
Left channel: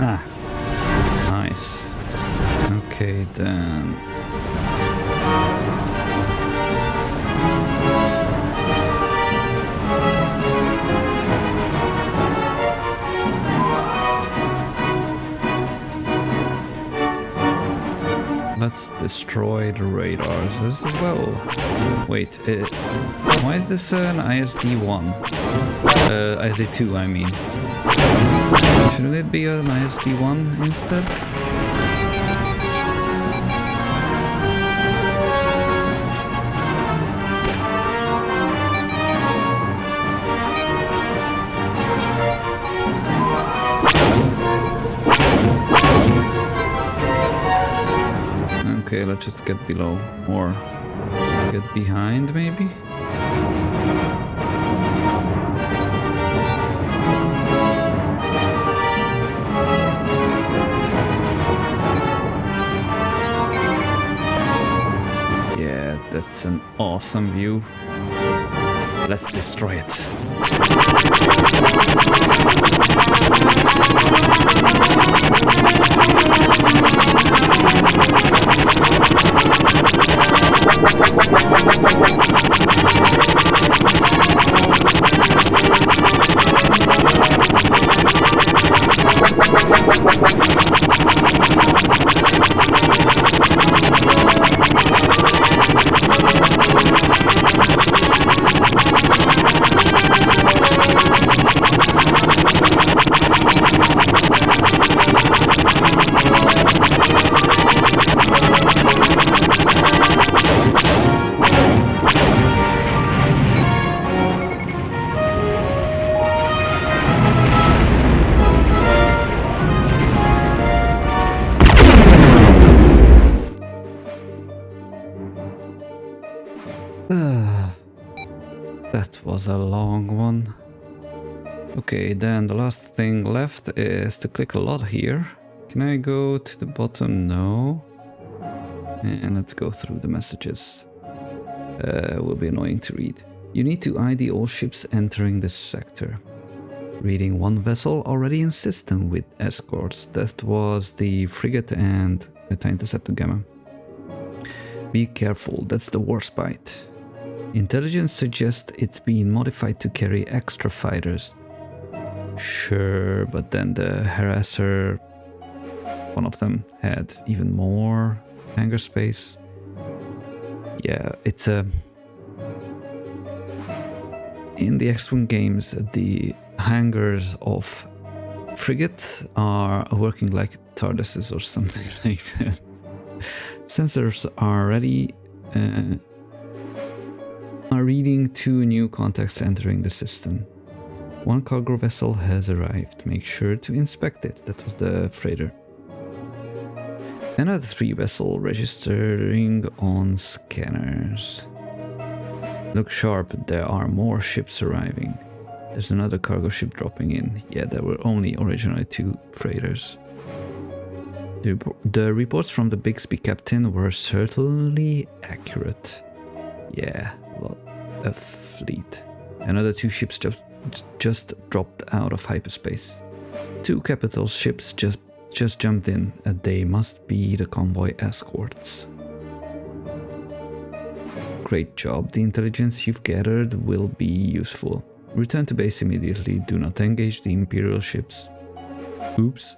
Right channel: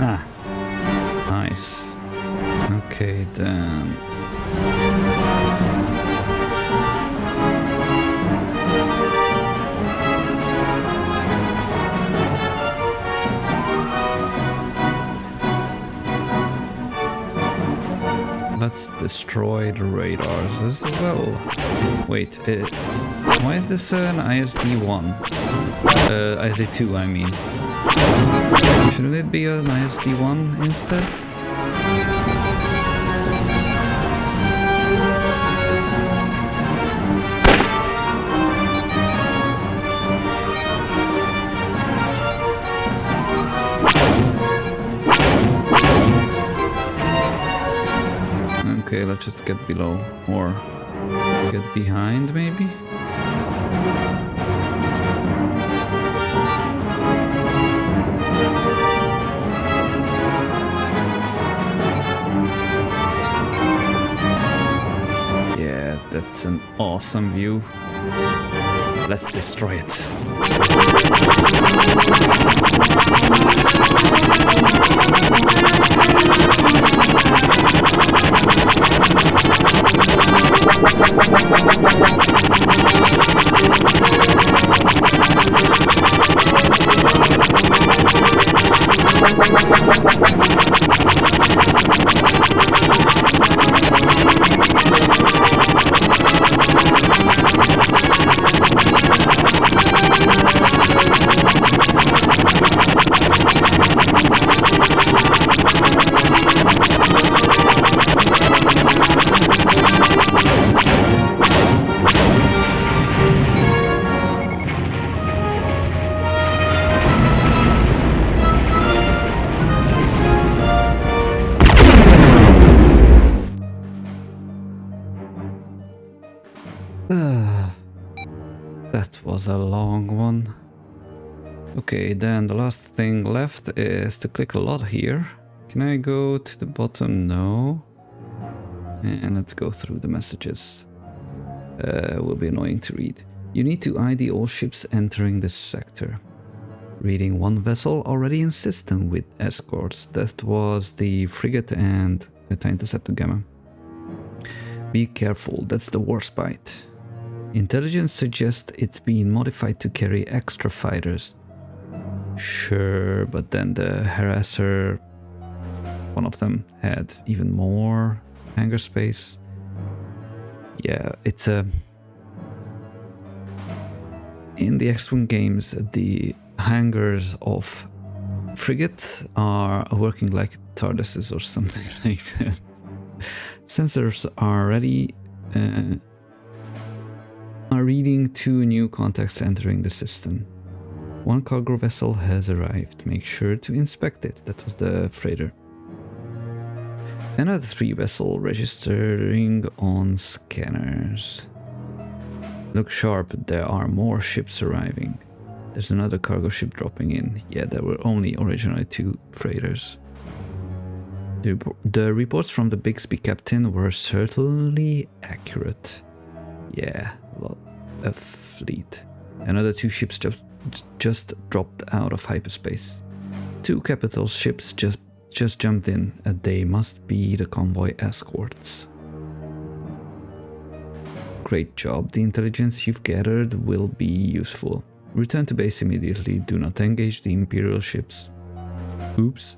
Ah, nice. Okay, then. Let's destroy the radars as well. Wait, why is this an ISD-1? ISD-2, I mean. Shouldn't it be an ISD-1 instead? Okay, let's just get below, or get behind maybe? Yeah, that's an awesome view. Let's destroy it. was a long one. Okay, then the last thing left is to click a lot here. Can I go to the bottom? No. And let's go through the messages. Will be annoying to read. You need to ID all ships entering this sector. Reading one vessel already in system with escorts. That was the frigate and Beta Interceptor Gamma. Be careful, that's the WARSPITE. Intelligence suggests it's been modified to carry extra fighters. Sure, but then the Harasser, one of them, had even more hangar space. Yeah, it's a... In the X-Wing games, the hangars of frigates are working like TARDISes or something like that. Sensors are ready, are reading 2 new contacts entering the system. 1 cargo vessel has arrived. Make sure to inspect it. That was the freighter. Another 3 vessel registering on scanners. Look sharp, there are more ships arriving. There's another cargo ship dropping in. Yeah, there were only originally 2 freighters. The reports from the Bixby captain were certainly accurate. Yeah, a fleet. Another 2 ships just dropped out of hyperspace. 2 capital ships just jumped in, and they must be the convoy escorts. Great job, the intelligence you've gathered will be useful. Return to base immediately, do not engage the Imperial ships. Oops.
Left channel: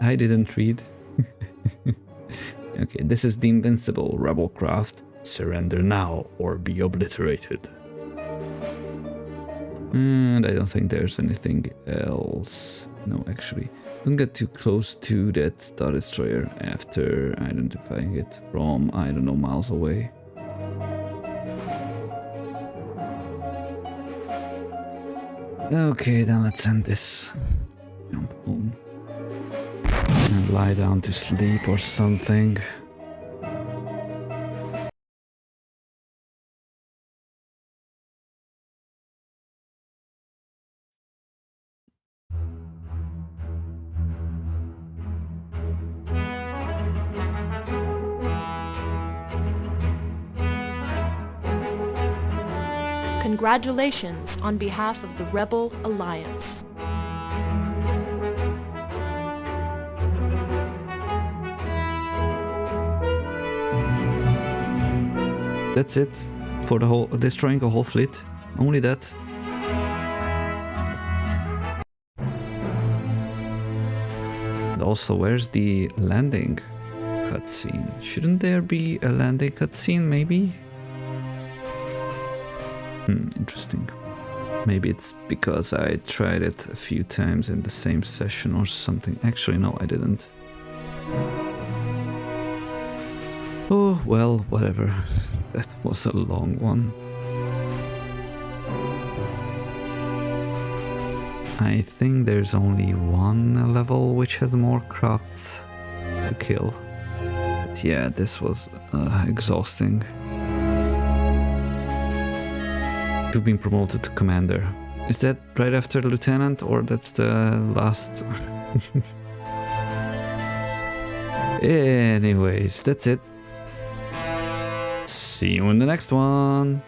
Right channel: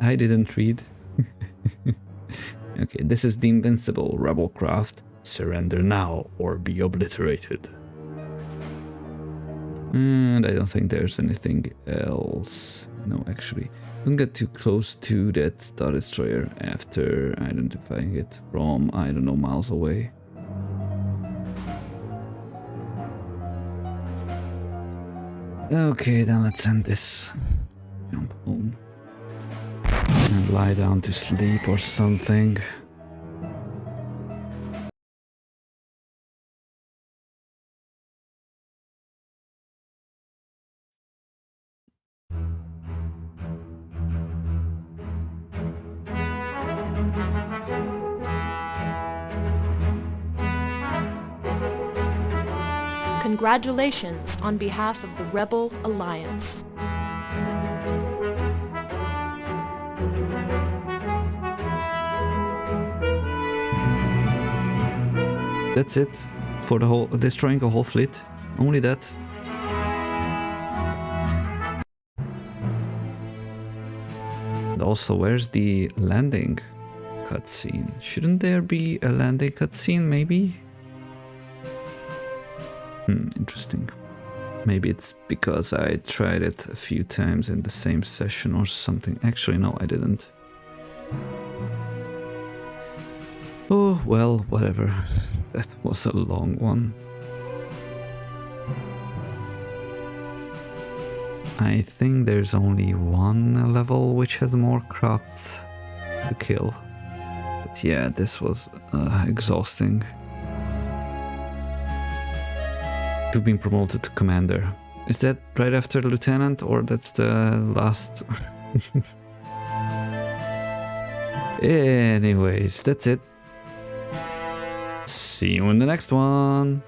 I didn't read. Okay, this is the Invincible rebel craft. Surrender now or be obliterated. And I don't think there's anything else. No, actually. Don't get too close to that Star Destroyer after identifying it from, I don't know, miles away. Okay, then let's end this. Jump home. And lie down to sleep or something. Congratulations on behalf of the Rebel Alliance. That's it for the whole destroying a whole fleet. Only that. And also, where's the landing cutscene? Shouldn't there be a landing cutscene, maybe? Interesting. Maybe it's because I tried it a few times in the same session or something. Actually, no, I didn't. Oh, well, whatever. That was a long one. I think there's only one level which has more crafts to kill. But yeah, this was exhausting. You've been promoted to commander. Is that right after lieutenant, or that's the last? Anyways, that's it. See you in the next one.